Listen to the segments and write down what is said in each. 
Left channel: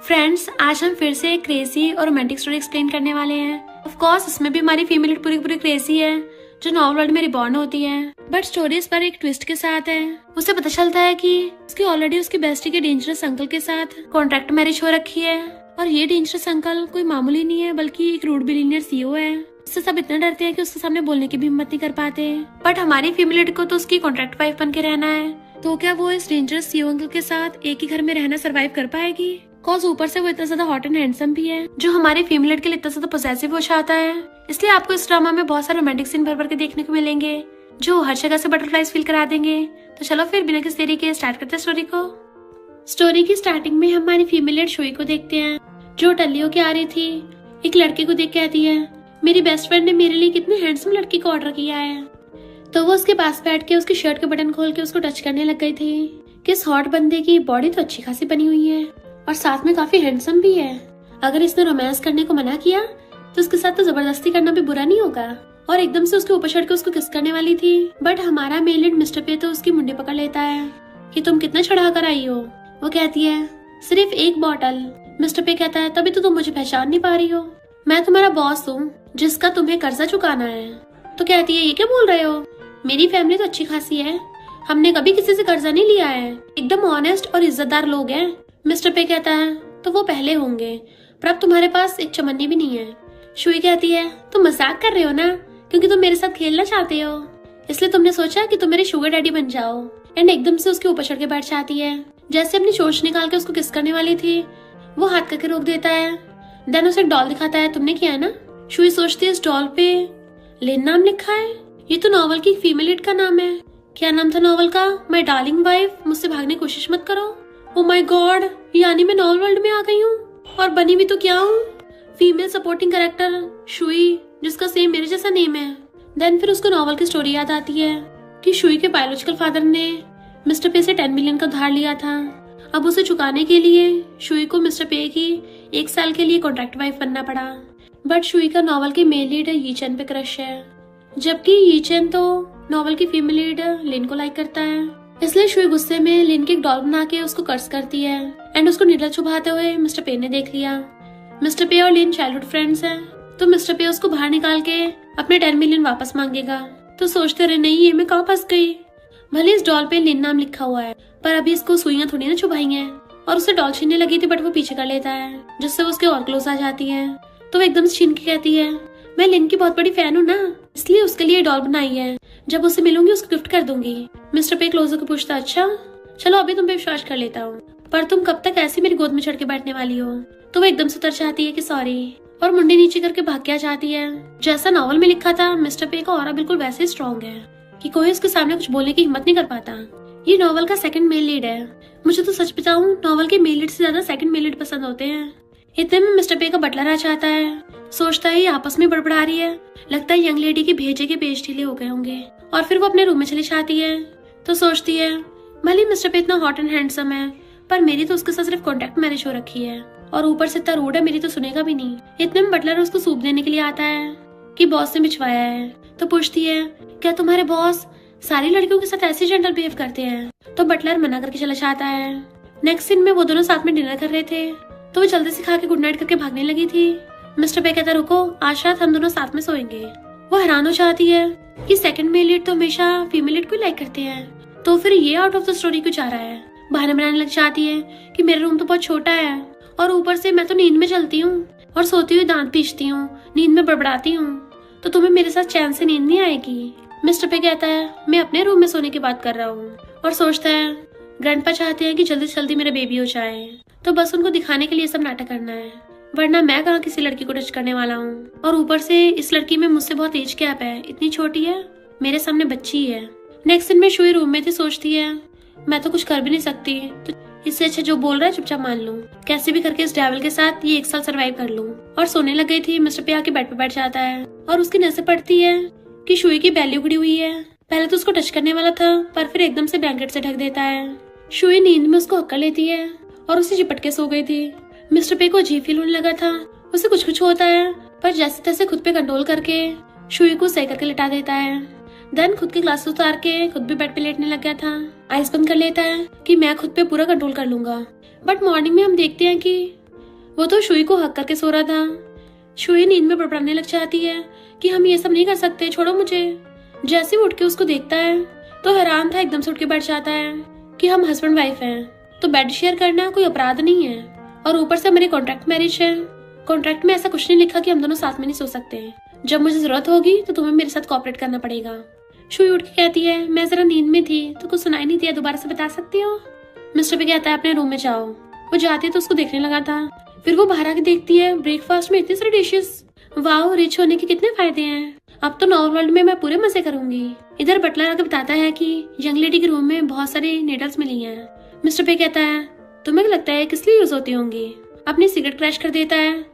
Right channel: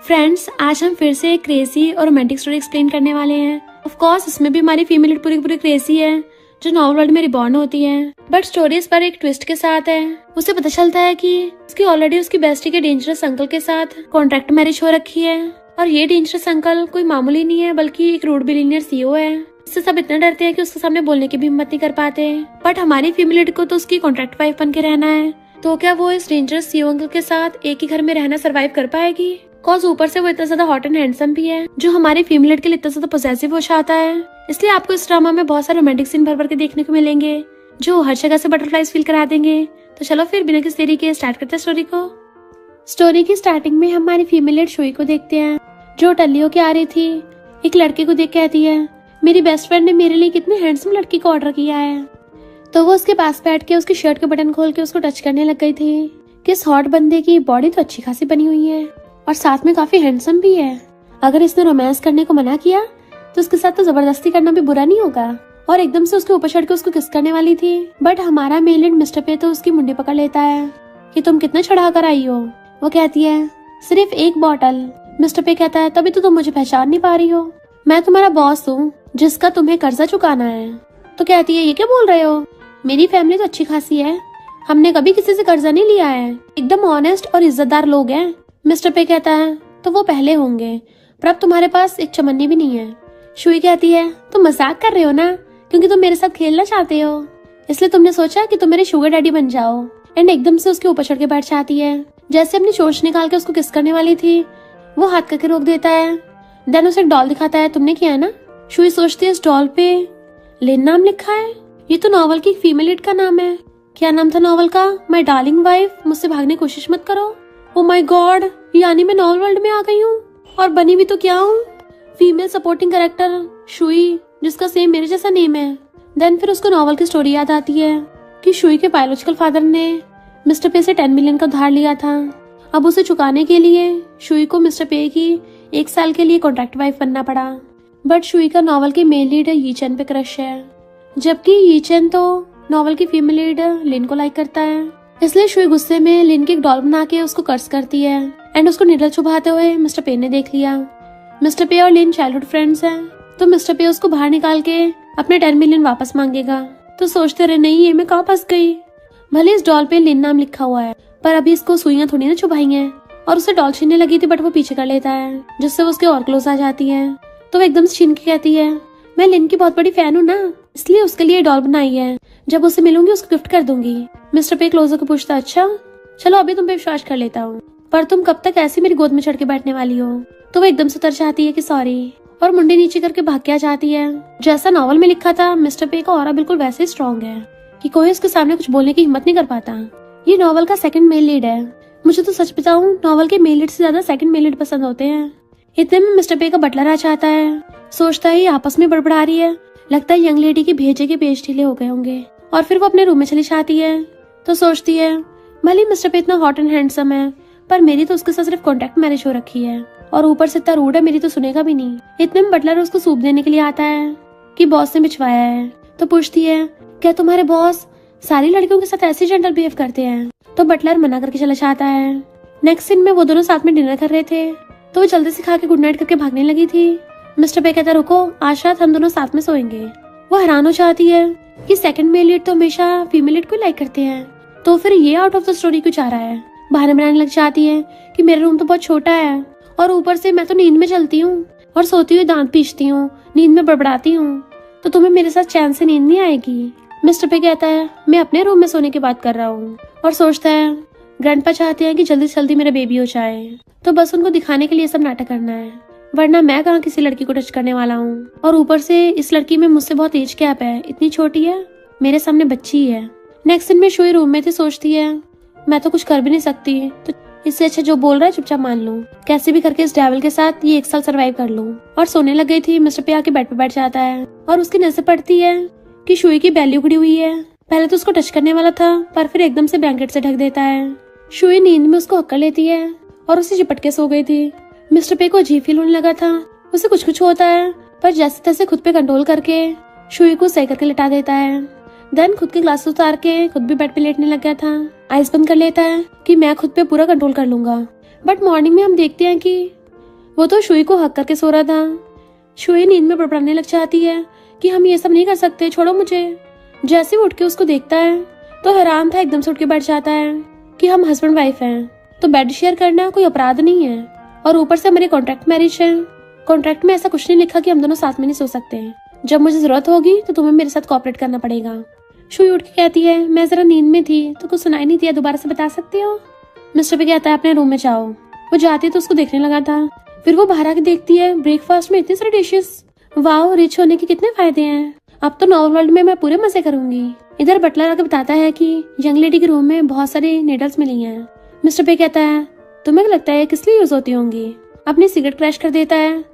Friends, आज हम फिर से एक क्रेजी और रोमांटिक स्टोरी एक्सप्लेन करने वाले हैं। ऑफ कोर्स इसमें भी हमारी फीमेल लीड पूरी पूरी क्रेजी है जो नॉवल वर्ल्ड में रिबॉर्न होती है, बट स्टोरी इस पर एक ट्विस्ट के साथ है। उसे पता चलता है कि उसकी ऑलरेडी उसकी बेस्टी के डेंजरस अंकल के साथ कॉन्ट्रैक्ट मैरिज हो रखी है और ये डेंजरस अंकल कोई मामूली नहीं है बल्कि एक रूड बिलियनियर सीईओ है। इससे सब इतना डरते हैं कि उसके सामने बोलने की भी हिम्मत नहीं कर पाते। बट हमारी फीमेल लीड को तो उसकी कॉन्ट्रैक्ट वाइफ बन के रहना है, तो क्या वो इस डेंजरस सीईओ अंकल के साथ एक ही घर में रहना सर्वाइव कर पाएगी? कॉज ऊपर से वो इतना ज्यादा हॉट एंड हैंडसम भी है जो हमारी फीमेल लीड के लिए इतना ज्यादा पॉसेसिव हो जाता है। इसलिए आपको इस ड्रामा में बहुत सारे रोमांटिक सीन भर भर के देखने को मिलेंगे जो हर जगह से बटरफ्लाइज फील करा देंगे। तो चलो फिर बिना किसी देरी के स्टार्ट करते हैं स्टोरी को। स्टोरी की स्टार्टिंग में हम हमारी फीमेल लीड शुई को देखते हैं जो टल्ली होके आ रही थी। एक लड़की को देख के आती है, मेरी बेस्ट फ्रेंड ने मेरे लिए कितनी हैंडसम लड़की को ऑर्डर किया है। तो वो उसके पास बैठ के उसकी शर्ट के बटन खोल के उसको टच करने लग गई थी कि इस हॉट बंदे की बॉडी तो अच्छी खासी बनी हुई है और साथ में काफी हैंडसम भी है। अगर इसने रोमांस करने को मना किया तो उसके साथ तो जबरदस्ती करना भी बुरा नहीं होगा। और एकदम से उसके ऊपर चढ़ के उसको किस करने वाली थी, बट हमारा मेल लीड मिस्टर पे तो उसकी मुंडी पकड़ लेता है कि तुम कितना चढ़ा कर आई हो। वो कहती है सिर्फ एक बॉटल। मिस्टर पे कहता है तभी तो तुम मुझे पहचान नहीं पा रही हो, मैं तुम्हारा बॉस हूँ जिसका तुम्हें कर्जा चुकाना है। तो कहती है ये क्या बोल रहे हो, मेरी फैमिली तो अच्छी खासी है, हमने कभी किसी से कर्जा नहीं लिया है, एकदम ऑनेस्ट और इज्जतदार लोग हैं। मिस्टर पे कहता है तो वो पहले होंगे, पर अब तुम्हारे पास एक चमन्नी भी नहीं है। शुई कहती है तुम मजाक कर रहे हो ना, क्योंकि तुम मेरे साथ खेलना चाहते हो इसलिए तुमने सोचा कि तुम मेरे शुगर डैडी बन जाओ। एंड एकदम से उसके ऊपर चढ़ के बैठ जाती है। जैसे अपनी चोच निकाल के उसको किस करने वाली थी वो हाथ करके रोक देता है। देन उसे एक डॉल दिखाता है, तुमने किया है ना। शुई सोचती है इस डॉल पे लिन नाम लिखा है, ये तो नॉवल की फीमेल लीड का नाम है। क्या नाम था नॉवल का? माय डार्लिंग वाइफ, मुझसे भागने की कोशिश मत करो। ओ माय गॉड, यानी मैं नॉवल वर्ल्ड में आ गई हूँ और बनी भी तो क्या हूँ, फीमेल सपोर्टिंग कैरेक्टर शुई, जिसका सेम मेरे जैसा नेम है। देन फिर उसको नॉवल की स्टोरी याद आती है कि शुई के बायोलॉजिकल फादर ने मिस्टर पे से 10 मिलियन का धार लिया था। अब उसे चुकाने के लिए शुई को मिस्टर पे की 1 साल के लिए कॉन्ट्रैक्ट वाइफ बनना पड़ा। बट शुई का नॉवल की मेल लीड यीचन पे क्रश है, जबकि यीचन तो नॉवल की फीमेल लीड लिन को लाइक करता है। इसलिए शुई गुस्से में लिन की एक डॉल बना के उसको कर्स करती है। एंड उसको निडल चुभाते हुए मिस्टर पे ने देख लिया। मिस्टर पे और लिन चाइल्डहुड फ्रेंड्स हैं, तो मिस्टर पे उसको बाहर निकाल के अपने 10 मिलियन वापस मांगेगा। तो सोचते रहे नहीं ये मैं कहाँ फंस गई, भले इस डॉल पे लिन नाम लिखा हुआ है पर अभी इसको सुइयां थोड़ी ना चुभाएंगे। और उसे डॉल छीनने लगी थी बट वो पीछे कर लेता है जिससे वो उसके और क्लोज आ जाती है। तो वो एकदम से छीन के कहती है मैं लिन की बहुत बड़ी फैन हूँ ना, इसलिए उसके लिए डॉल बनाई है, जब उससे मिलूंगी उसको गिफ्ट कर दूंगी। मिस्टर पे क्लोज होकर पूछता अच्छा चलो अभी तुम पे विश्वास कर लेता हूँ, पर तुम कब तक ऐसे मेरी गोद में चढ़ के बैठने वाली हो। तो वो एकदम से उतर जाती है कि सॉरी और मुंडी नीचे करके भाग के आ जाती है। जैसा नॉवल में लिखा था मिस्टर पे का ऑरा बिल्कुल वैसे ही स्ट्रॉन्ग है कि कोई उसके सामने कुछ बोलने की हिम्मत नहीं कर पाता। ये नॉवल का सेकंड मेल लीड है। मुझे तो सच बताऊं नॉवल के मेल लीड से ज्यादा सेकंड मेल लीड पसंद होते हैं। इतने में मिस्टर पे का बटलर आ जाता है, सोचता है ये आपस में बड़बड़ा रही है, लगता है यंग लेडी के भेजे के पेज ढीले हो गए होंगे। और फिर वो अपने रूम में चली जाती है। तो सोचती है भले मिस्टर पे इतना हॉट एंड हैंडसम है पर मेरी तो उसके साथ सिर्फ कॉन्ट्रैक्ट मैरिज हो रखी है और ऊपर से इतना रूड है, मेरी तो सुनेगा भी नहीं। इतने में बटलर उसको सूप देने के लिए आता है कि बॉस ने भिजवाया है। तो पूछती है क्या तुम्हारे बॉस सारी लड़कियों के साथ ऐसे जेंटल बिहेव करते हैं? तो बटलर मना करके चला जाता है। नेक्स्ट सीन में वो दोनों साथ में डिनर कर रहे थे, तो वो जल्दी से खा के गुड नाइट करके भागने लगी थी। मिस्टर पे कहता रुको आज रात हम दोनों साथ में सोएंगे। वो हैरान हो जाती है कि सेकंड मेल लीड तो हमेशा फीमेल लीड को लाइक करते हैं, तो फिर ये आउट ऑफ द स्टोरी क्यों जा रहा है। बहाने बनाने लग जाती है कि मेरा रूम तो बहुत छोटा है और ऊपर से मैं तो नींद में चलती हूँ और सोती हुई दांत पीसती हूँ, नींद में बड़बड़ाती हूँ, तो तुम्हें मेरे साथ चैन से नींद नहीं आएगी। मिस्टर पे कहता है मैं अपने रूम में सोने की बात कर रहा हूँ और सोचता है ग्रैंडपा चाहते हैं कि जल्दी से जल्दी मेरा बेबी हो जाए, तो बस उनको दिखाने के लिए सब नाटक करना है, वरना मैं कहाँ किसी लड़की को टच करने वाला हूँ। और ऊपर से इस लड़की में मुझसे बहुत एज गैप है, इतनी छोटी है, मेरे सामने बच्ची है। नेक्स्ट दिन में शुई रूम में थी, सोचती है मैं तो कुछ कर भी नहीं सकती, तो इससे अच्छा जो बोल रहा है चुपचाप मान लूं, कैसे भी करके इस डेविल के साथ ये 1 साल सरवाइव कर लूं। और सोने लग गई थी। मिस्टर पे आके बेड पे बैठ जाता है और उसकी नजर पड़ती है कि शुई की बेली उगड़ी हुई है। पहले तो उसको टच करने वाला था पर फिर एकदम से ब्लैंकेट से ढक देता है। शुई नींद में उसको हक्का लेती है और उसे चिपट के सो गई थी। मिस्टर पे को अजीब फील होने लगा था, उसे कुछ कुछ होता है पर जैसे तैसे खुद पे कंट्रोल करके शुई को सही करके लिटा देता है। देन खुद की ग्लास उतार के खुद भी बेड पे लेटने लग गया था। आइस बंद कर लेता है कि मैं खुद पे पूरा कंट्रोल कर लूंगा। बट मॉर्निंग में हम देखते हैं कि वो तो शुई को हक करके सो रहा था। शुई नींद में बड़बड़ाने लग जाती है कि हम ये सब नहीं कर सकते, छोड़ो मुझे। जैसे वो उठ के उसको देखता है तो हैरान था, एकदम से उठ के बैठ जाता है कि हम हस्बैंड वाइफ हैं, तो बेड शेयर करना कोई अपराध नहीं है, और ऊपर से मेरी कॉन्ट्रैक्ट मैरिज है। कॉन्ट्रैक्ट में ऐसा कुछ नहीं लिखा कि हम दोनों साथ में नहीं सो सकते। जब मुझे जरूरत होगी तो तुम्हें मेरे साथ कोऑपरेट करना पड़ेगा। शुई उठ के कहती है, मैं जरा नींद में थी तो कुछ सुनाई नहीं दिया, दोबारा से बता सकते हो? मिस्टर पे कहता है, अपने रूम में जाओ। वो जाती है तो उसको देखने लगा था। फिर वो बाहर आके देखती है, ब्रेकफास्ट में इतने सारे डिशेस। वाह, रिच होने के कितने फायदे हैं। अब तो नॉर्मल वर्ल्ड में मैं पूरे मजे करूंगी। इधर बटलर आके बताता है कि यंग लेडी के रूम में बहुत सारे नीडल्स मिली हैं। मिस्टर पे कहता है, तुम्हें लगता है किस लिए यूज होती होंगी? अपनी सिगरेट क्रैश कर देता है,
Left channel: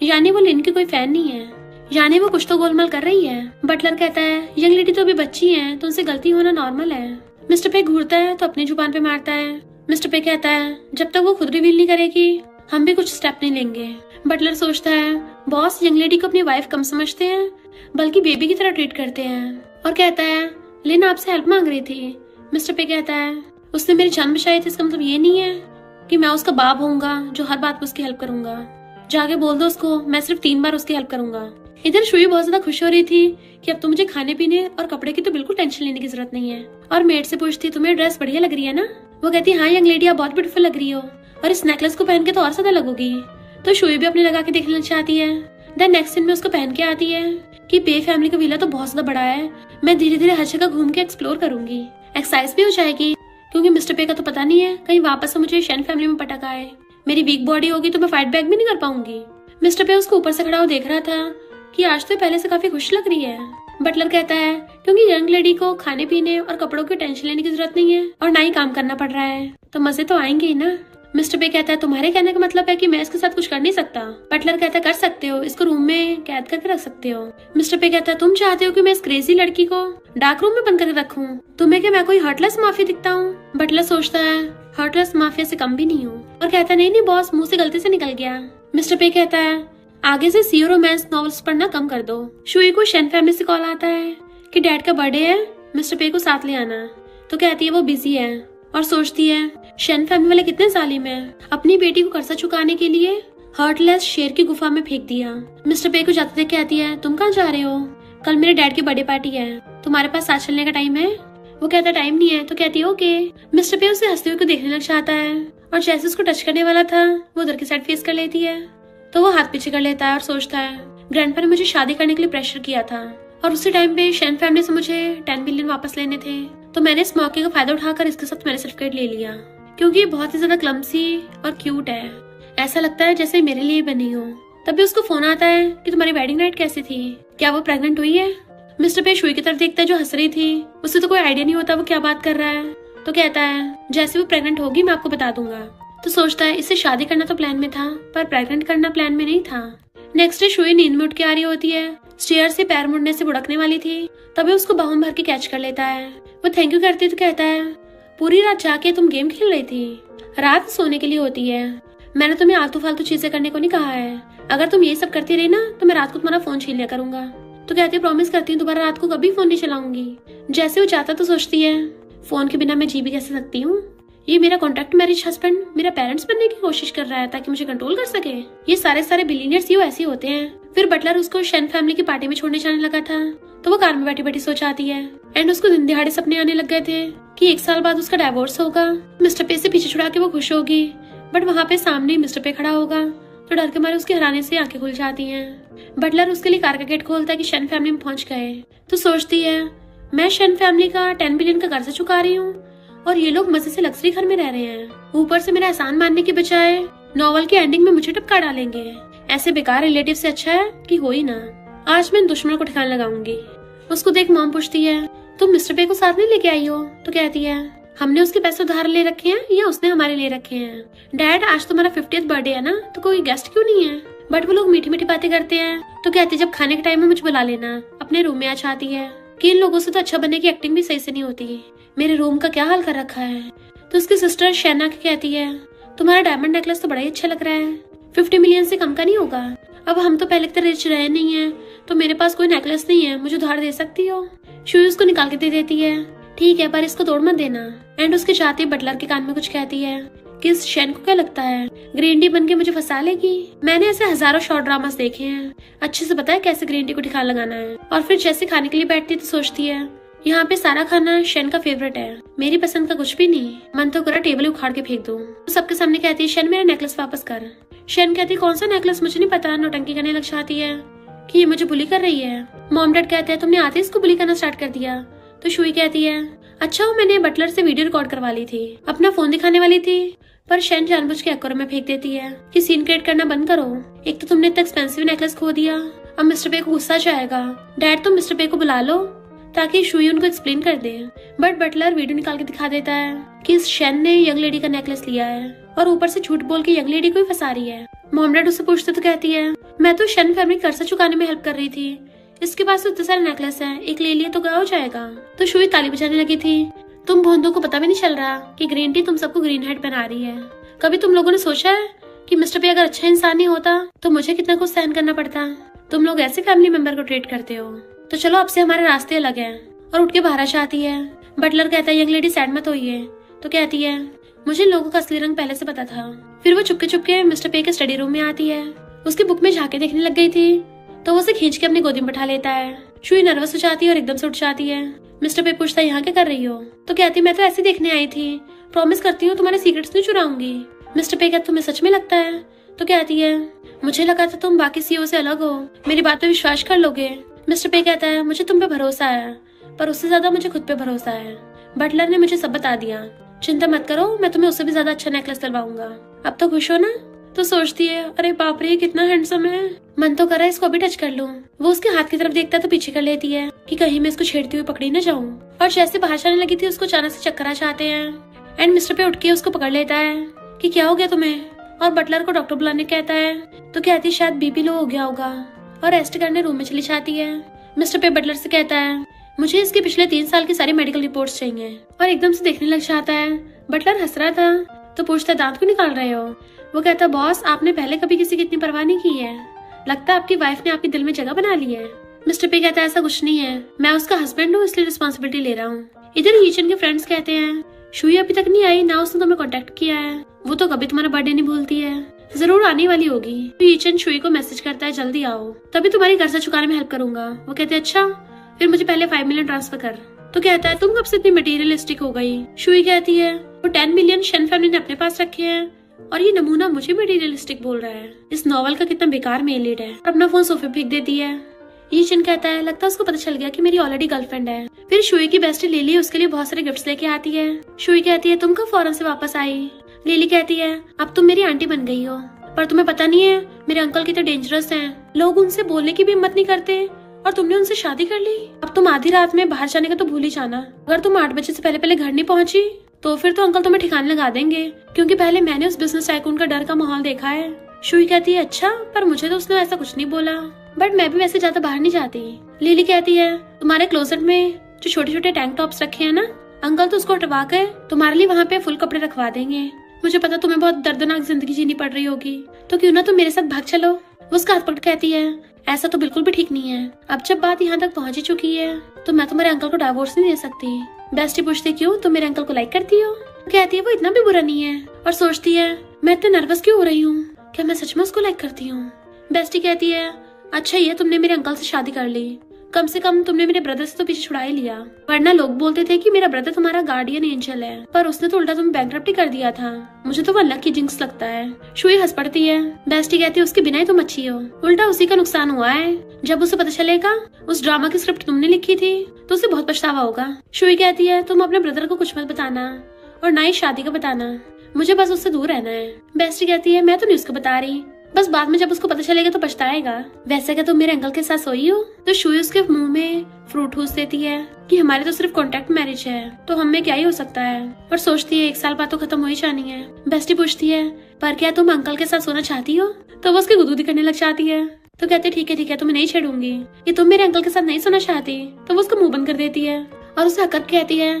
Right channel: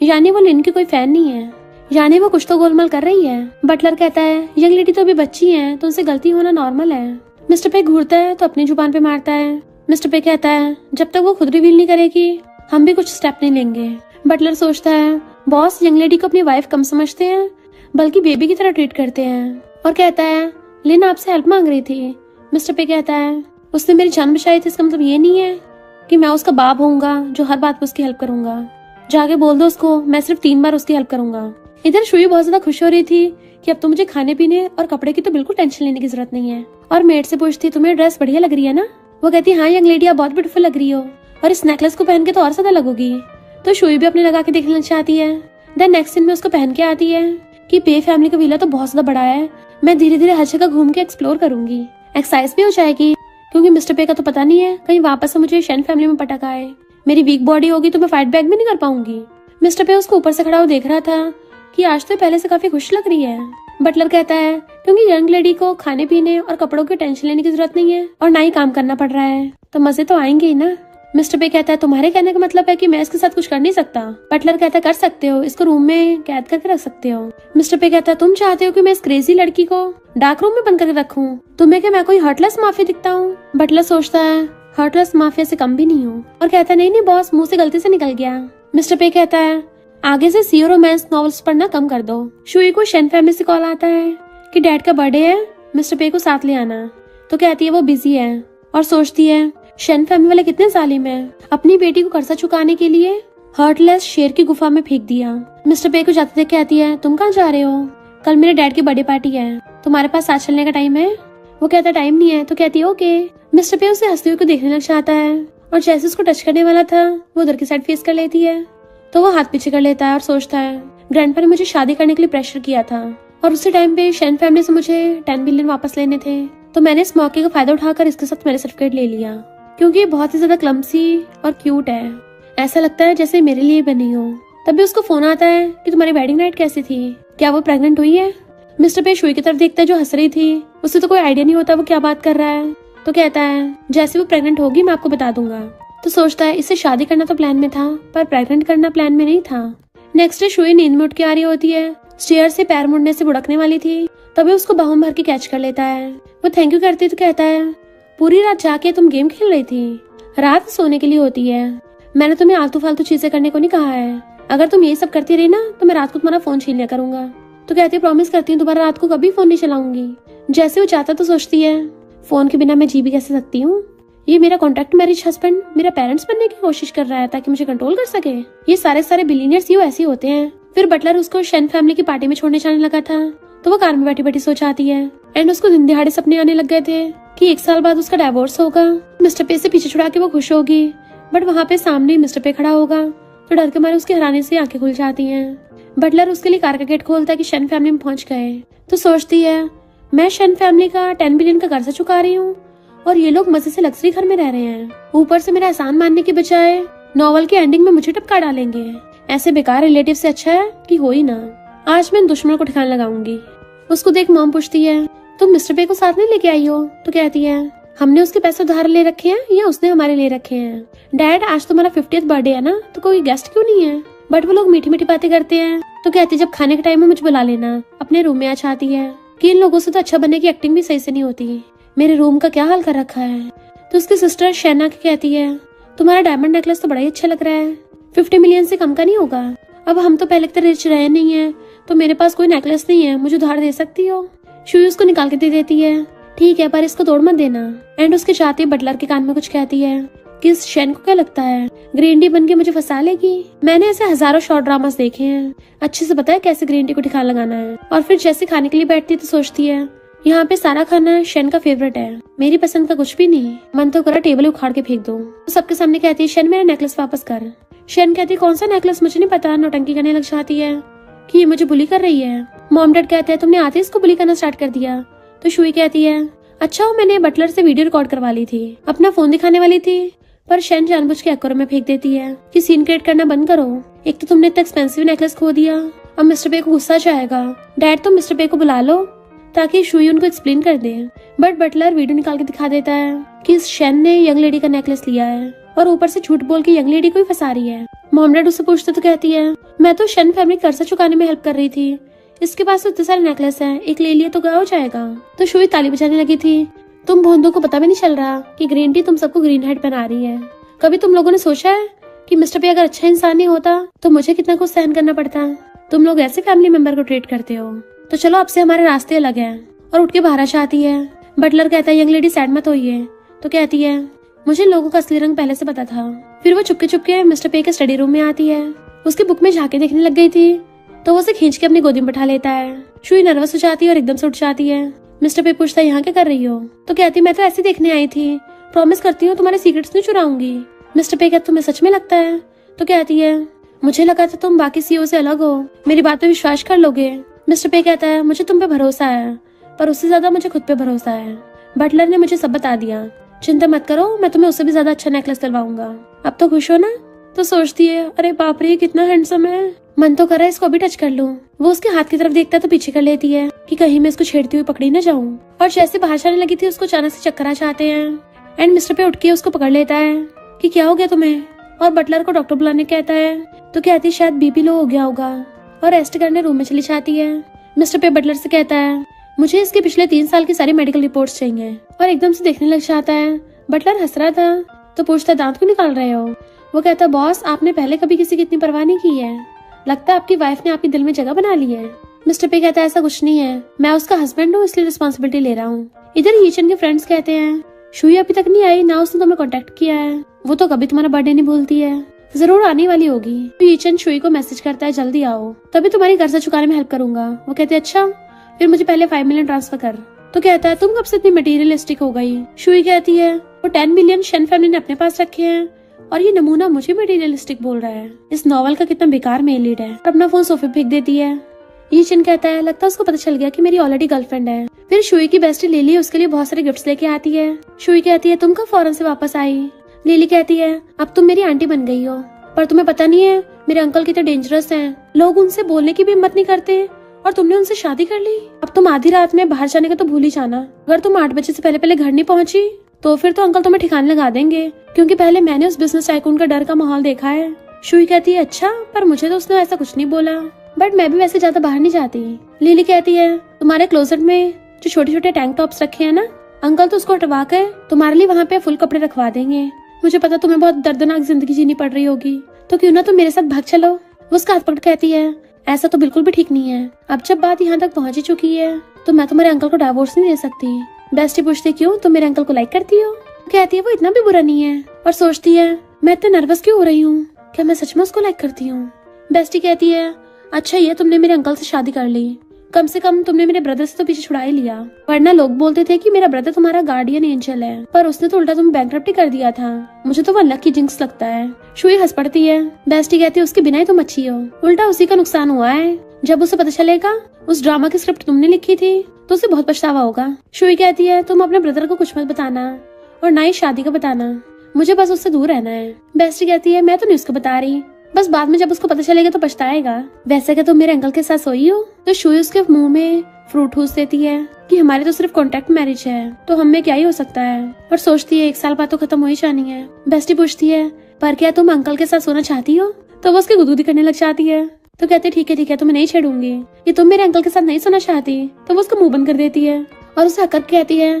यानी वो लिन की कोई फैन नहीं है, यानी वो कुछ तो गोलमाल कर रही है। बटलर कहता है, यंग लेडी तो अभी बच्ची है, तो उनसे गलती होना नॉर्मल है। मिस्टर पे घूरता है तो अपनी जुबान पे मारता है। मिस्टर पे कहता है, जब तक वो खुद रिवील नहीं करेगी हम भी कुछ स्टेप नहीं लेंगे। बटलर सोचता है, बॉस यंग लेडी को अपनी वाइफ कम समझते हैं, बल्कि बेबी की तरह ट्रीट करते हैं, और कहता है, लिन आपसे हेल्प मांग रही थी। मिस्टर पे कहता है, उसने मेरी जान बचाई थी, इसका मतलब ये नहीं है कि मैं उसका बाप होऊंगा जो हर बात पर उसकी हेल्प करूंगा। जाके बोल दो उसको, मैं सिर्फ 3 बार उसकी हेल्प करूंगा। इधर शुई बहुत ज्यादा खुश हो रही थी कि अब तो मुझे खाने पीने और कपड़े की तो बिल्कुल टेंशन लेने की जरूरत नहीं है, और मेड से पूछती, तुम्हें ड्रेस बढ़िया लग रही है ना? वो कहती, हाँ यंग लेडी, आप बहुत ब्यूटीफुल लग रही हो, और इस नेकलेस को पहन के तो और ज्यादा लगोगी। तो शुई भी अपने लगा के देखना चाहती है। देन नेक्स्ट दिन में उसको पहन के आती है कि पे फैमिली का विला तो बहुत ज्यादा बड़ा है, मैं धीरे धीरे हर जगह घूम के एक्सप्लोर करूंगी, एक्सरसाइज भी हो जाएगी, क्योंकि मिस्टर पे का तो पता नहीं है कहीं वापस से मुझे शन फैमिली में पटक आए। मेरी वीक बॉडी होगी तो मैं फाइट बैक भी नहीं कर पाऊंगी। मिस्टर पे उसको ऊपर से खड़ा हुआ देख रहा था कि आज तो पहले से काफी खुश लग रही है। बटलर कहता है, क्योंकि यंग लेडी को खाने पीने और कपड़ों की टेंशन लेने की जरूरत नहीं है और ना ही काम करना पड़ रहा है, तो मजे तो आएंगे ही ना। मिस्टर पे कहता है, तुम्हारे कहने का मतलब है कि मैं इसके साथ कुछ कर नहीं सकता? बटलर कहता है, कर सकते हो, इसको रूम में कैद करके रख सकते हो। मिस्टर पे कहता है, तुम चाहते हो कि मैं इस क्रेजी लड़की को डार्क रूम में बंद करके रखूं? तुम्हें क्या मैं कोई हर्टलेस माफिया दिखता हूँ? बटलर सोचता है, हर्टलेस माफिया से कम भी नहीं हूँ, और कहता है, नहीं नहीं बॉस, मुंह से गलती से निकल गया। मिस्टर पे कहता है, आगे से सीओ रोमांस नॉवेल्स पढ़ना कम कर दो। शुई को शन फैमिली से कॉल आता है कि डैड का बर्थडे है, मिस्टर पे को साथ ले आना। तो कहती है वो बिजी है, और सोचती है शन फैमिली वाले कितने जालिम हैं, अपनी बेटी को कर्जा चुकाने के लिए हर्टलेस शेर की गुफा में फेंक दिया। मिस्टर पे को जाते देख कहती है, तुम कहाँ जा रहे हो? कल मेरे डैड की बर्थडे पार्टी है, तुम्हारे पास साथ चलने का टाइम है? वो कहता टाइम नहीं है। तो कहती है ओके। मिस्टर पे उसे हंसते हुए को देखने लग जाता है, और जैसे उसको टच करने वाला था वो उधर की साइड फेस कर लेती है, तो वो हाथ पीछे कर लेता है और सोचता है, ग्रैंडपा ने मुझे शादी करने के लिए प्रेशर किया था, और उसी टाइम पे शन फैमिली से मुझे 10 बिलियन वापस लेने थे, तो मैंने इस मौके का फायदा उठाकर इसके साथ मेरे सर्टिफिकेट ले लिया, क्योंकि ये बहुत ही ज्यादा क्लम्सी और क्यूट है, ऐसा लगता है जैसे मेरे लिए बनी हो। तभी उसको फोन आता है कि तुम्हारी वेडिंग नाइट कैसी थी, क्या वो प्रेग्नेंट हुई है? मिस्टर पे शुई की तरफ देखता है जो हंस रही थी, उसे तो कोई आइडिया नहीं होता वो क्या बात कर रहा है। तो कहता है, जैसे वो प्रेग्नेंट होगी मैं आपको बता दूंगा। तो सोचता है इससे शादी करना तो प्लान में था, पर प्रेग्नेंट करना प्लान में नहीं था। नेक्स्ट डे शुई नींद में उठ के आ रही होती है, चेयर से पैर मुड़ने से बुड़कने वाली थी, तभी उसको बाहों में भर के कैच कर लेता है। वो थैंक यू करती है तो कहता है, पूरी रात जाके तुम गेम खेल रही थी, रात सोने के लिए होती है, मैंने तुम्हें आलतू फालतू चीजें करने को नहीं कहा है, अगर तुम ये सब करती रही ना तो मैं रात को तुम्हारा फोन छीन लिया करूंगा। तो कहती है, प्रॉमिस करती हूँ दोबारा रात को कभी फोन नहीं चलाऊंगी। जैसे वो चाहता तो सोचती है, फोन के बिना मैं जी भी कैसे सकती हूँ, ये मेरा कॉन्ट्रैक्ट मैरिज हस्बैंड मेरा पेरेंट्स बनने की कोशिश कर रहा है ताकि मुझे कंट्रोल कर सके। ये सारे बिलियनियर्स यूँ ऐसे होते हैं। फिर बटलर उसको शन फैमिली की पार्टी में छोड़ने जाने लगा था, तो वो कार में बैठी बैठी सो जाती है, एंड उसको दिन दिहाड़े सपने आने लग गए थे कि 1 साल बाद उसका डाइवोर्स होगा, मिस्टर पे से पीछे छुड़ा के वो खुश होगी, बट वहाँ पे सामने मिस्टर पे खड़ा होगा, तो डर के मारे उसके हैरानी से आंखें खुल जाती हैं। बटलर उसके लिए कार का गेट खोलता है कि शन फैमिली में पहुंच गए। तो सोचती है, मैं शन फैमिली का 10 बिलियन का कर्जा चुका रही हूँ और ये लोग मजे से लग्जरी घर में रह रहे हैं, ऊपर से मेरा एहसान मानने की बजाय नॉवल की एंडिंग में मुझे टपका डालेंगे। ऐसे बेकार रिलेटिव से अच्छा है कि हो ही ना, आज मैं दुश्मन को ठिकाना लगाऊंगी। उसको देख मॉम पूछती है, तुम मिस्टर पे को साथ नहीं लेके आई हो? तो कहती है, हमने उसके पैसे उधार ले रखे हैं या उसने हमारे ले रखे हैं? डैड आज तुम्हारा 50th बर्थडे है ना, तो कोई गेस्ट क्यों नहीं है? बट वो लोग मीठी मीठी बातें करते हैं। तो कहती है, जब खाने के टाइम में मुझे बुला लेना। अपने रूम में आ जाती है कि इन लोगों से तो अच्छा बनने की एक्टिंग भी सही से नहीं होती, मेरे रूम का क्या हाल कर रखा है। तो उसकी सिस्टर शैना की कहती है, तुम्हारा डायमंड नेकलेस तो बड़ा ही अच्छा लग रहा है, 50 मिलियन से कम का नहीं होगा। अब हम तो पहले तक रिच रहे नहीं है, तो मेरे पास कोई नेकलेस नहीं है, मुझे उधार दे सकती हो? शुई उसको निकाल के दे देती है, ठीक है पर इसको तोड़ मत देना। एंड उसके जाते बटलर के कान में कुछ कहती है कि इस शन को क्या लगता है ग्रीन टी बन के मुझे फंसा लेगी। मैंने ऐसे हजारों शॉर्ट ड्रामास देखे हैं, अच्छे से पता है कैसे ग्रीन टी को ठिकाना लगाना है। और फिर जैसे खाने के लिए बैठती है तो सोचती है यहाँ पे सारा खाना शन का फेवरेट है, मेरी पसंद का कुछ भी नहीं। मन तो करा टेबल उखाड़ के फेंक दो। तो सबके सामने कहती है शन मेरा नेकलेस वापस कर। शन कहती है कौन सा नेकलेस, मुझे नहीं पता। नौटंकी करने लग जाती है कि ये मुझे बुली कर रही है। मॉम डैड कहते हैं तुमने आते ही इसको बुली करना स्टार्ट कर दिया। तो शुई कहती है अच्छा मैंने बटलर से वीडियो रिकॉर्ड करवा ली थी, अपना फोन दिखाने वाली थी, पर शन जानबूझ के एक्वेरियम में फेंक देती है कि सीन क्रिएट करना बंद करो। एक तो तुमने इतना एक्सपेंसिव नेकलेस खो दिया, अब मिस्टर पे को गुस्सा जाएगा। डैड तुम मिस्टर पे को बुला लो ताकि शुई उनको एक्सप्लेन कर दे। बट बटलर वीडियो निकाल के दिखा देता है कि शन ने यंग लेडी का नेकलेस लिया है और ऊपर से झूठ बोल के यंग लेडी को ही फंसा रही है। मॉम डैड उससे पूछते तो कहती है मैं तो शन फैमिली कर्जा चुकाने में हेल्प कर रही थी, इसके पास तो इतने सारे नेकलेस है, एक ले लिया तो क्या हो जाएगा। तो शुई ताली बजाने लगी थी। तुम भोंदू को पता भी नहीं चल रहा कि ग्रीन टी तुम सबको ग्रीन हेड पहना रही है। कभी तुम लोगों ने सोचा है कि मिस्टर पे अगर अच्छा इंसान नहीं होता तो मुझे कितना कुछ सहन करना पड़ता। तुम लोग ऐसे फैमिली मेंबर को ट्रीट करते हो। तो चलो अब से हमारे रास्ते अलग है। और उठ के बाहर जाती है। बटलर कहता है यंग लेडी सैड मत होइए। तो कहती है मुझे लोगों का असली रंग पहले से पता था। फिर वो चुपके चुपके मिस्टर पे के स्टडी रूम में आती है। उसकी बुक में झांके देखने लग गई थी तो वो उसे खींच के अपनी गोदी में बैठा लेता है। शुई नर्वस हो जाती है और एकदम से उठ जाती है। मिस्टर पे पूछता है यहाँ क्या कर रही हो। तो कहती मैं तो ऐसे देखने आई थी, प्रॉमिस करती हूँ तुम्हारे सीक्रेट्स नहीं चुराऊंगी। मिस्टर पे कहता तुम्हें सच में लगता है। तो कहती है मुझे लगा था तुम बाकी सीईओ से अलग हो, मेरी बात पे विश्वास कर लोगे। मिस्टर पे कहता है मुझे तुम पे भरोसा है, पर उससे ज्यादा मुझे खुद पे भरोसा है। बटलर ने मुझे सब बता दिया, चिंता मत करो, मैं तुम्हें उससे भी ज्यादा अच्छा नेकलेस दिलवाऊंगा। अब तो खुश हो ना। तो सोचती है अरे बाप रे कितना हैंडसम है, मन तो कर रहा है इसको अभी टच कर लूं। वो उसके हाथ की तरफ देखता है तो पीछे कर लेती है कि कहीं मैं इसको छेड़ती हुई पकड़ी न जाऊं। और जैसे बाहर जाने लगी थी उसको अचानक से चक्कर आ जाते हैं एंड मिस्टर पे उठ के उसको पकड़ लेता है कि क्या हो गया तुम्हें। और बटलर को डॉक्टर बुलाने कहता है तो कहती शायद बीपी लो हो गया होगा और रेस्ट करने रूम में चली जाती है। मिस्टर पे बटलर से कहता है मुझे इसके पिछले 3 साल की सारी मेडिकल रिपोर्ट्स चाहिए। और एकदम से देखने लग जाता है। बटलर हंस रहा था तो पूछता है दांत क्यों निकाल रहे हो। वो कहता है बॉस आपने पहले कभी किसी की इतनी परवाह नहीं की है, लगता है आपकी वाइफ ने आपके दिल में जगह बना ली है। मिस्टर पे कहता है ऐसा कुछ नहीं है, मैं उसका हस्बैंड हूँ इसलिए रिस्पॉन्सिबिलिटी ले रहा हूँ। इधर हीचन के फ्रेंड्स कहते हैं शुई अभी तक नहीं आई, ना उसने तुम्हें कांटेक्ट किया है, वो तो कभी तुम्हारा बर्थडे नहीं भूलती है, जरूर आने वाली होगी। तो हीचन शुई को मैसेज करता है जल्दी आओ तभी तुम्हारी कर्जा चुकाने में हेल्प करूंगा। वो कहते हैं अच्छा फिर मुझे पहले 5 मिलियन ट्रांसफर कर। तो कहता है तुम कब से इतनी मटेरियलिस्टिक हो गई। शुई कहती है वो 10 मिलियन शन फैमिली ने अपने पास रखे हैं और ये नमूना मुझे मटेरियलिस्टिक बोल रहा है। इस नॉवल का कितना बेकार मेल लीड है। अपना फोन सोफे फेंक देती है। ईशन कहता है लगता है उसको पता चल गया कि मेरी ऑलरेडी गर्लफ्रेंड है। फिर शुई की बेस्टी लिली उसके लिए बहुत सारे गिफ्ट्स लेके आती है। शुई कहती है तुम कब फॉरेन से वापस आई। लिली कहती है अब तुम मेरी आंटी बन गई हो, पर तुम्हें पता नहीं है मेरे अंकल कितने डेंजरस हैं, लोग उनसे बोलने की भी हिम्मत नहीं करते और तुमने उनसे शादी कर ली। अब तुम आधी रात में बाहर जाने का तो भूल ही जाना, अगर तुम 8 बजे से पहले घर नहीं पहुंची तो फिर तो अंकल तुम्हें ठिकाने लगा देंगे, क्योंकि पहले मैंने उस बिजनेस टाइकून का डर का माहौल देखा है। शुई कहती है अच्छा पर मुझे तो उसने ऐसा कुछ नहीं बोला, बट मैं भी वैसे ज्यादा बाहर नहीं जाती। लिली कहती है तुम्हारे क्लोजेट में जो छोटे छोटे टैंक टॉप्स रखे हैं ना, अंकल तो उसको हटवा कर तुम्हारे लिए वहाँ पे फुल कपड़े रखवा देंगे। मुझे पता तुम्हें बहुत दर्दनाक जिंदगी जीनी पड़ रही होगी, तो क्यों ना तुम मेरे साथ भाग चलो। वो उसका हाथ पकड़ कहती है ऐसा तो बिल्कुल भी ठीक नहीं है, अब जब बात यहाँ तक पहुँच ही चुकी है तो मैं तुम्हारे अंकल को डिवोर्स नहीं दे सकती। बेस्टी पूछती क्यों, तुम मेरे अंकल को लाइक करती हो। कहती है वो इतना भी बुरा नहीं है, और सोचती है मैं इतना नर्वस क्यों हो रही हूँ, क्या मैं सच में उसको लाइक करती हूँ। बेस्टी कहती है अच्छा ये तुमने मेरे अंकल से शादी कर ली, कम से कम तुमने मेरे ब्रदर से तो पीछे छुड़ा ही लिया, वरना लोग बोलते थे कि मेरा ब्रदर तुम्हारा गार्डियन एंजल है, पर उसने तो उल्टा तुम्हें बैंकरप्टी कर दिया था। मुझे तो वो अल्लाह की जिंक्स लगता है। शुई हंस पड़ती है। बेस्टी कहती है उसके बिना ही तुम अच्छी हो, उल्टा उसी का नुकसान हुआ है। जब उसे पता चलेगा उस ड्रामा की स्क्रिप्ट तुमने लिखी थी तो उसे बहुत पछतावा होगा। शुई कहती है तुम अपने ब्रदर को कुछ मत बताना और ना ही शादी का बताना, मुझे बस उससे दूर रहना है। बेस्टी कहती है मैं तो नहीं उसको बता रही, बस बाद में जब उसको पता चलेगा तो पछताएगा। वैसे क्या तुम मेरे अंकल के साथ सोई हो। तो शुई उसके मुंह में फ्रूट ठूस देती है कि हमारे तो सिर्फ कॉन्ट्रैक्ट मैरिज है तो हमें क्या ही हो सकता है, पर सोचती है 1 साल बाद तो खत्म हो ही जानी है। बेस्टी पूछती है पर क्या तुम अंकल के साथ सोना चाहती हो। तो वो उसकी गुदगुदी करने लग जाती है। तो कहते ठीक है तुम्हें नहीं छेड़ूंगी, ये तुम मेरे अंकल के साथ नहीं सोना चाहती। तो वो उसका मुंह बंद कर देती है और उसे हक कहती है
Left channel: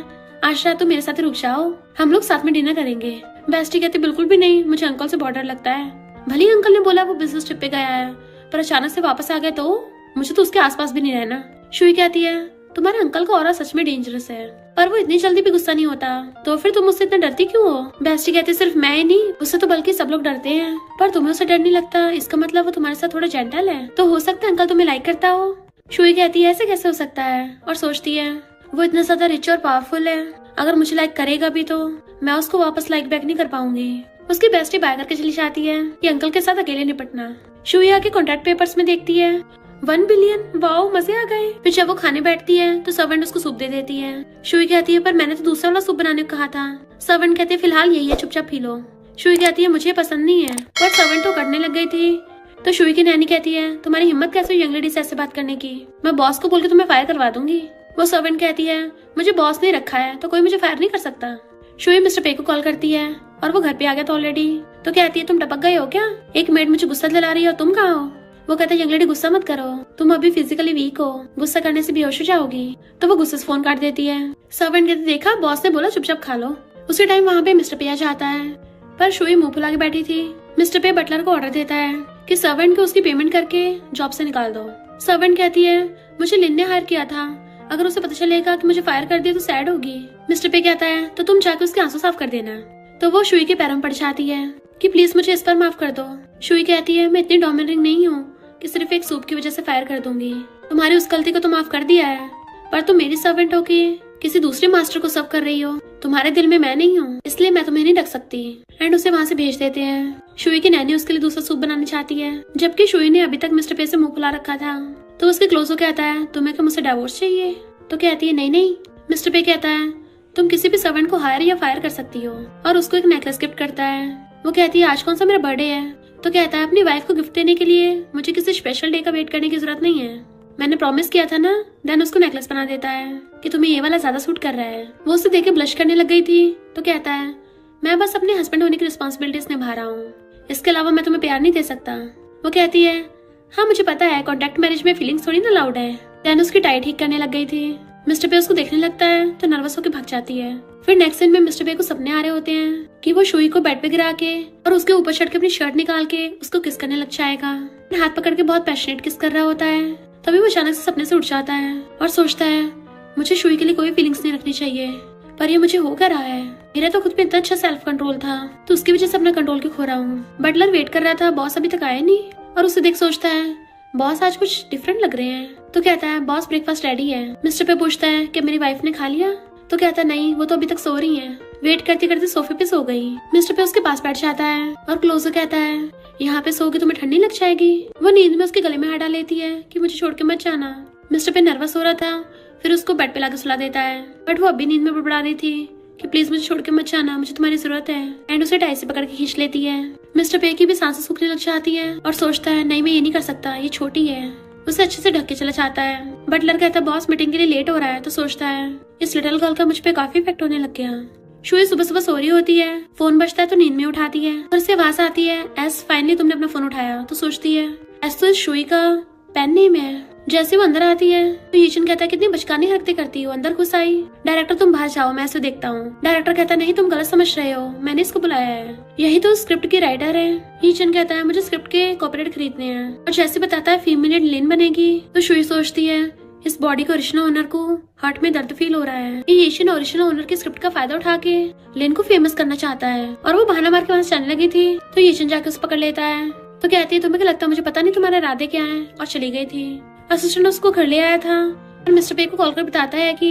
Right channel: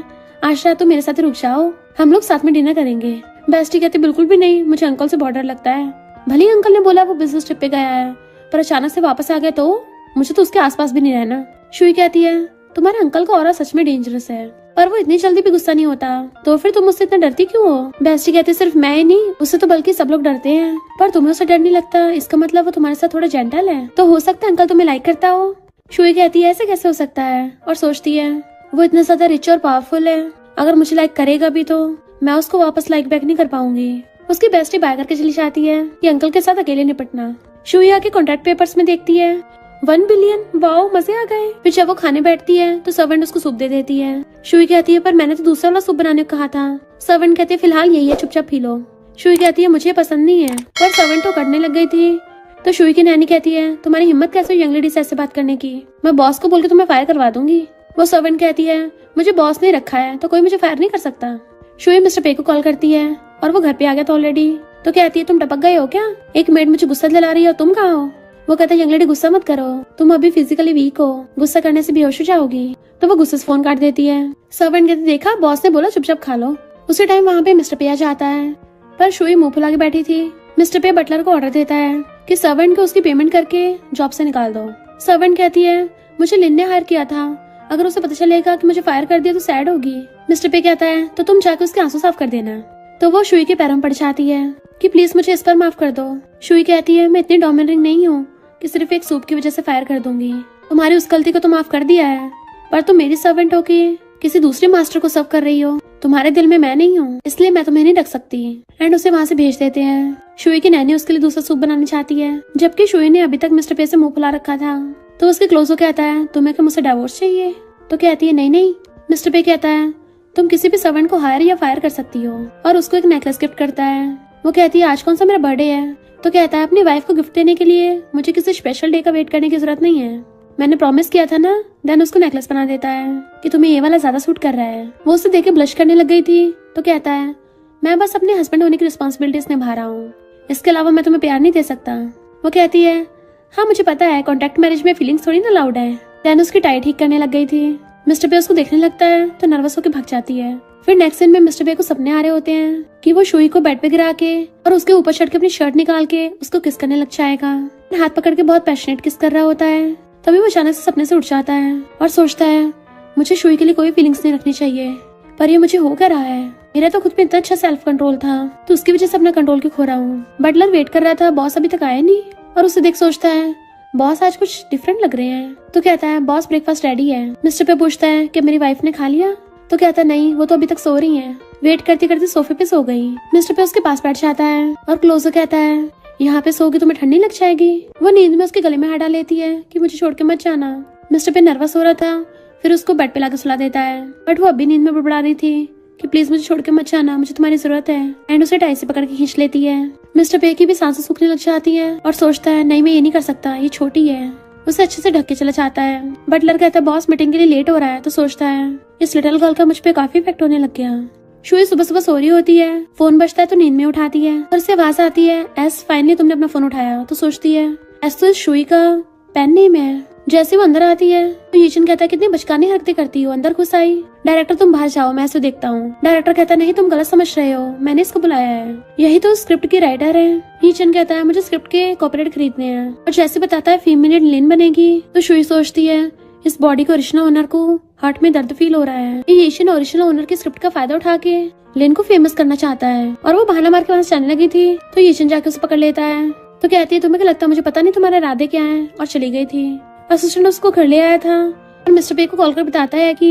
आज रात तुम मेरे साथ रुक जाओ, हम लोग साथ में डिनर करेंगे। बेस्टी कहती बिल्कुल भी नहीं, मुझे अंकल से बहुत डर लगता है। भले ही अंकल ने बोला वो बिजनेस ट्रिप पे गया है, पर अचानक से वापस आ गया तो मुझे तो उसके आसपास भी नहीं रहना। शुई कहती है तुम्हारे अंकल का ऑरा सच में डेंजरस है। पर वो इतनी जल्दी भी गुस्सा नहीं होता। तो फिर तुम उससे इतना डरती क्यों हो? बेस्टी कहती सिर्फ मैं ही नहीं, उससे तो बल्कि सब लोग डरते हैं, पर तुम्हें उससे डर नहीं लगता, इसका मतलब वो तुम्हारे साथ थोड़ा जेंटल है। तो हो सकता है अंकल तुम्हें लाइक करता हो। शुई कहती है ऐसे कैसे हो सकता है, और सोचती है वो इतना ज्यादा रिच और पावरफुल है, अगर मुझे लाइक करेगा भी तो मैं उसको वापस लाइक बैक नहीं कर पाऊंगी। उसकी बेस्टी बाय करके चली जाती है कि अंकल के साथ अकेले निपटना। शुई आके कॉन्ट्रैक्ट पेपर्स में देखती है 1 बिलियन, वाओ मजे आ गए। फिर जब वो खाने बैठती है तो सर्वेंट उसको सूप दे देती है। शुई कहती है पर मैंने तो दूसरा वाला सूप बनाने को कहा था। सर्वेंट कहते हैं फिलहाल यही है, चुपचाप पी लो। शुई कहती है मुझे पसंद नहीं है, पर सर्वेंट तो करने लग गई थी। तो शुई की नैनी कहती है तुम्हारी हिम्मत कैसे यंग लेडी से ऐसे बात करने की, मैं बॉस को बोल के तुम्हें फायर करवा दूंगी। वो सर्वेंट कहती है मुझे बॉस ने रखा है तो कोई मुझे फायर नहीं कर सकता। शुई मिस्टर पे को कॉल करती है और वो घर पे आ गया था ऑलरेडी। तो कहती है तुम टपक गए हो क्या, एक मेड मुझे गुस्सा दिला रही है और तुम कहाँ हो? वो कहता है यंग लेडी गुस्सा मत करो, तुम अभी फिजिकली वीक हो, गुस्सा करने से बेहोश हो जाओगी। तो वो गुस्से से फोन काट देती है। सर्वेंट कहती देखा बॉस ने बोला चुपचाप खा लो। उसी टाइम वहाँ पे मिस्टर पे आ जाता है, पर शुई मुंह फुला के बैठी थी। मिस्टर पे बटलर को ऑर्डर देता है कि सर्वेंट को उसकी पेमेंट करके जॉब से निकाल दो। सर्वेंट कहती है मुझे लिन ने हायर किया था, अगर उसे पता चलेगा कि मुझे फायर कर दिया तो सैड होगी। मिस्टर पे कहता है तो तुम जाकर उसके आंसू साफ कर देना। तो वो शुई के पैरों में पड़ जाती है कि प्लीज मुझे इस पर माफ कर दो। शुई कहती है मैं इतनी डोमिनेटिंग नहीं हूँ कि सिर्फ एक सूप की वजह से फायर कर दूंगी, तुम्हारी उस गलती को तो माफ कर दिया है, पर तुम मेरी सर्वेंट हो के किसी दूसरे मास्टर को सर्व कर रही हो, तुम्हारे दिल में मैं नहीं हूँ, इसलिए मैं तुम्हें नहीं ढक सकती। एंड उसे वहाँ से भेज देते हैं। शुई की नैनी उसके लिए दूसरा सूप बनाना चाहती है, जबकि शुई ने अभी तक मिस्टर पे से मुंह फुला रखा था। तो उसके क्लोजो कहता है तुम्हें क्या मुझसे डिवोर्स चाहिए? तो कहती है नहीं नहीं। मिस्टर पे कहता है तुम किसी भी सर्वेंट को हायर या फायर कर सकती हो, और उसको एक नेकलेस गिफ्ट करता है। वो कहती है आज कौन सा मेरा बर्थडे है? तो कहता है अपनी वाइफ को गिफ्ट देने के लिए मुझे किसी स्पेशल डे का वेट करने की जरूरत नहीं है, मैंने प्रॉमिस किया था ना। देन उसको नेकलेस बना देता है कि तुम्हें ये वाला ज्यादा सूट कर रहा है। वो उसे देख के ब्लश करने लग गई थी। तो कहता है मैं बस अपने हस्बैंड होने की रिस्पॉन्सिबिलिटीज निभा रहा हूँ, इसके अलावा मैं तुम्हें प्यार नहीं दे सकता। वो कहती है हाँ मुझे पता है, कॉन्टैक्ट मैरिज में फीलिंग्स थोड़ी ना अलाउड है। देन उसकी टाई ठीक करने लग गई थी। मिस्टर पे उसको देखने लगता है तो नर्वस होकर भाग जाती है। फिर नेक्स्ट सीन में मिस्टर पे को सपने आ रहे होते हैं कि वो शुई को बेड पे गिरा के और उसके ऊपर चढ़ के अपनी शर्ट निकाल के उसको किस करने लग जाएगा। हाथ पकड़ के बहुत पैशनेट किस कर रहा होता है। तभी वो अचानक से सपने से उठ जाता है और सोचता है मुझे शुई के लिए कोई फीलिंग्स नहीं रखनी चाहिए, पर ये मुझे हो क्या रहा है। मेरा तो खुद पे इतना अच्छा सेल्फ कंट्रोल था, तो उसकी वजह से अपना कंट्रोल क्यों खो रहा हूँ। बटलर वेट कर रहा था, बॉस अभी तक आया नहीं, और उसे देख सोचता है बॉस आज कुछ डिफरेंट लग रहे हैं। तो कहता है बॉस ब्रेकफास्ट रेडी है। मिस्टर पे पूछता है कि मेरी वाइफ ने खा लिया? तो कहता नहीं, वो तो अभी तक सो रही है, वेट करते करते सोफे पे सो गई। मिस्टर पे उसके पास बैठ जाता है और क्लोजर कहता है यहाँ पे सोगी तुम्हें ठंडी लग जाएगी। वो नींद में उसके गले में हाथ डाल लेती है कि मुझे छोड़ के मत जाना। मिस्टर पे नर्वस हो रहा था, फिर उसको बेड पे लाकर सुला देता है, बट वो अभी नींद में बुड़बुड़ा रही थी कि प्लीज मुझे छोड़ के मत जाना, मुझे तुम्हारी जरूरत है। एंड उसे टाई से पकड़ के खींच लेती है। मिस्टर पे की भी सांसें सूखने लग जाती है और सोचता है नहीं मैं ये नहीं कर सकता, ये छोटी है। उसे अच्छे से ढक के चला जाता है। बटलर कहता है बॉस मीटिंग के लिए लेट हो रहा है। तो सोचता है इस लिटिल गर्ल का मुझ पे काफी इफेक्ट होने लग गया। शुई सुबह सुबह सो रही होती है, फोन बजता है तो नींद में उठाती है और उससे आवाज आती है एस फाइनली तुमने अपना फोन उठाया। तो सोचती है एस तो शुई का पेन नेम है। जैसे वो अंदर आती है तो यीचन कहता है कितनी बचकानी हरकतें करती हो, अंदर घुस आई। डायरेक्टर तुम बाहर जाओ, मैं इसे देखता हूँ। डायरेक्टर कहता नहीं तुम गलत समझ रहे हो, मैंने इसको बुलाया है, यही तो स्क्रिप्ट की राइटर है। यीचन कहता है मुझे स्क्रिप्ट के कॉपीराइट खरीदने हैं, और जैसे बताता है फीमेल लिन बनेगी। तो शुई सोचती है इस बॉडी के ओरिजिनल ओनर को हार्ट में दर्द फील हो रहा है। यीचन ओरिजिनल ओनर की स्क्रिप्ट का फायदा उठा के लिन को फेमस करना चाहता है, और वो बहाना मार के वहाँ चलने लगी थी। तो यीचन जाके उसे पकड़ लेता है। तो कहती है तुम्हें क्या लगता है मुझे पता नहीं तुम्हारे इरादे क्या है, और चली गई थी। असिस्टेंट उसको घर ले आया था और मिस्टर पे को कॉल कर बताता है कि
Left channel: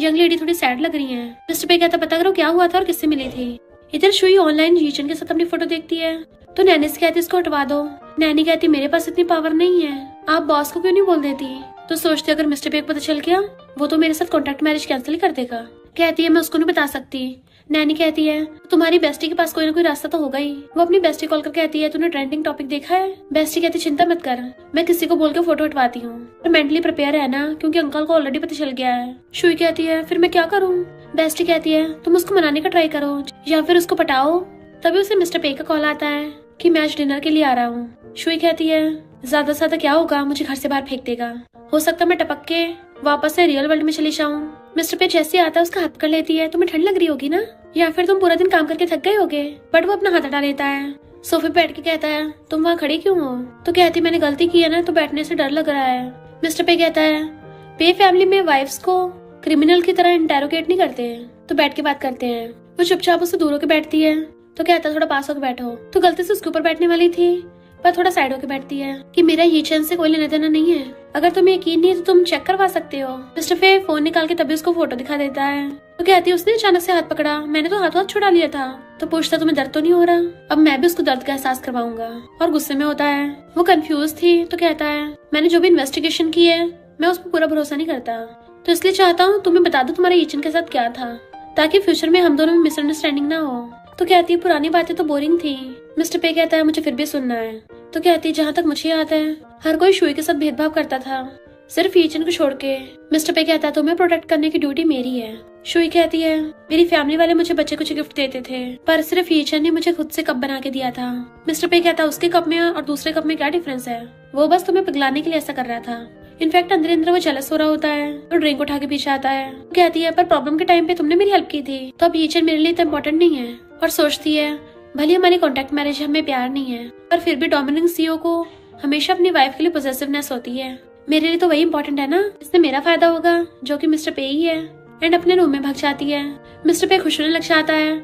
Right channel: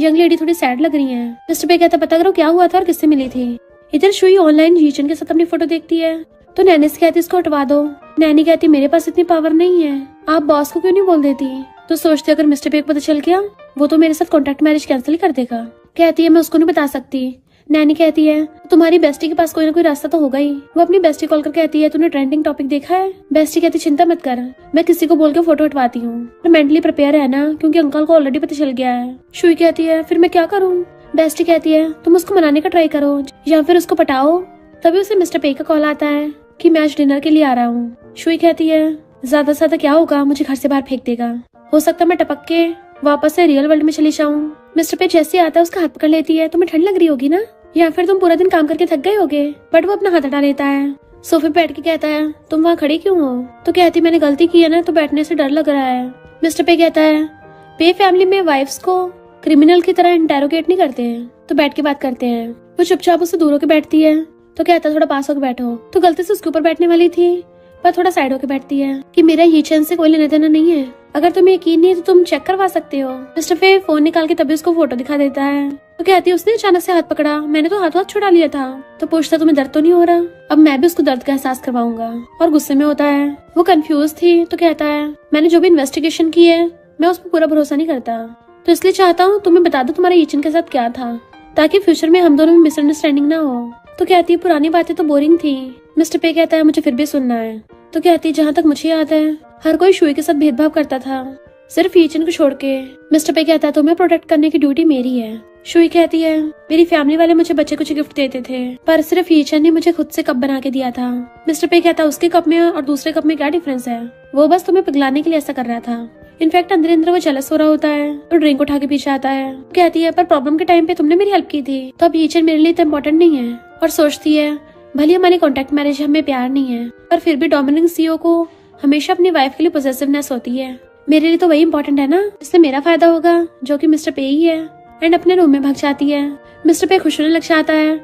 यंग लेडी थोड़ी सैड लग रही है। मिस्टर पे कहता पता करो क्या हुआ था और किससे मिली थी। इधर शुई ऑनलाइन यीचन के साथ अपनी फोटो देखती है तो नैनी से कहती इसको हटवा दो। नैनी कहती मेरे पास इतनी पावर नहीं है, आप बॉस को क्यों नहीं बोल देती। तो सोचते अगर मिस्टर पे को पता चल गया वो तो मेरे साथ कॉन्ट्रैक्ट मैरिज कैंसिल कर देगा। कहती है मैं उसको नहीं बता सकती। नैनी कहती है तुम्हारी बेस्टी के पास कोई ना कोई रास्ता तो होगा ही। वो अपनी बेस्टी कॉल कर कहती है तूने ट्रेंडिंग टॉपिक देखा है? बेस्टी कहती चिंता मत कर, मैं किसी को बोल के फोटो हटवाती हूँ, तो मेंटली प्रिपेयर है ना, क्योंकि अंकल को ऑलरेडी पता चल गया है। शुई कहती है फिर मैं क्या करूँ? बेस्टी कहती है तुम उसको मनाने का ट्राई करो या फिर उसको पटाओ। तभी उसे मिस्टर पे का कॉल आता है कि मैं आज डिनर के लिए आ रहा हूँ। शुई कहती है ज्यादा से ज्यादा क्या होगा, मुझे घर से बाहर फेंक देगा, हो सकता मैं टपक के वापस से रियल वर्ल्ड में चली जाऊँ। मिस्टर पे जैसे आता है उसका हाथ पकड़ लेती है, तुम्हें ठंड लग रही होगी ना, या फिर तुम पूरा दिन काम करके थक गए होगे। बट वो अपना हाथ हटा लेता है। सोफे पे बैठ के कहता है तुम वहाँ खड़े क्यों हो? तो कहती मैंने गलती की है ना, तो बैठने से डर लग रहा है। मिस्टर पे कहता है पे फैमिली में वाइफ्स को क्रिमिनल की तरह इंटेरोगेट नहीं करते हैं, तो बैठ के बात करते हैं। वो चुपचाप उससे दूर होकर बैठती है, तो कहता थोड़ा पास होकर बैठो। तो गलती से उसके ऊपर बैठने वाली थी, पर थोड़ा साइड होकर बैठती है कि मेरा ये चैन से कोई लेने देना नहीं है। अगर तुम्हें यकीन नहीं है तो तुम चेक करवा सकते हो। मिस्टर पे फोन निकाल के तभी उसको फोटो दिखा देता है। तो कहती है उसने अचानक से हाथ पकड़ा, मैंने तो हाथ छुड़ा लिया था। तो पूछता तुम्हें दर्द तो नहीं हो रहा? अब मैं भी उसको दर्द का एहसास करवाऊंगा। और गुस्से में होता है। वो कंफ्यूज थी, तो कहता है मैंने जो भी इन्वेस्टिगेशन की है मैं उस पर पूरा भरोसा नहीं करता, तो इसलिए चाहता हूँ तुम्हें बता दो तुम्हारे ईचन के साथ क्या था, ताकि फ्यूचर में हम दोनों में मिसअंडरस्टैंडिंग ना हो। तो कहती है पुरानी बातें तो बोरिंग थी। मिस्टर पे कहता है मुझे फिर भी सुनना है। तो कहती है जहाँ तक मुझे याद है हर कोई शुई के साथ भेदभाव करता था, सिर्फ ईचन को छोड़ के। मिस्टर पे कहता है तुम्हें प्रोटेक्ट करने की ड्यूटी मेरी है। शुई कहती है मेरी फैमिली वाले मुझे बच्चे कुछ गिफ्ट देते थे, पर सिर्फ ईचन ने मुझे खुद से कप बना के दिया था। मिस्टर पे कहता है उसके कप में और दूसरे कप में क्या डिफरेंस है, वो बस तुम्हें पिघलाने के लिए ऐसा कर रहा था। इनफैक्ट अंदर अंदर वो जेलस हो रहा होता है, तो ड्रिंक उठा के पीछे आता है। कहती है पर प्रॉब्लम के टाइम पे तुमने मेरी हेल्प की थी, तो अब ईचन मेरे लिए इतना इम्पोर्टेंट नहीं है। और सोचती है भले हमारी कॉन्ट्रैक्ट मैरिज हमें प्यार नहीं है, पर फिर भी डोमिनेंट सीईओ को हमेशा अपनी वाइफ के लिए पॉसेसिवनेस होती है। मेरे लिए तो वही इम्पोर्टेंट है ना, इसलिए मेरा फायदा होगा, जो कि मिस्टर पे ही है। एंड अपने रूम में भाग जाती है। मिस्टर पे खुश होने लग जाता है,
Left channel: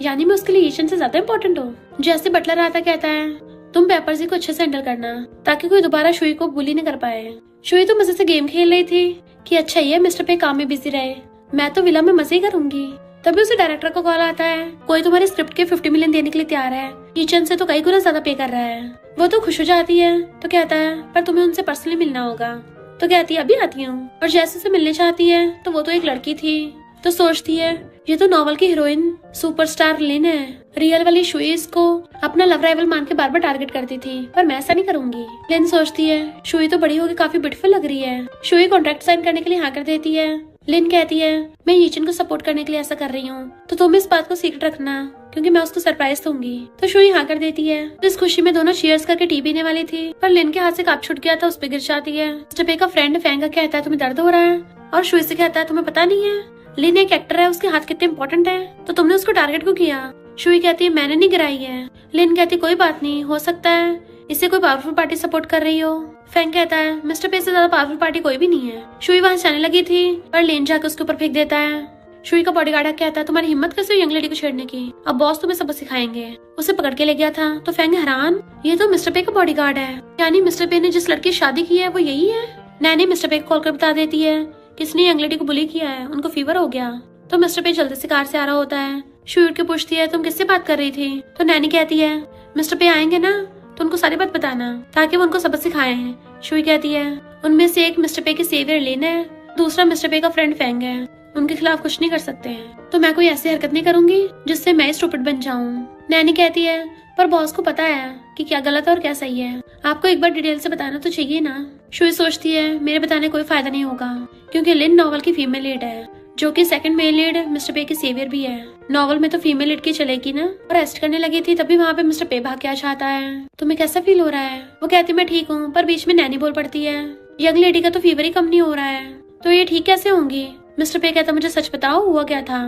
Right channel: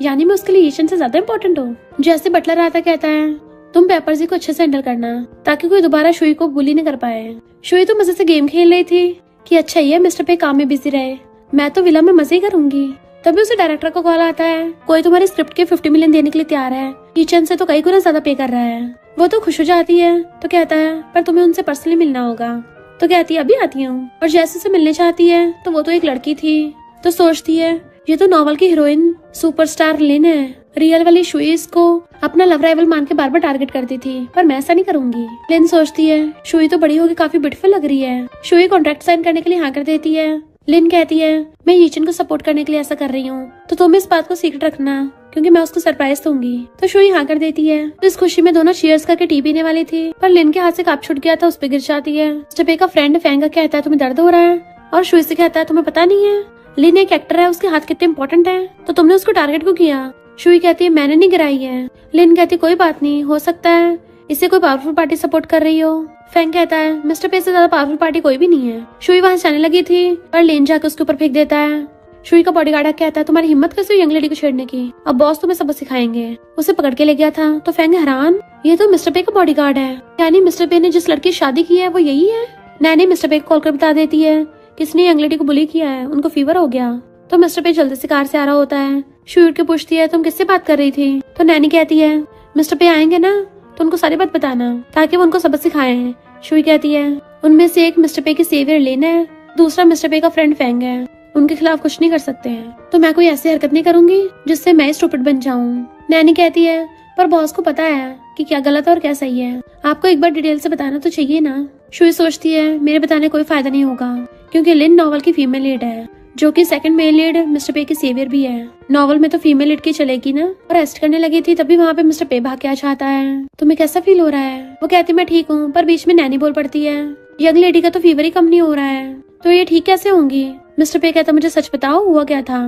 यानी मैं उसके लिए ईचन से ज्यादा इम्पोर्टेंट हूँ। जैसे बटलर आता कहता है तुम पेपर्स को अच्छे से हैंडल करना, ताकि कोई दोबारा शुई को बुली न कर पाए। शुई तो मजे से गेम खेल रही थी कि अच्छा ही है मिस्टर पे काम में बिजी रहे, मैं तो विला में मजे ही करूंगी। तभी उसे डायरेक्टर का कॉल आता है, कोई तुम्हारी स्क्रिप्ट के 50 मिलियन देने के लिए तैयार है, ईचन से तो कई गुना ज्यादा पे कर रहा है। वो तो खुश हो जाती है, तो कहता है पर तुम्हें उनसे पर्सनली मिलना होगा। तो कहती है अभी आती हूँ। और जैसे से मिलने चाहती है तो वो तो एक लड़की थी, तो सोचती है ये तो नॉवल की हीरोइन सुपरस्टार लिन है। रियल वाली शुई को अपना लव राइवल मान के बार बार टारगेट करती थी, पर मैं ऐसा नहीं करूंगी। लिन सोचती है शुई तो बड़ी होकर काफी ब्यूटीफुल लग रही है। शुई कॉन्ट्रैक्ट साइन करने के लिए हाँ कर देती है। लिन कहती है मैं ईचन को सपोर्ट करने के लिए ऐसा कर रही हूँ, तो तुम इस बात को सीक्रेट रखना, क्योंकि मैं उसको सरप्राइज दूंगी। तो शुई हाँ कर देती है। तो इस खुशी में दोनों चीयर्स करके टी पीने वाली थी, पर लिन के हाथ से कप छूट गया था, उस पे गिर जाती है। स्टेपे का फ्रेंड फैंगा कहता है तुम्हें दर्द हो रहा है, और शुई से कहता है तुम्हें पता नहीं है लिन एक एक्टर है, उसके हाथ कितने इंपॉर्टेंट है, तो तुमने उसको टारगेट क्यों किया? शुई कहती है मैंने नहीं गिराई है। लिन कहती कोई बात नहीं, हो सकता है इसे कोई पावरफुल पार्टी सपोर्ट कर रही हो। फैंग कहता है मिस्टर पे से ज्यादा पावरफुल पार्टी कोई भी नहीं है। शुई वहाँ जाने लगी थी, पर लिन जाकर उसके ऊपर फेंक देता है। शुई का बॉडीगार्ड कहता है तुम्हारी हिम्मत कैसे हुई यंग लेडी को छेड़ने की, अब बॉस तुम्हें सबक सिखाएंगे। उसे पकड़ के ले गया था, तो फैंग हैरान ये तो मिस्टर पे का बॉडीगार्ड है, यानी मिस्टर पे ने जिस लड़की शादी की है वो यही है। नैनी मिस्टर पे को कॉल कर बता देती है किसने यंग लेडी को बुली किया है, उनको फीवर हो गया। तो मिस्टर पे जल्दी से कार से आ रहा होता है। शुई उठ के पूछती है तुम किससे बात कर रही थी? तो नैनी कहती है मिस्टर पे आएंगे ना तो उनको सारी बात बताना, ताकि वो उनको सबक सिखाएं। शुई कहती है उनमें से एक मिस्टर पे की सेवियर लेना है, दूसरा मिस्टर पे का फ्रेंड फैंग है, उनके खिलाफ कुछ नहीं कर सकते हैं, तो मैं कोई ऐसी हरकत नहीं करूंगी जिससे मैं स्टूपिड बन जाऊं। नैनी कहती है पर बॉस को पता है कि क्या गलत है और क्या सही है, आपको एक बार डिटेल से बताना तो चाहिए ना। शुई सोचती है मेरे बताने कोई फायदा नहीं होगा, क्योंकि लिन नॉवल की फीमेल लीड है, जो कि सेकंड मेल लीड मिस्टर पे की सेवियर भी है। नॉवल में तो फीमेल लीड की चलेगी ना। और रेस्ट करने लगी थी तभी वहाँ पे मिस्टर पे भाग के आ जाता है। तुम्हें कैसा फील हो रहा है? वो कहती मैं ठीक हूँ, पर बीच में नैनी बोल पड़ती है यंग लेडी का तो फीवर ही कम नहीं हो रहा है, तो ये ठीक कैसे होंगी? मिस्टर पे कहता मुझे सच बताओ हुआ क्या था।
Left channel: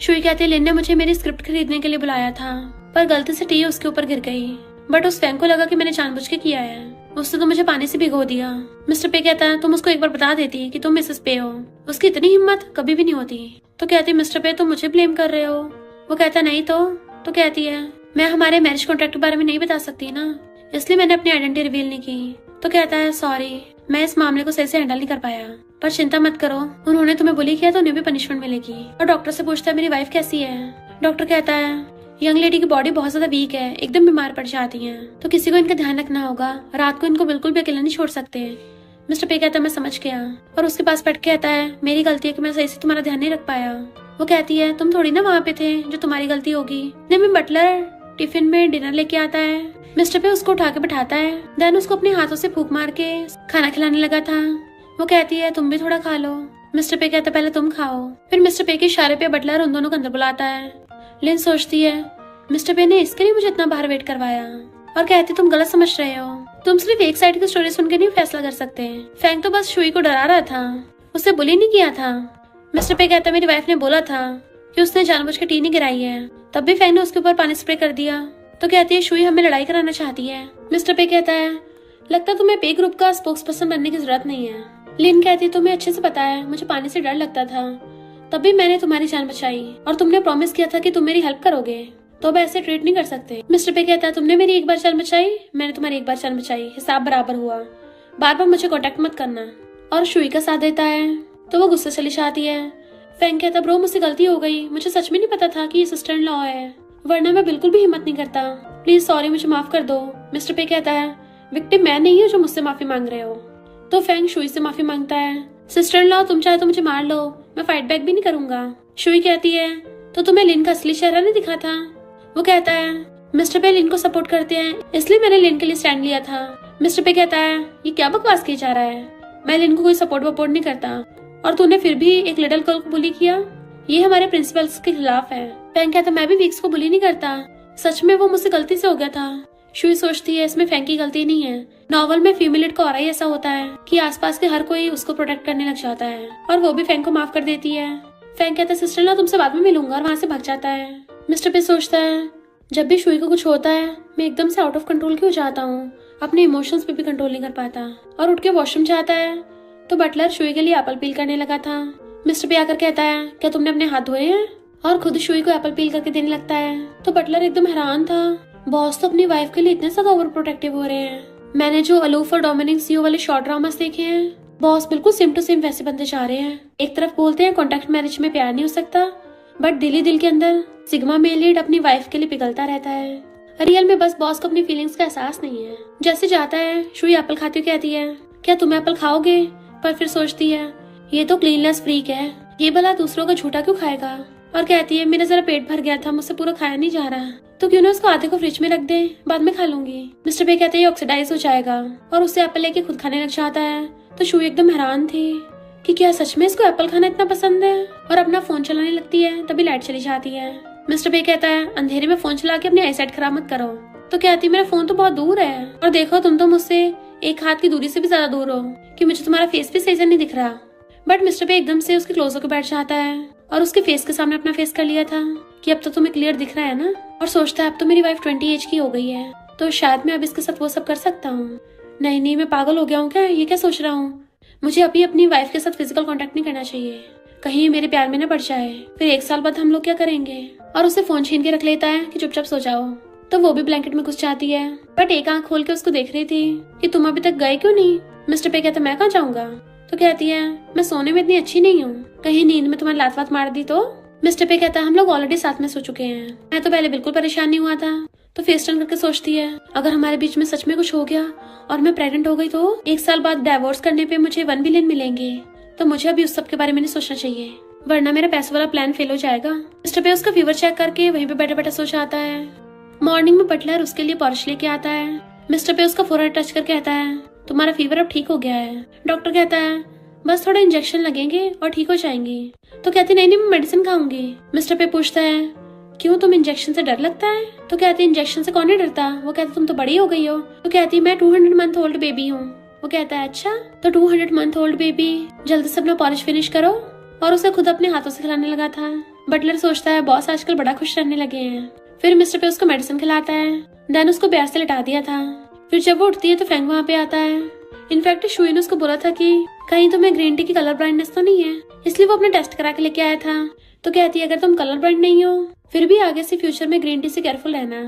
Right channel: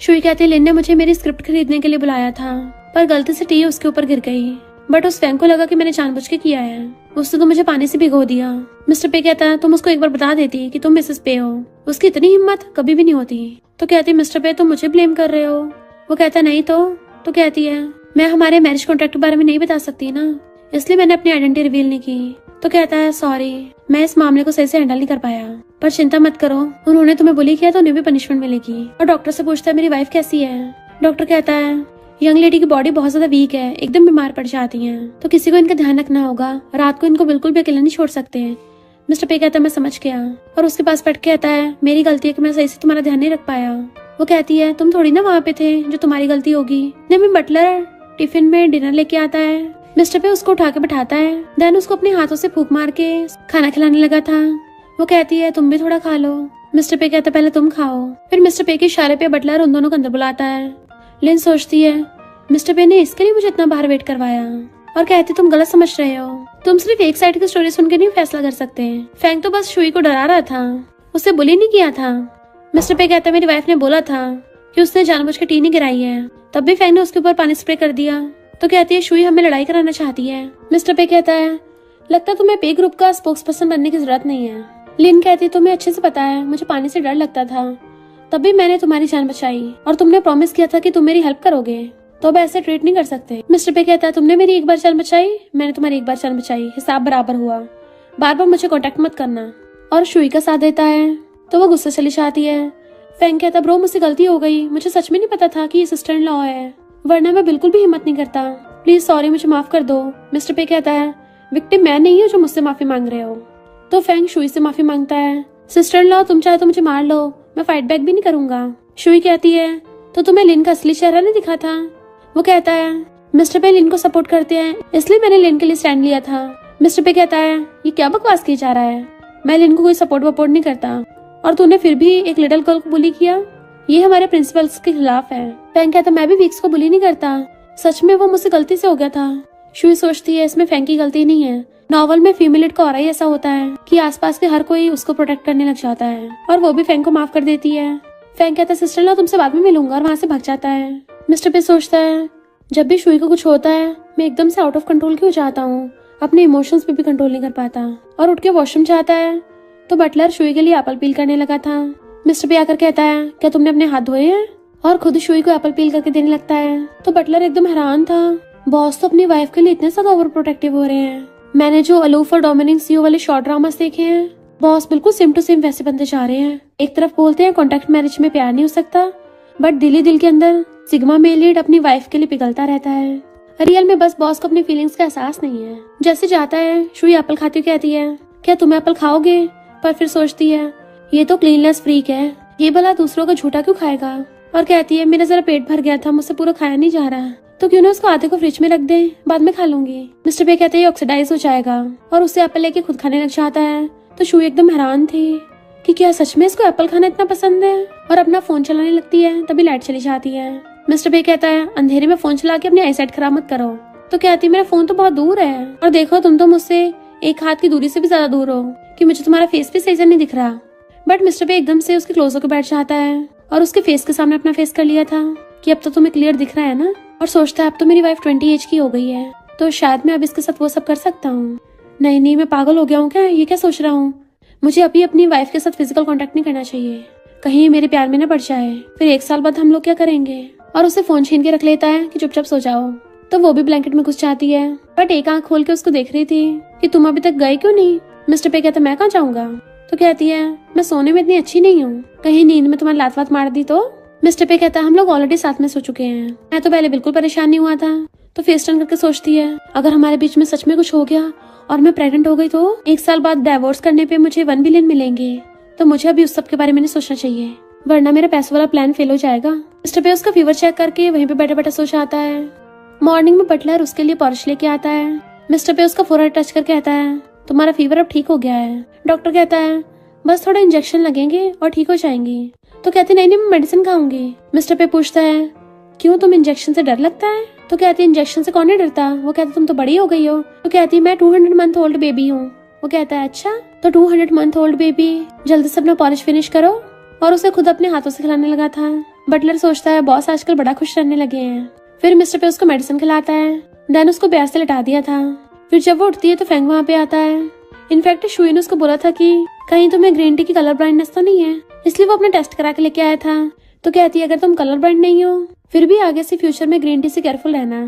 शुई कहती लिन ने मुझे मेरी स्क्रिप्ट खरीदने के लिए बुलाया था, पर गलती से टी उसके ऊपर गिर गई, बट उस फैंग को लगा कि मैंने जानबूझ के किया है, उसने तो मुझे पानी से भिगो दिया। मिस्टर पे कहता है तुम उसको एक बार बता देती कि तुम मिसेस पे हो, उसकी इतनी हिम्मत कभी भी नहीं होती। तो कहती मिस्टर पे तुम मुझे ब्लेम कर रहे हो। वो कहता नहीं तो कहती है मैं हमारे मैरिज कॉन्ट्रैक्ट के बारे में नहीं बता सकती ना, इसलिए मैंने अपनी आइडेंटिटी रिवील नहीं की। तो कहता है सॉरी मैं इस मामले को सही से हैंडल नहीं कर पाया, पर चिंता मत करो, उन्होंने तुम्हें बुली किया तो उन्हें भी पनिशमेंट मिलेगी। और डॉक्टर से पूछता है मेरी वाइफ कैसी है? डॉक्टर कहता है यंग लेडी की बॉडी बहुत ज्यादा वीक है, एकदम बीमार पड़ जाती है, तो किसी को इनका ध्यान रखना होगा, रात को इनको बिल्कुल भी अकेला नहीं छोड़ सकते। मिस्टर पे कहता मैं समझ गया, और उसके पास बैठ के कहता है मेरी गलती है कि मैं सही से तुम्हारा ध्यान नहीं रख पाया। वो कहती है तुम थोड़ी ना वहाँ पे थे जो तुम्हारी गलती होगी। नहीं बटलर टिफिन में डिनर लेके आता है, मिस्टर पे उसको उठा के बैठाता है, देन उसको अपने हाथों से फूंक मार के खाना खिलाने लगा था। वो कहती है तुम भी थोड़ा खा लो। मिस्टर पे कहता पहले तुम खाओ। फिर मिस्टर पे के इशारे पे बटलर उन दोनों को अंदर बुलाता है। लिन सोचती है मिस्टर पे ने इसके लिए मुझे इतना बाहर वेट करवाया, और कहती तुम गलत समझ रहे हो, तुम सिर्फ एक साइड की स्टोरी सुन के नहीं फैसला कर सकते। फैंग तो बस शुई को डरा रहा था, उससे बुली नहीं किया था। मिस्टर पे कहता मेरी वाइफ ने बोला था कि उसने जानबूझ के टी नहीं गिराई है, तब भी फैंग ने उसके ऊपर पानी स्प्रे कर दिया। तो कहती है शुई हमें लड़ाई कराना चाहती है। मिस्टर पे कहता है लगता तुम्हें पे ग्रुप का स्पोक्स पर्सन बनने की जरूरत नहीं है, लिन कहती है तुम्हें अच्छे से पता है मुझे पानी से डर लगता था, तभी मैंने तुम्हारी जान बचाई और तुमने प्रॉमिस किया था कि तुम मेरी हेल्प करोगे, तो अब ऐसे ट्रीट नहीं कर सकते। मिस्टर पे कहता है तुमने मेरी एक बार जान बचाई, मैंने तुम्हारी एक बार जान बचाई, हिसाब बराबर हुआ, बार बार मुझे कॉन्टेक्ट मत करना। और शुई का साथ देता है तो वो गुस्से चली जाती है। फैंग कहता ब्रो मुझसे गलती हो गई, मुझे सच में नहीं पता था कि ये सिस्टर इन लॉ है, वरना मैं बिल्कुल भी हिम्मत नहीं करता, प्लीज सॉरी मुझे माफ कर दो। मिस्टर पे कहता है विक्टिम मैं नहीं हूँ जो मुझसे माफी मांग रहे हो। तो फैंग शुई से माफी मांगता है, सिस्टर इन लॉ तुम चाहे तो मुझे मार लो, मैं फाइट बैक भी नहीं करूंगा। शुई कहती है तो तुम्हें लिन का असली चेहरा नहीं दिखा था। वो कहता है मिस्टर पे लिन को सपोर्ट करते हैं इसलिए मैंने लिन के लिए स्टैंड लिया था। मिस्टर पे कहता है ये क्या बकवास की जा रहा है, मैं लिन को कोई सपोर्ट वपोर्ट नहीं करता, और तूने फिर भी एक लिटिल गर्ल को बुली किया, ये हमारे प्रिंसिपल्स के खिलाफ है। फैंग कहता मैं भी वीक्स को बुली नहीं करता, सच में वो मुझसे गलती से हो गया था। शुई सोचती है इसमें फैंग की गलती नहीं है, नॉवल में फीमेल लीड का ऑरा ही ऐसा होता है कि आसपास के हर कोई उसको प्रोटेक्ट करने लग जाता है, और वो भी फैंग को माफ कर देती है। फैंग कहता है सिस्टर इन लॉ तुमसे बाद में मिलूंगा, और वहाँ से भाग जाता है। मिस्टर पे सोचता है जब भी शुई को कुछ होता है मैं एकदम से आउट ऑफ कंट्रोल क्यों जाता हूँ, अपने इमोशंस पे भी कंट्रोल नहीं कर पाता, और उठ के वॉशरूम जाता है तो बटलर शुई के लिए एप्पल पील करने लगा था। मिस्टर पे आकर कहता है क्या तुमने अपने हाथ धोए हैं, और खुद शुई को एप्पल पील करके देने लगता है। तो बटलर एकदम हैरान था, बॉस तो अपनी वाइफ के लिए इतने ज्यादा ओवर प्रोटेक्टिव हो रहे हैं, मैंने जो अलूफ और डोमिनिक सीओ वाले शॉर्ट ड्रामास देखे हैं बॉस बिल्कुल सेम टू सेम वैसे बनते जा रहे हैं। एक तरफ बोलते हैं कॉन्ट्रैक्ट मैरिज में प्यार नहीं हो सकता, बट दिल के अंदर सिग्मा मेल लीड अपनी वाइफ के लिए पिघलता रहता है। रियल में बस बॉस को अपनी फीलिंग्स का एहसास नहीं है। जैसे जाता है शुई एप्पल खाती हुई कहती है क्या तुम एप्पल खाओगे, पर फिर सोचती है ये तो क्लीनलेस फ्रीक है, ये भला दूसरों का झूठा क्यों खाएगा, और कहती है मेरा जरा पेट भर गया था, मुझसे पूरा खाया नहीं जा रहा, तो क्यों ना उसको आधे को फ्रिज में रख दे, बाद में खा लूंगी। मिस्टर पे कहते हैं ये ऑक्सीडाइज हो जाएगा, और उससे एप्पल लेके खुद खाने लग जाता है। तो शुई एकदम हैरान थी कि क्या सच में इसको एप्पल खाना इतना पसंद है, और अपना फोन चलाने लगती है, तभी लाइट चली जाती है। मिस्टर पे कहता है अंधेरे में फोन चला के अपनी आईसाइट खराब मत करो। तो कहती है मेरा फोन तो बहुत दूर है, और देखो तुम तो मुझसे एक हाथ की दूरी से भी ज्यादा दूर हो कि मुझे तुम्हारा फेस भी सही से नहीं दिख रहा। बट मिस्टर पे एकदम से उसके क्लोज होकर बैठ जाता है, और उसके फेस के सामने अपना फेस कर लिया था कि अब तो तुम्हें क्लियर दिख रहा है ना, और सोचता है अब तो मेरी वाइफ 20 एज की हो गई है, तो शायद मैं अब इसके साथ वो सब कर सकता हूँ। नहीं मैं पागल हो गया हूँ क्या, ये क्या सोच रहा हूँ, मुझे अभी अपनी वाइफ के साथ फिजिकल कांटेक्ट नहीं करना चाहिए, कहीं मेरे प्यार में न पड़ जाए, फिर 1 साल बाद हम लोग क्या करेंगे। और उसे फोन छीन के रख लेता है कि चुपचाप सो जाओ। तो वो भी ब्लैंकेट में घुस जाती है, बट एक आंख खोल के उसको देख रही थी कि तुम अभी तक गए क्यों नहीं। मिस्टर पे कहता मैं कहाँ जाऊंगा। तो कहती है मैं सोने में इतनी अच्छी नहीं हूँ, कहीं नींद में तुम्हारी लात वात मार दी तो। मिस्टर पे कहता हम लोग ऑलरेडी साथ में सो चुके हैं, मैं तो पहले बिल्कुल परेशान नहीं हुआ था। तो फेस टर्न करके सोचती है अगर हमारे बीच में सच में कुछ हो गया और मैं प्रेग्नेंट हो गई तो 1 साल बाद डाइवोर्स करने पे मुझे 1 बिलियन मिलेंगे, तो मुझे अभी उस सब के बारे में नहीं सोचना चाहिए, वरना मेरा पैसों वाला प्लान फेल हो जाएगा। मिस्टर पे उसका फीवर चेक करके वहीं पे बैठा बैठा सो जाता है। मॉर्निंग में बटलर उसके लिए पॉरिश लेके आता है। मिस्टर पे उसका फोरहेड टच करके कहता है तुम्हारा फीवर अब ठीक हो गया है। डॉक्टर कहता है बस थोड़े इंजेक्शन लगेंगे और ठीक हो जाएंगे। तो कहते नहीं मैं मेडिसिन खाऊंगी। मिस्टर पे पूछता है क्यों तुम इंजेक्शन से डर लगता है। तो कहती है इंजेक्शन से कौन नहीं डरता। वो कहती तुम तो बड़ी हो गई हो। तो कहती मैं 200 मंथ ओल्ड बेबी हूँ। वो कहता है अच्छा तो 200 मंथ ओल्ड बेबी जल्दी से अपना पॉलिश फिनिश करो, और उसे खुद अपने हाथों से खिलाने लगा था। बटलर सोचता है बॉस आजकल बड़ा खुश रहने लगे हैं। फिर मिस्टर पे उसको मेडिसिन खिलाता है, देन उसको बेड से लिटा दिया था। फिर जब वो उठती है तो फ्रैंक वहाँ पे आता है। इनफैक्ट शुई ने उसको बोला था कि कहीं तुम्हें ग्रीन टी की कलर ब्लाइंडनेस तो नहीं है, इसलिए वो अपने टेस्ट करा के लेके आया था। तो कहती है अगर तुम कलर ब्लाइंड नहीं हो फिर भी आगे से फ्यूचर में ग्रीन टी से केयरफुल रहना।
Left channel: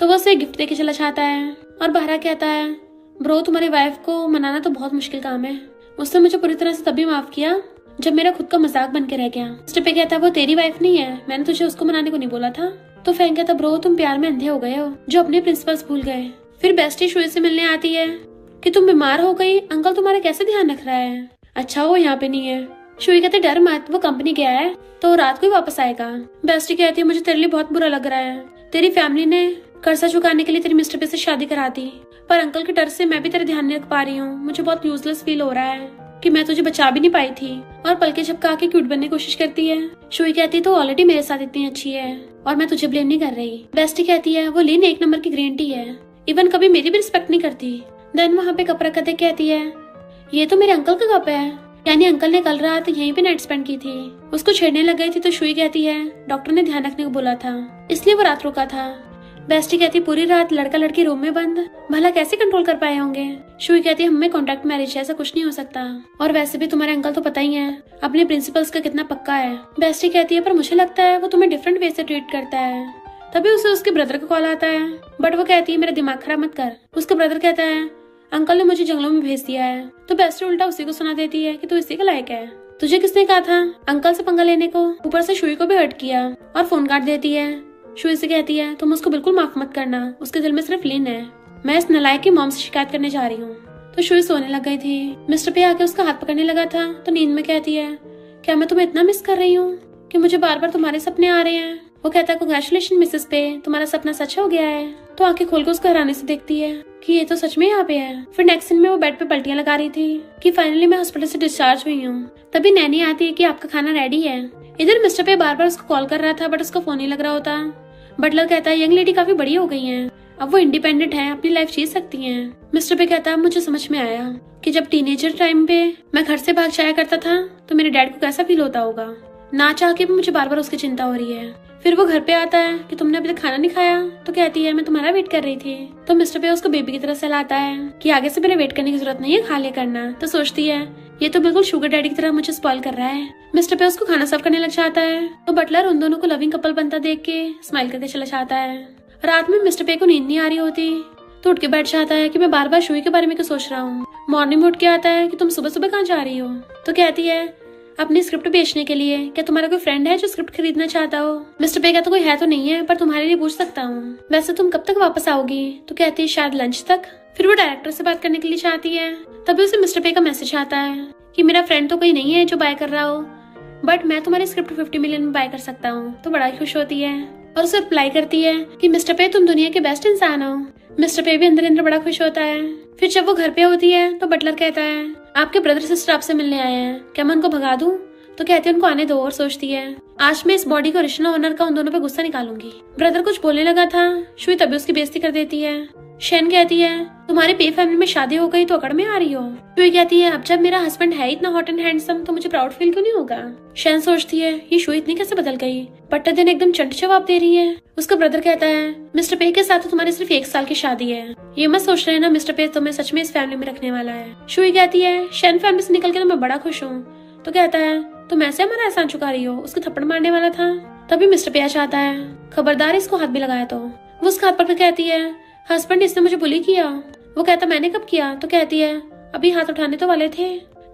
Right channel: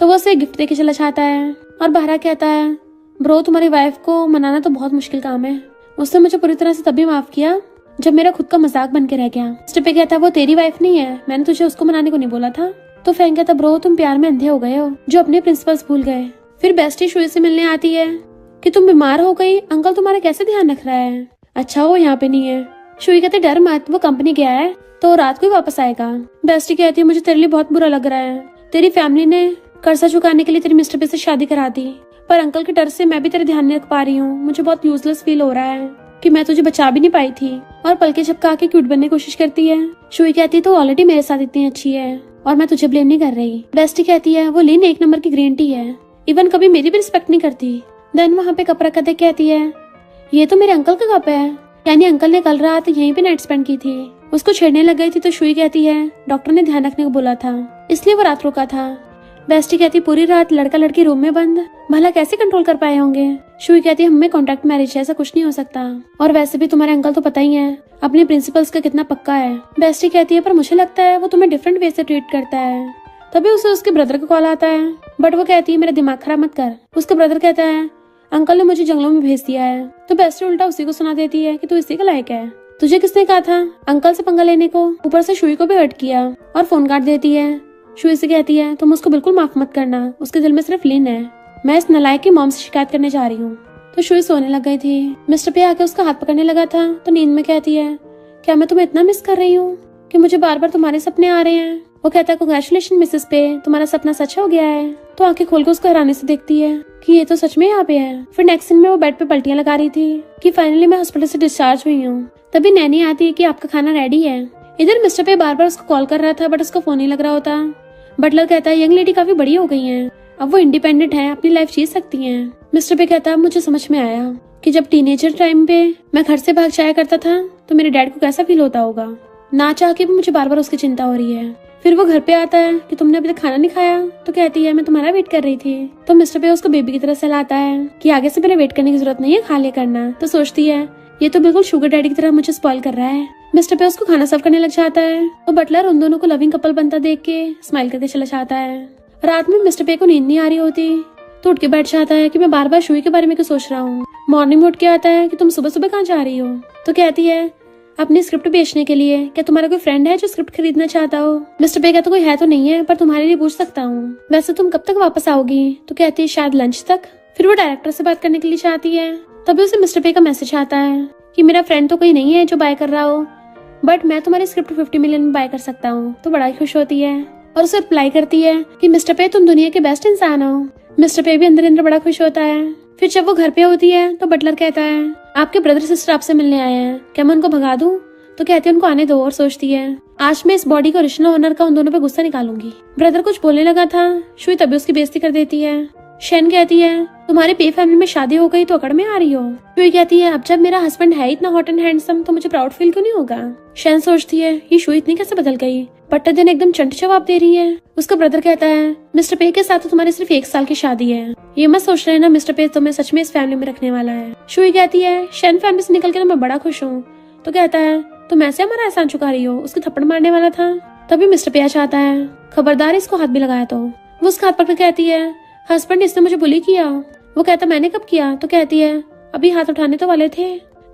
तो वो उसे गिफ्ट देके चला जाता है और बाहर कहता है ब्रो तुम्हारी वाइफ को मनाना तो बहुत मुश्किल काम है, उसने मुझे पूरी तरह से तभी माफ किया जब मेरा खुद का मजाक बन के रह गया। मिस्टर पे कहता है वो तेरी वाइफ नहीं है, मैंने तुझे उसको मनाने को नहीं बोला था। तो फ्रैंक कहता ब्रो तुम प्यार में अंधे हो गए हो जो अपने प्रिंसिपल्स भूल गए। फिर बेस्टी शुई से मिलने आती है कि तुम बीमार हो गई, अंकल तुम्हारा कैसे ध्यान रख रहा है। अच्छा वो यहाँ पे नहीं है। शुई कहती डर मत, वो कंपनी गया है तो रात को ही वापस आएगा। बेस्टी कहती है मुझे तेरे लिए बहुत बुरा लग रहा है, तेरी फैमिली ने कर्जा चुकाने के लिए तेरे मिस्टर पे से शादी करा दी, पर अंकल के डर से मैं भी तेरे ध्यान नहीं रख पा रही हूँ। मुझे बहुत यूजलेस फील हो रहा है कि मैं तुझे बचा भी नहीं पाई थी। और पलके झपका के क्यूट बनने की कोशिश करती है। शुई कहती है तो ऑलरेडी मेरे साथ इतनी अच्छी है और मैं तुझे ब्लेम नहीं कर रही। बेस्टी कहती है वो लिन 1 नंबर की ग्रीन टी है, इवन कभी मेरी भी रिस्पेक्ट नहीं करती। देन वहाँ पे कप रखा देख कहती है ये तो मेरे अंकल का कप है, यानी अंकल ने कल रात यहीं पे नाइट स्पेंड की थी। उसको छेड़ने लग गई थी तो शुई कहती है डॉक्टर ने ध्यान रखने को बोला था इसलिए वो रात रुका था, बेस्टी कहती पूरी रात लड़का लड़की रूम में बंद, भला कैसे कंट्रोल कर पाए होंगे। शुई कहती हमें कॉन्ट्रैक्ट मैरिज है, ऐसा कुछ नहीं हो सकता, और वैसे भी तुम्हारे अंकल तो पता ही है अपने प्रिंसिपल्स का कितना पक्का है। बेस्टी कहती है पर मुझे लगता है वो तुम्हें डिफरेंट वे से ट्रीट करता है। तभी उसे उसके ब्रदर का कॉल आता है, बट वो कहती है मेरा दिमाग खराब मत कर। उसका ब्रदर कहता है अंकल ने मुझे जंगलों में भेज दिया है। तो बेस्टी उल्टा उसी को सुना देती है कि तू इसी का लायक है, तुझे किसने कहा था अंकल से पंगा लेने को। ऊपर से शुई को भी हर्ट किया और फोन काट देती है। शुई से कहती है तुम उसको बिल्कुल माफ मत करना, उसके दिल में सिर्फ लिन है, मैं इस नलायक की मॉम से शिकायत करने जा रही हूँ। तो शुई सोने लग गई थी। मिस्टर पे आके उसका हाथ पकड़ने लगा था तो नींद में कहती है क्या मैं तुम्हें इतना मिस कर रही हूँ कि मुझे बार बार तुम्हारे सपने आ रहे हैं। वो कहता है कांग्रेचुलेशन मिसेस पे, तुम्हारा सपना सच हो गया है। तो आंखें खोल के उसको हैरानी से देखती है कि ये तो सच में यहाँ पे है। फिर नेक्स्ट सीन में वो बेड पे पलटियां लगा रही थी कि फाइनली मैं हॉस्पिटल से डिस्चार्ज हुई हूँ। तभी नैनी आती है कि आपका खाना रेडी है। इधर मिस्टर पे बार बार उसको कॉल कर रहा था बट उसका फोन नहीं लग रहा होता। बटलर कहता है यंग लेडी काफी बड़ी हो गई है, अब वो इंडिपेंडेंट है, अपनी लाइफ जी सकती है। मिस्टर पे कहता है मुझे समझ में आया कि जब टीनेजर टाइम पे मैं घर से भाग जाया करता था तो मेरे डैड को कैसा फील होता होगा, ना चाह के भी मुझे बार बार उसकी चिंता हो रही है। फिर वो घर पे आता है कि तुमने अभी तक खाना नहीं खाया। तो कहती है मैं तुम्हारा वेट कर रही थी। तो मिस्टर पे उसको बेबी की तरह सहलाता है कि आगे से मेरे वेट करने की जरूरत नहीं है, खा ले करना। तो सोचती है ये तो बिल्कुल शुगर डैडी की तरह मुझे स्पॉइल कर रहा है। मिस्टर पे उसको खाना सर्व करने लग जाता है। तो बटलर उन दोनों को लविंग कपल बनता देख के स्माइल करके चला जाता है। रात में मिस्टर पे को नींद नहीं आ रही होती तो उठ के बैठ जाता है कि मैं बार बार शुई के बारे में क्यों सोच रहा हूँ। मॉर्निंग में उठ के आता है कि तुम सुबह सुबह कहाँ जा रही हो। तो कहती है अपनी स्क्रिप्ट बेचने के लिए, क्या तुम्हारा कोई फ्रेंड है जो स्क्रिप्ट खरीदना चाहता हो। मिस्टर पे कहता कोई है तो नहीं है पर तुम्हारे लिए पूछ सकता हूँ, वैसे तुम कब तक वापस आओगी। तो कहती है शायद लंच तक। फिर वो डायरेक्टर से बात करने के लिए चाहती है। तभी उसे मिस्टर पे का मैसेज आता है कि मेरा फ्रेंड तो कोई नहीं है जो बाय कर रहा हो, बट मैं तुम्हारी स्क्रिप्ट 50 मिलियन में बाय कर सकता हूँ। तो बड़ा खुश होती है और उसे रिप्लाई करती है कि मिस्टर पे तुम दुनिया के बेस्ट इंसान हो। मिस्टर पे भी अंदर अंदर बड़ा खुश होता है। फिर जब वो घर पे होती है तो बटलर कहता है आपके ब्रदर सिस्टर आपसे मिलने आए हैं, क्या मैं उनको भगा दूं। तो कहते हैं उनको आने दो और सोचती है आज मैं इस बॉडी का ओरिजिनल ओनर का उन दोनों पे गुस्सा निकालूंगी। ब्रदर कुछ बोलने लगा था, शुई तभी उसकी बेइज्जती कर देती है। शैन कहती है तुम्हारी पे फैमिली में शादी हो गई तो अकड़ में आ रही हो। शुई कहती है अब जब मेरा हस्बैंड है इतना हॉट एंड हैंडसम तो मुझे प्राउड फील क्यों नहीं होगा। शैन सोचती है ये शुई इतनी कैसे बदल गई, बट दिन एकदम चंट जवाब दे रही है। उसका ब्रदर कहता है मिस्टर पे के साथ तुम्हारी सिर्फ 1 साल की शादी है, ये मत सोच रहे ना मिस्टर पे तुम्हें सच में इस फैमिली में रखने वाला है। शुई कहती है शैन फैमिली से निकल के मैं बड़ा खुश हूँ। तो कहता है तुम ऐसे हमारा एहसान चुका रही हो, उसको थप्पड़ मारने वाला था। तभी मिस्टर पे चाहता है खबरदार इसको हाथ भी लगाया। तो वो उसका हाथ पकड़ कहती है हस्बैंड इसने मुझे बुली किया। वो कहता मैंने कब किया। तो कहती है अभी हाथ उठाने तो वाले थे।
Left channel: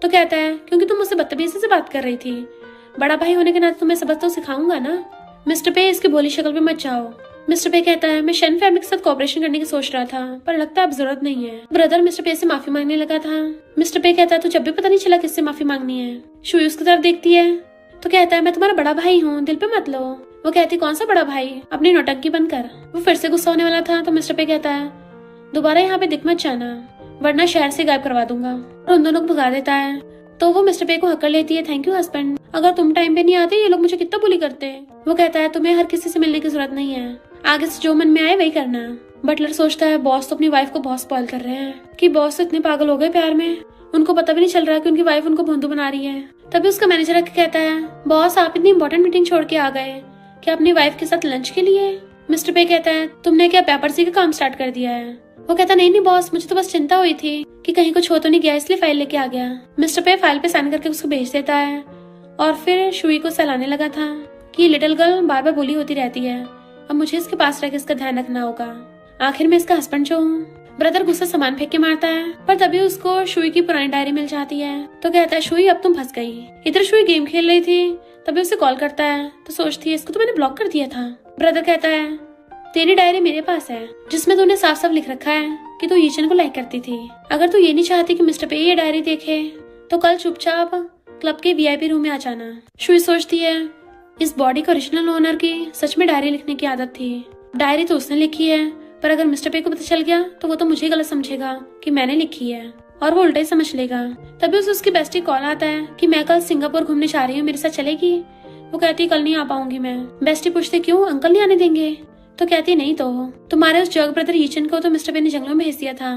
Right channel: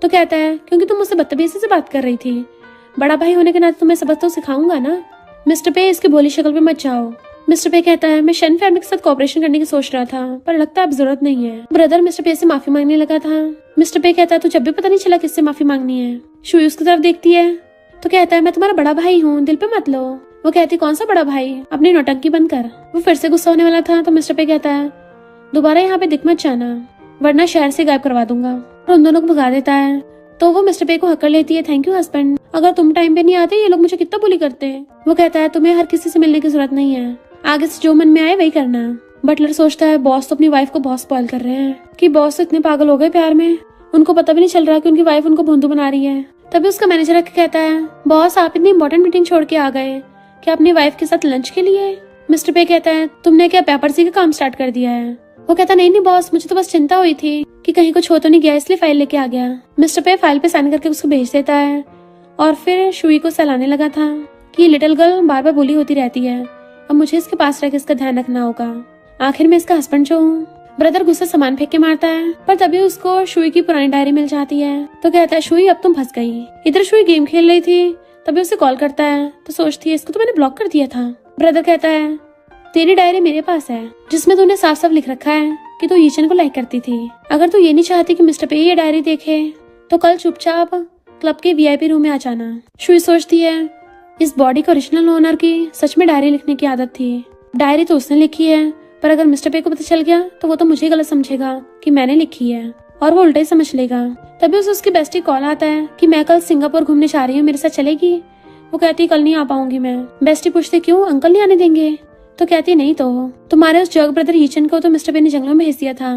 तो कहता है क्योंकि तुम मुझसे बदतमीजी से बात कर रही थी, बड़ा भाई होने के नाते तुम्हें सबक तो सिखाऊंगा ना। मिस्टर पे इसकी भोली शक्ल पे मत जाओ। मिस्टर पे कहता है मैं शन फैमिली के साथ कोऑपरेशन करने की सोच रहा था पर लगता है अब जरूरत नहीं है। ब्रदर मिस्टर पे से माफी मांगने लगा था। मिस्टर पे कहता है तू जब भी पता नहीं चला किससे माफी मांगनी है। शुई उसकी तरफ देखती है तो कहता है मैं तुम्हारा बड़ा भाई हूँ, दिल पे मत लो। वो कहती कौन सा बड़ा भाई, अपनी नौटंकी बंद कर। वो फिर से गुस्सा होने वाला था तो मिस्टर पे कहता है दोबारा यहाँ पे दिख मत जाना वरना शहर से गायब करवा दूंगा। और उन दोनों को भगा देता है। तो वो मिस्टर पे को हक कर लेती है थैंक यू हस्बैंड, अगर तुम टाइम पे नहीं आते ये लोग मुझे कितना बुली करते। वो कहता है तुम्हें हर किसी से मिलने की जरूरत नहीं है, आगे से जो मन में आए वही करना। बटलर सोचता है बॉस तो अपनी वाइफ को बहुत स्पॉइल कर रहे हैं कि बॉस तो इतने पागल हो गए प्यार में उनको पता भी नहीं चल रहा कि उनकी वाइफ उनको भोंदू बना रही है। तभी उसका मैनेजर कहता है बॉस आप इतनी इंपॉर्टेंट मीटिंग छोड़ के आ गए क्या अपनी वाइफ के साथ लंच के लिए। मिस्टर पे कहता है तुमने क्या पेपरसी का काम स्टार्ट कर दिया है। वो कहता नहीं बॉस मुझे तो बस चिंता हुई थी कि कहीं कुछ हो तो नहीं गया इसलिए फाइल लेके आ गया। मिस्टर पे फाइल पे साइन करके उसको भेज देता है और फिर शुई को सहलाने लगा था कि लिटिल गर्ल बार बार बोली होती रहती है, अब मुझे इसके पास रहकर इसका ध्यान रखना होगा। आखिर में इसका हस्बैंड जो हूँ। ब्रदर गुस्सा सामान फेंक के मारता है पर तभी उसको शुई की पुरानी डायरी मिल जाती है। तो कहता है शुई अब तुम फंस गई। इधर शुई गेम खेल रही थी तभी उसे कॉल करता है तो सोचती है इसको तो मैंने ब्लॉक कर दिया था। ब्रदर कहता है तेरी डायरी मेरे पास है जिसमें तूने साफ साफ लिख रखा है कि तू यीचन को लाइक करती थी। अगर तू ये नहीं चाहती कि मिस्टर पे ये डायरी देखे तो कल चुपचाप क्लब के VIP रूम में आ जाना। शुई सोचती है इस बॉडी का ओरिजिनल ओनर की सच में डायरी लिखने की आदत थी। डायरी तो उसने लिखी है पर अगर मिस्टर पे को पता चल गया तो वो तो मुझे गलत समझेगा कि मैंने लिखी है और वो उल्टा ही समझ लेगा। तभी उसे उसकी बेस्टी कॉल आता है कि मैं कल सिंगापुर घूमने जा रही हूँ, मेरे साथ चलेगी। वो कहती कल नहीं आ पाऊंगी मैं। बेस्टी पूछती क्यों, अंकल नहीं आने देंगे। तो कहती नहीं तो तुम्हारे उस जर्ग ब्रदर यीचन को तो मिस्टर पे ने जंगलों में भेज दिया था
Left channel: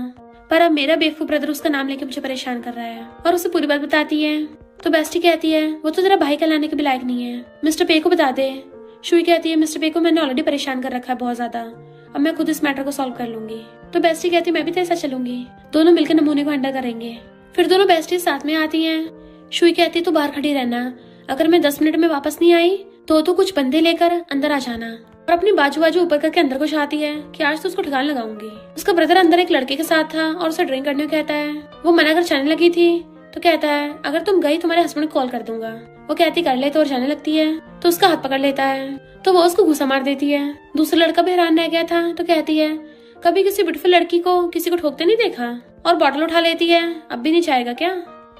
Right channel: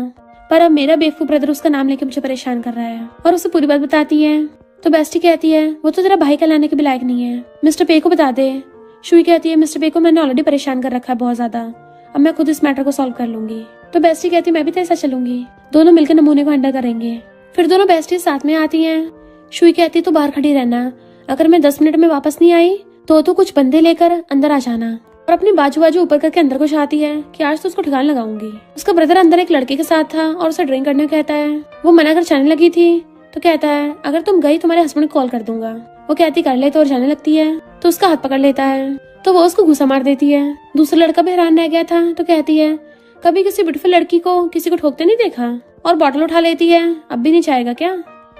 पर अब मेरा बेवकूफ ब्रदर उसका नाम लेके मुझे परेशान कर रहा है और उसे पूरी बात बताती है। तो बेस्टी कहती है वो तो तेरा भाई कहलाने के भी लायक नहीं है, मिस्टर पे को बता दे। शुई कहती है मिस्टर पे को मैंने ऑलरेडी परेशान कर रखा है बहुत ज्यादा, अब मैं खुद इस मैटर को सॉल्व कर लूंगी। तो बेस्टी कहती मैं भी तेरे साथ चलूंगी, दोनों मिलकर नमूने को हैंडल करेंगे। फिर दोनों बेस्टी साथ में आती हैं। शुई कहती तू बाहर खड़ी रहना, अगर मैं 10 मिनट में वापस नहीं आई तो कुछ बंदे लेकर अंदर आ जाना। और अपनी बाजू बाजू ऊपर करके अंदर को चाहती है कि आज तो उसको ठिकाना लगाऊंगी। उसका ब्रदर अंदर एक लड़के के साथ था और उसे ड्रिंक करने को कहता है। वो मना कर जाने लगी थी तो कहता है अगर तुम गई तुम्हारे हस्बैंड को कॉल कर दूंगा। वो कहती कर ले तो और जाने लगती है तो उसका हाथ पकड़ लेता है तो वो उसको घुसा मार देती है। दूसरा लड़का भी हैरान रह गया था तो कहती है कभी किसी ब्यूटीफुल लड़की को किसी को ठोकते नहीं देखा। और बॉटल उठा लेती है, अब भी नहीं चाहेगा क्या,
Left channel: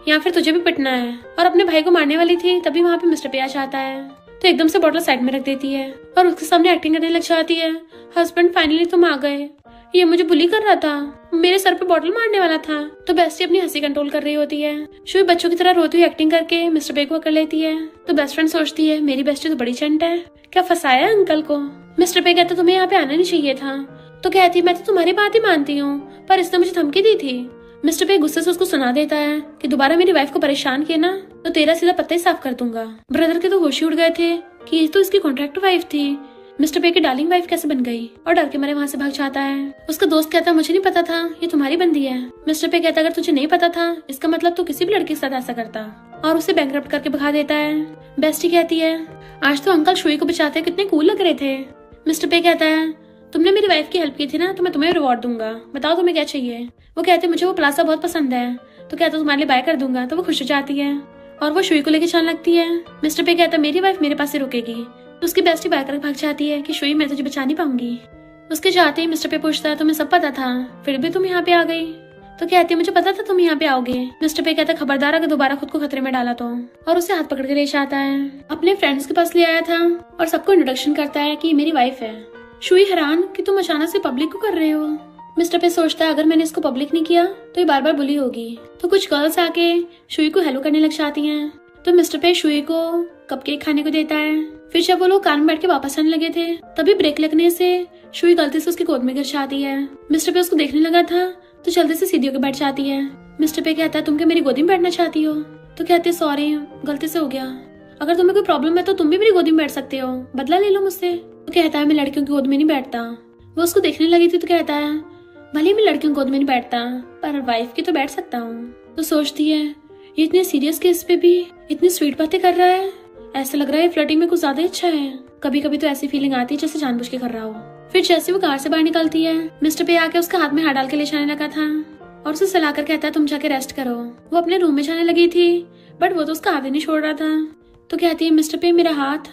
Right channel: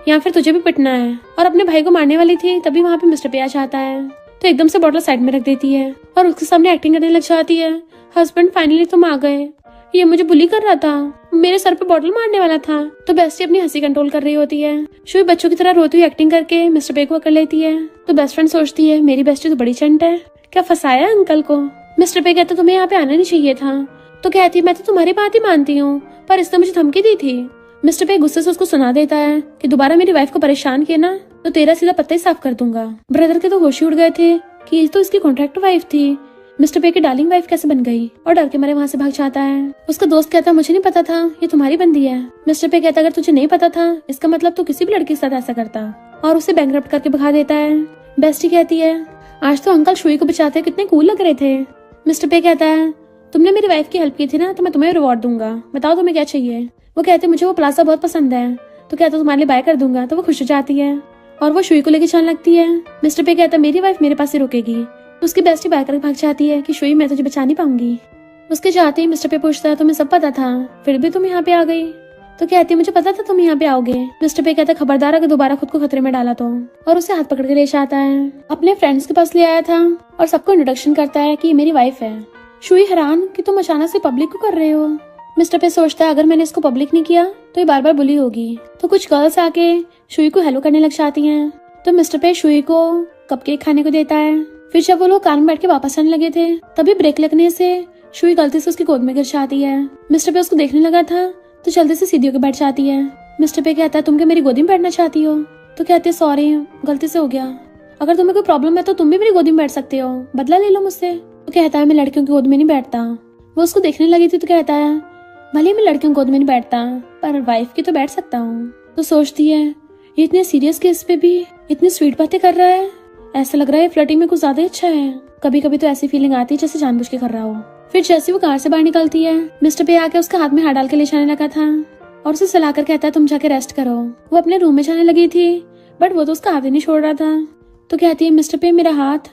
या फिर तुझे भी पिटना है। और अपने भाई को मारने वाली थी तभी वहाँ पे मिस्टर पे आ जाता है तो एकदम से बॉटल साइड में रख देती है और उसके सामने एक्टिंग करने लग जाती है। हस्बैंड फाइनली तुम आ गए, ये मुझे बुली कर रहा था, मेरे सर पे बॉटल मारने वाला था। तो बेस्टी अपनी हंसी कंट्रोल कर रही होती है। शुई बच्चों की तरह रोती हुई एक्टिंग करके मिस्टर पे को पकड़ लेती है। तो बेस्ट फ्रेंड सोचती है मेरी बेस्टी तो बड़ी चंट है, क्या फंसाया अंकल को। मिस्टर पे कहते तुम्हें यहाँ पे आना नहीं चाहिए था। तो कहती मैं तो तुम्हारी बात ही मानती हूँ, पर इसने मुझे धमकी दी थी। मिस्टर पे गुस्से से उसको सुना देता है कि दोबारा मेरी वाइफ को परेशान किया ना तो तेरा सीधा पत्ता ही साफ कर दूंगा। ब्रदर के तो होश ही उड़ गए थे कि ये तो इसकी कॉन्ट्रैक्ट वाइफ थी, मिस्टर पे की डार्लिंग वाइफ कैसे बन गई, और डर के मारे वहाँ से भाग जाता है। उसका दोस्त कहता मुझे नहीं पता था ये तुम्हारी बंदी है। मिस्टर पे कहता अगर तुझे नहीं पता था इसका मतलब तू किसी भी लड़की के साथ ऐसा करता, और उसे बैंकरप्ट करके भगा देता है। बेस्टी कहती है आज तो अंकल शुई को बचाते कितने कूल लग रहे थे। मिस्टर पे कहता है तुमने मेरी वाइफ की हेल्प की थी ना तो मैं तुम्हें रिवॉर्ड दूंगा, बताओ तुम्हें क्या चाहिए। वो कहते मुझे वो प्लाजा बहुत पसंद है। तो कहता तुम्हारे लिए बाय कर दूंगा। तो वो खुश हो जाती है और वो शुई को लेकर चलने लगती है। मिस्टर पे कहता मेरी वाइफ मेरे पास ही रुकेगी। तो उसकी बेस्टी बाय कर भाग जाती है कि शुई मैं तुझे बचा नहीं पाऊंगी। उसके जाते ही मिस्टर पे पूछता है तुम्हें सब पता था फिर भी तुम यहाँ पे आ गई। तो कहती है मुझे पता था तुम यहाँ पे आओगे। मिस्टर पे कहता खबरदार अगर दोबारा खुद को खतरे में डाला तो, और उसे हाथ पकड़ के ले जाता है। अपने फ्रेंड्स के पास ले आया था और सबको इंट्रोडक्शन करता है कि मेरी वाइफ है। शुई हैरान कि तुम अचानक से पब्लिक को कर रहे हो। मिस्टर पे सोचता है अगर मैंने इसको पब्लिक नहीं किया तो ये बार बार बुली होगी। तो कुछ गर्ल्स आके शुई को हेलो करने लग जाती हैं। तो मिस्टर पे शुई को कपकेक खाने को देता है। फिर जब वो लोग कार में बैठ के वापस आने लगे थे तभी ब्रेक लगने से शुई गलती से उसकी गोद में गिर जाती है। मिस्टर पे उसको देखने लगा था तो जल्दी से सीधी होकर बैठ जाती है। मिस्टर पे कहता है तुम क्या मेरी गोदी में बैठना चाहती हो। तो कहते हैं सॉरी गलती से हो गया, अगर तुम्हें कोई प्रॉब्लम है तो तुम भी मेरी गोदी में बैठ सकते हो, बदला ले लो मुझसे। तो कहता है मैं लड़कियों की गोद में नहीं बैठता। वो उसको देखने लगी थी तो कहता है भले मैं लड़कियों की गोद में नहीं बैठता पर वाइफ की तो बैठ सकता हूँ। तो सोचती है ये इतने सीरियस केस पे भी इतनी स्वीट बातें कर रहा है, ऐसा लग रहा है फ्लर्टिंग में कुछ ज्यादा अच्छा है। कभी कभी तो ऐसी फीलिंग आती है जैसे जानबूझ के कर रहा हो। फिर जैसे वो कार से बाहर निकलती है मिस्टर पे आके उसका हाथ में हाथ डाल के ले जाने लगा था और उसे सलाकर कहता है तुम जाके रेस्ट करो। वो अपने रूम में जाने लगी थी बट वो तो उसका हाथ ही नहीं छोड़ रहा था। तो कहती है मिस्टर पे मेरा हाथ।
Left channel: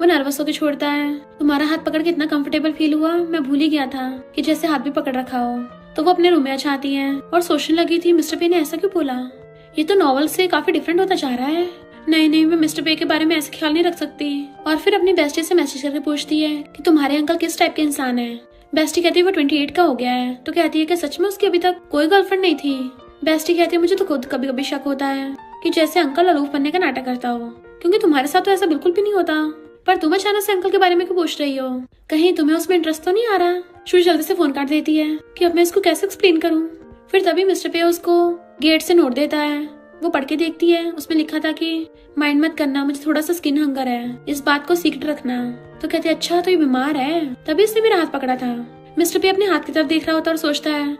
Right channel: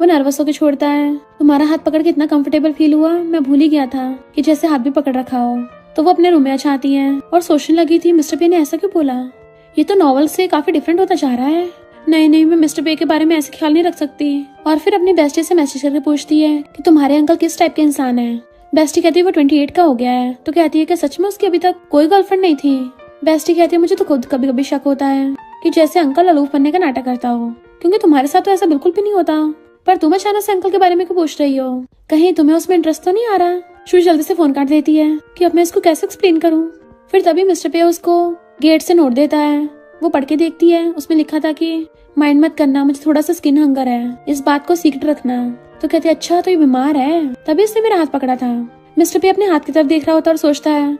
वो नर्वस होकर छोड़ता है। तुम्हारा हाथ पकड़ के इतना कंफर्टेबल फील हुआ मैं भूल ही गया था कि जैसे हाथ भी पकड़ रखा हो। तो वो अपने रूम में जाती है और सोचने लगी थी मिस्टर पे ने ऐसा क्यों बोला, ये तो नॉवल से काफी डिफरेंट होता जा रहा है। नहीं मैं मिस्टर पे के बारे में ऐसे ख्याल नहीं रख सकती। और फिर अपनी बेस्टी से मैसेज करके पूछती है कि तुम्हारे अंकल किस टाइप के इंसान है। बेस्टी कहती है वो 28 का हो गया है। तो कहती है कि सच में उसकी अभी तक कोई गर्लफ्रेंड नहीं थी। बेस्टी कहती है मुझे तो खुद कभी कभी शक होता है कि जैसे अंकल अलूफ बनने का नाटक करता हो, क्योंकि तुम्हारे साथ तो ऐसा बिल्कुल भी नहीं होता। पर तुम अचानक से अंकल के बारे में क्यों पूछ रही हो, कहीं तुम्हें उसमें इंटरेस्ट तो नहीं आ रहा। शुई जल्दी से फोन काट देती है कि अब मैं इसको कैसे एक्सप्लेन करूँ। फिर तभी मिस्टर पे उसको गेट से नोट देता है। वो पढ़ के देखती है, उसमें लिखा था कि माइंड मत करना, मुझे थोड़ा सा स्किन हंगर है, इस बात को सीक्रेट रखना। तो कहते अच्छा तो ये बीमार है, तभी इसने मेरा हाथ पकड़ा था। मिस्टर पे अपने हाथ की तरफ देख रहा होता और सोचता है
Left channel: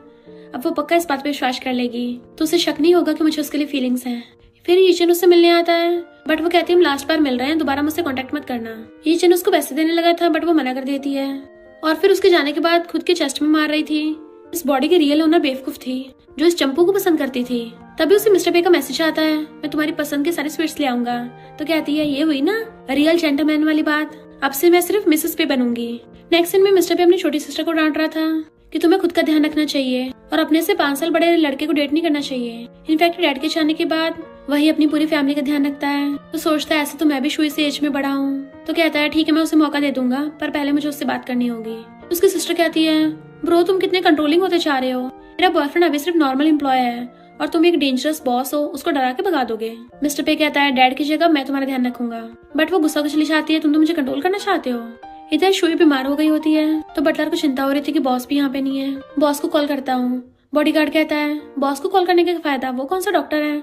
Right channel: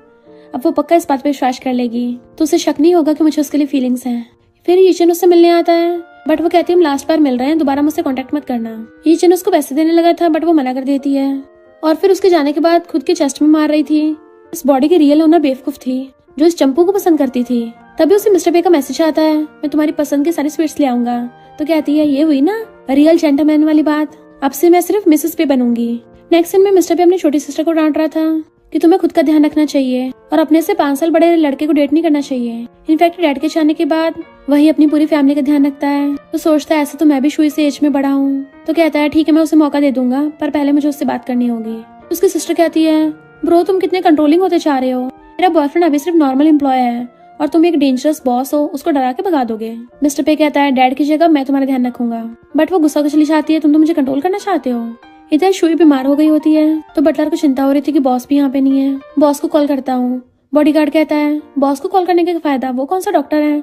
अब वो पक्का इस बात पे विश्वास कर लेगी तो उसे शक नहीं होगा कि मुझे उसके लिए फीलिंग्स हैं। फिर ईचन उससे मिलने आता है बट वो कहती है हम लास्ट बार मिल रहे हैं, दोबारा मुझसे कांटेक्ट मत करना। ईचन उसको पैसे देने लगा था बट वो मना कर देती है और फिर उसके जाने के बाद खुद के चेस्ट में मार रही थी। इस बॉडी की रियल ओनर बेवकूफ थी जो इस चंपू को पसंद करती थी। तभी उसे मिस्टर पे का मैसेज आता है मैं तुम्हारी पसंद के सारे स्वीट्स ले आऊंगा। तो कहती है ये हुई ना रियल जेंटलमैन वाली बात, अब से मैं सिर्फ मिसेस पे बनूंगी। नेक्स्ट सीन में मिस्टर पे अपनी छोटी सिस्टर को डांट रहा था कि तुम्हें खुद का ध्यान रखना चाहिए और अपने से 5 साल बड़े लड़के को डेट नहीं करना चाहिए। इनफैक्ट डैड के जाने के बाद वही अपनी पूरी फैमिली का ध्यान रखता है। तो सोचता है ऐसे तो मैं भी शुई से एज में बड़ा हूँ। तो कहता है ठीक है मैं उसे मौका दे दूंगा पर पहले मुझे उससे बात करनी होगी। उसकी सिस्टर कहती है ब्रो तुम कितने कंट्रोलिंग होते जा रहे हो, मेरा बॉयफ्रेंड अभी सिर्फ नॉर्मल एम्प्लॉय है और तुम एक डेंजरस बॉस हो, उसको डरा के भगा दोगे। मिस्टर पे कहता है डैड की जगह मैं तुम्हारा ध्यान रखूंगा। बट वो गुस्सा होकर चली जाती है तुम तो मुझे कंट्रोल करना चाहते हो। इधर शुई बीमार हो गई होती है तो बटलर को चिंता हो रही थी कि बॉस भी यहाँ पे नहीं है। बॉस को कॉल करता हूँ। बॉडीगार्ड कहता है बॉस को कॉल करने का फायदा, वो कौन सा डॉक्टर है।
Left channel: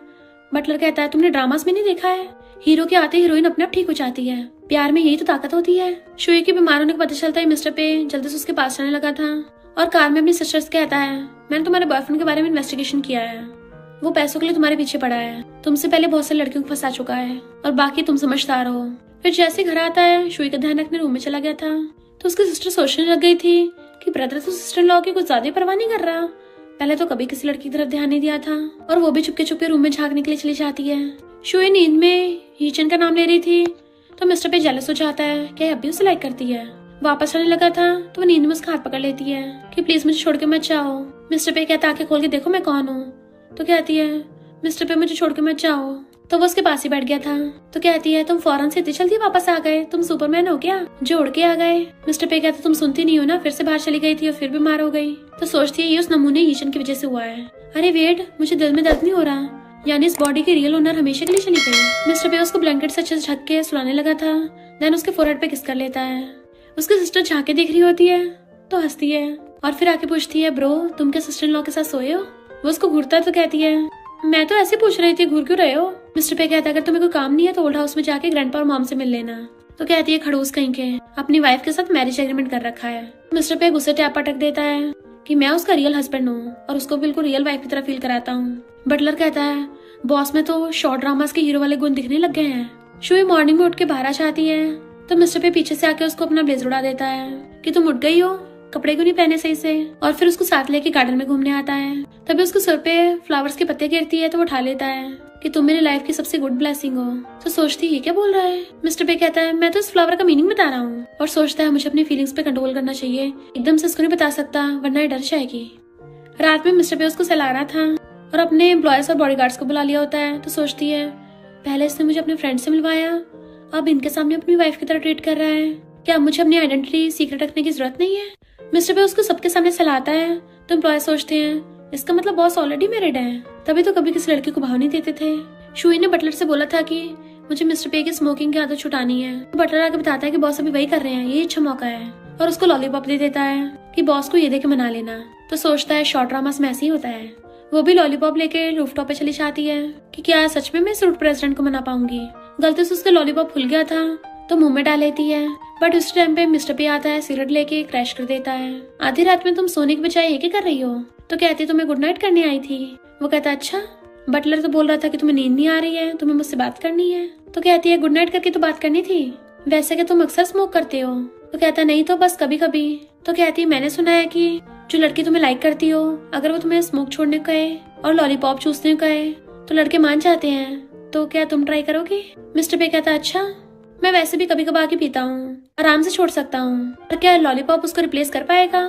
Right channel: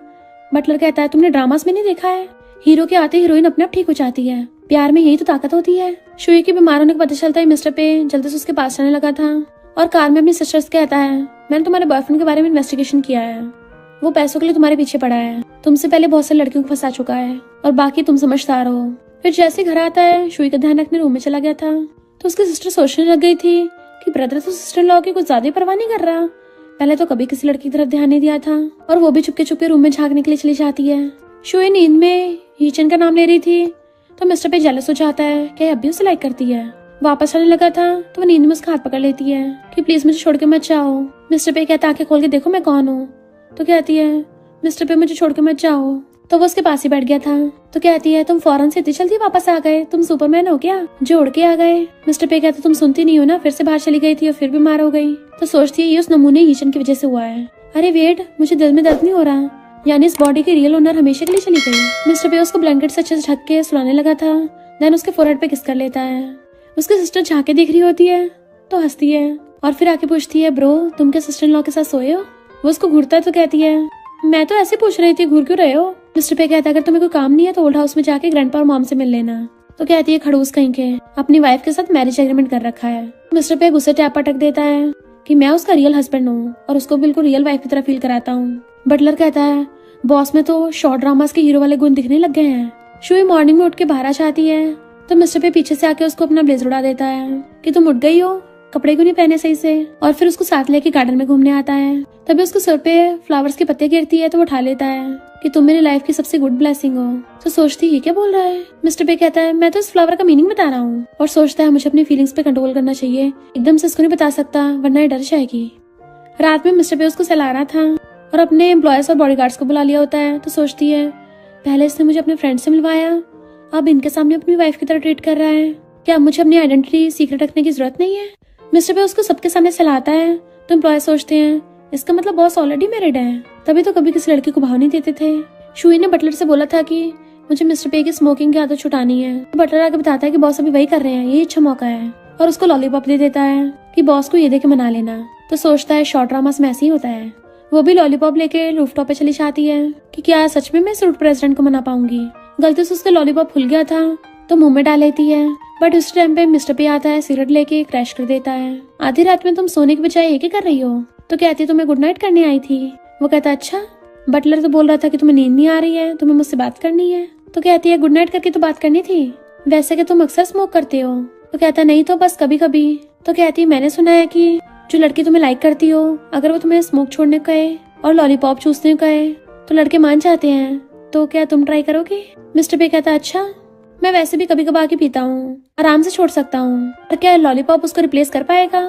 बटलर कहता है तुमने ड्रामास में नहीं देखा है, हीरो के आते हीरोइन अपने आप ठीक हो जाती है। प्यार में यही तो ताकत होती है। शुई के बीमार होने का पता चलता है मिस्टर पे जल्दी से उसके पास आने लगा था और कार में अपनी सिस्टर से कहता है, मैंने तुम्हारे बॉयफ्रेंड के बारे में इन्वेस्टिगेशन किया है, वो पैसों के लिए तुम्हारे पीछे पड़ा है, तुमसे पहले बहुत सारी लड़कियों को फंसा चुका है और बाकी तुम समझदार हो। फिर जैसे घर आता है शुई का ध्यान अपने रूम में चला गया था तो उसकी सिस्टर सोचने लग गई थी कि ब्रदर तो सिस्टर लॉ की कुछ ज्यादा ही परवाह नहीं कर रहा। पहले तो कभी किसी लड़की की तरफ ध्यान नहीं दिया था और वो भी चुपके चुपके रूम में झांकने के लिए चली जाती है। शुई नींद में हीचन का नाम ले रही थी तो मिस्टर पे जेलस हो जाता है कि अब भी उसे लाइक करती है। वापस आने लगा था तो वो नींद में उसका हाथ पकड़ लेती है कि प्लीज मुझे छोड़ के मत जाओ। मिस्टर पे कहता आंखें खोल के देखो मैं कौन हूँ। तो कहती है मिस्टर पे मुझे छोड़ के मत जाओ। तो वो उसके पास ही बैठ गया था। तो कहती है तुम फौरन से इतनी जल्दी वापस आ गए, तुम सुपरमैन हो क्या जो उड़ के आ गए। मिस्टर पे कहता तुम सुनती नहीं हो ना, फिर से बाहर चली गई थी और फिर बीमार हो गई। तो सोचती है ये उस नमूने हीचन की वजह से हुआ है। अरे वेट, मुझे दिल में दर्द नहीं हो रहा, यानी इस बॉडी की रियल ओनर हमेशा के लिए चली गई। मिस्टर पे उसको ब्लैंकेट से अच्छे से ढक के सुलाने लगा था। देन उसके फोरहेड पे किस कर लेता है। उसकी सिस्टर झांके देख रही होती है तो हंसती है और फिर आके पूछती है ब्रो तुम क्या सिस्टर इन लॉ के साथ सोए हो। वो उसको घूरता है तो कहती है मैं तो ऐसे पूछ रही थी, घूर क्यों रहे हो। मिस्टर पे कहता है अगर तुम्हें कोई काम नहीं है तो ओल्ड हाउस में जाके ग्रैंडपा और मॉम से मिल लेना। तो कहती है खड़ूस कहीं के, अपनी वाइफ के साथ मैरिज एग्रीमेंट कर रखा है। मिस्टर पे गुस्से टैप पटक देता है कि मैं उसका रियल हस्बैंड हूँ और उसको बिल्कुल रियल वाइफ की तरह फील कराता हूँ। बटलर कहता है बॉस में तो शॉर्ट ड्रामास के हीरो वाले गुण दिखने लग गए हैं। शुई मॉर्निंग में उठ के बाहर आ जाती है तो मिस्टर पे पीछे से आके उसको अपना ब्लेजर उड़ा देता है कि तुम उठ गई हो, कपड़े क्यों नहीं पहने सही से। और फिर उसको साथ लेके गार्डन में घूमने आता है। तभी उसको सर पे फ्लावर्स के पत्ते गिरती है तो वो उठा लेता है कि तुम मेरी लाइफ की सबसे गुड ब्लेसिंग हो। तो सोचती है ये क्या बोल रहा है। मिस्टर पे कहता है मैं तो इस फ्लावर का मीनिंग बता रहा हूँ। और सोचता है मुझे अपनी फीलिंग्स पे कंट्रोल करना चाहिए, एकदम से उसको नहीं बता सकता वरना ये डर जाएगी। रात में मिस्टर पे उसको सहला रहा था और अपने एम्प्लॉयर्स और बॉडीगार्ड्स को बुला लिया होता है। तो सोचती है पहले इसने मुझे अपने फ्रेंड से मिलवाया, अब इनके सामने अपनी वाइफ की तरह ट्रीट कर रहा है। क्या मुझे अपनी आइडेंटिटी सीक्रेट रखने की जरूरत नहीं है। मिस्टर पे उसको सबके सामने सहलाता है तो एम्प्लॉयर सोचते हैं इसका मतलब बॉस ऑलरेडी मैरिड है, तभी तो कभी किसी लड़की को भाव नहीं देते थे। शुई ने बटलर से बोला था कि मुझे मिस्टर पे की स्मोकिंग की आदत छुटानी है। बटलर आगे बताता है कि बॉस अभी वही कर रहे हैं, ये अच्छा मौका है और उसको लॉलीपॉप दे देता है कि बॉस को ये दे के मना लेना। तो सोचता है शॉर्ट ड्रामास में ऐसे ही होता है। वो भी लॉलीपॉप लेके रूफटॉप पे चली जाती है कि क्या सच में मैं इस रूट प्रेसिडेंट को मना पाऊंगी। गलती से उसका लॉलीपॉप खुल गया था तो मुंह में डाल लेती है, बट उस टाइम पे मिस्टर पे आता है, सिगरेट लेके क्रैश कर देता है। आधी रात में तुम सोने के बजाय ये क्या कर रही हो। तो कहती तो मैं गुड नाइट करने आई थी। वो कहता अच्छा। बटलर तो बोल रहा था कि तुम्हें नींद नहीं आ रही है, तुम्हें मुझसे बात करनी है। तो कहती है गुड नाइट करके तो बात करनी थी, वैसे कि तुम अक्सर स्मोक करते हो। तो कहता नहीं तो बस कभी कभी। तो कहती है मैंने सुना है कि जो लड़की तुम्हें लाइक करती हो अगर वो तुम्हें स्मोक छोड़ने को कहे और लॉलीपॉप चूसने को कहे तो लड़के मान जाते हैं, तो क्या तुम ट्राई करोगे। मिस्टर पे कहता अच्छा, मैं वैसे भी कभी कभार के पीता हूँ, आराम से छोड़ सकता हूँ, पर क्या लॉलीपॉप उसको रिप्लेस कर पाएगा।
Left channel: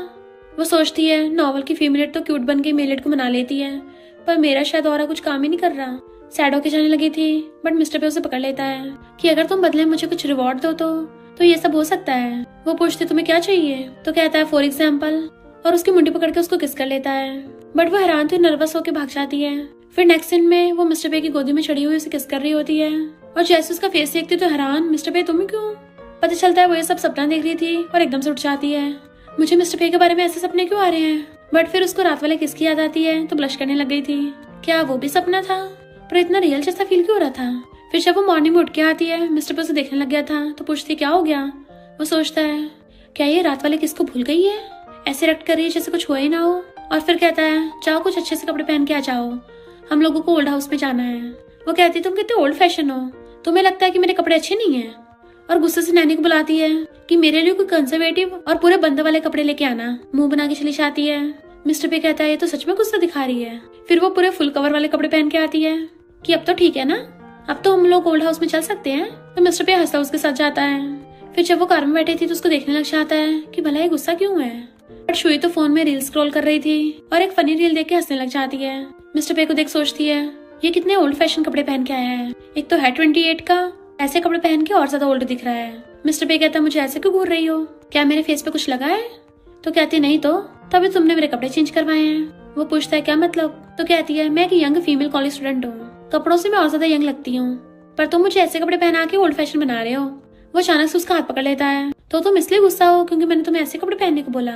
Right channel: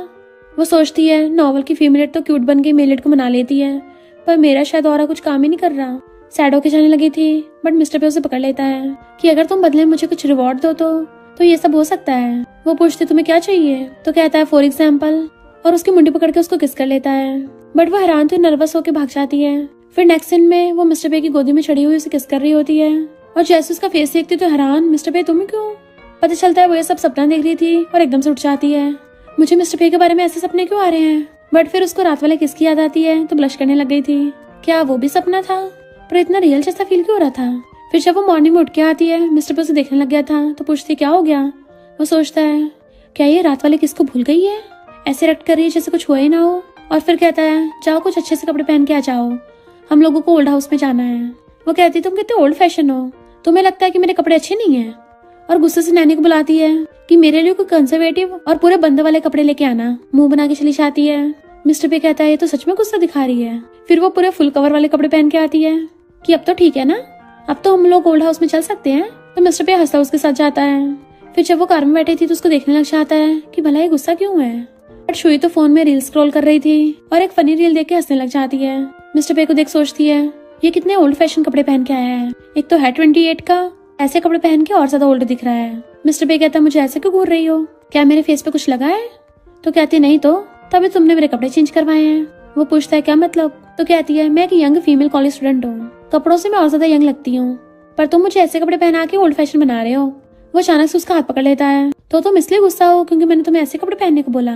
वो सोचती है नॉवल की फीमेलेट तो क्यूट बन के मेलेट को मना लेती है, पर मेरा शायद और कुछ काम ही नहीं कर रहा। सैड होके जाने लगी थी, बट मिस्टर पे उसे पकड़ लेता है कि अगर तुम बदले मुझे कुछ रिवॉर्ड दो तो ये सब हो सकता है। वो पूछती तुम्हें क्या चाहिए। तो कहता है फॉर एग्जाम्पल, और उसकी मुंडी पकड़ के उसको किस कर लेता है। बट वो हैरान थी, नर्वस होकर भाग जाती है। फिर नेक्स्ट सीन में वो मिस्टर पे की गोदी में चढ़ी हुई उसे किस कर रही होती है और जैसे उसका फेस देखती तो हैरान, मिस्टर पे तुम क्यों। पता चलता है वो ये सब सपना देख रही थी और एकदम से उठ जाती है, मुझे मिस्टर पे के बारे में ऐसे सपने क्यों आ रहे हैं। बट फिर उसको रात वाले किस की याद आती है तो ब्लश करने लग गई थी। क्या वो भी सपना था, पर इतना रियल जैसा फील क्यों हो रहा था। फिर जब वो मॉर्निंग में उठ के आती है, मिस्टर पे उसे देखने लग गया था तो पूछती क्या हो गया। वो सोचता है क्या ये रात वाले किसको भूल गई है, ऐसे रेक्ट कर रही है जैसे कुछ हुआ ही ना हो। और फिर कहता है जाओ कुछ अच्छे से कपड़े पहन के आ जाओ, हम लोगों को ओल्ड हाउस में जाना है। वो कहती तुम कितने ओल्ड फैशन हो, तुम्हें लगता है कि मेरे कपड़े अच्छे नहीं है। और गुस्से से नैनी को बुलाती है कि मेरे लिए कोई कंजर्वेटिव और पूरे बंद वाले कपड़े लेके आना। मुंह बना के चली जाती है। मिस्टर पे कहता है ये तो सच में गुस्सा दिखा रही है। फिर वो पूरे फुल कवर वाले कपड़े पहन के आती है कि अब तो ठीक है ना, अब तो हम लोग ओल्ड हाउस में चल सकते हैं। तो मिस्टर पे हंसता उसके साथ जाता है। फिर जब वो कार में बैठी थी तो उसको देखने लग जाता है कि भला ये गुस्सा क्यों है। बट शुई तो फोन में रील स्क्रॉल कर रही थी और एक फनी रील देख के हंसने लग जाती है। मिस्टर पे को देख सोचती है ये कितने ओल्ड फैशन कपड़े पहन के आया है, एक तो है 28 का, ऐसे कपड़े पहन के और ज्यादा ओल्ड दिख रहा है। मिस्टर पे कहता मुझे ऐसे क्यों घूर रही हो, क्या मेरे फेस पे कुछ लगा है। तो कहती नहीं तो तभी तुमने मेरे कपड़े चेंज करवाए हैं। वो पूछता है क्या मतलब। तो कहती है मैं एक यंग फीमेल कॉलेज स्टूडेंट हूँ, कपड़ों से मैं और ज्यादा यंग लगती हूँ, पर तुम मुझे ऐसे कपड़े पहना के ओल्ड फैशन बना रहे हो। वो अचानक से उसका हाथ पकड़ लेता है तो तुम इसलिए गुस्सा हो क्योंकि मैंने तुम्हें ऐसे कपड़े पहनने को बोला।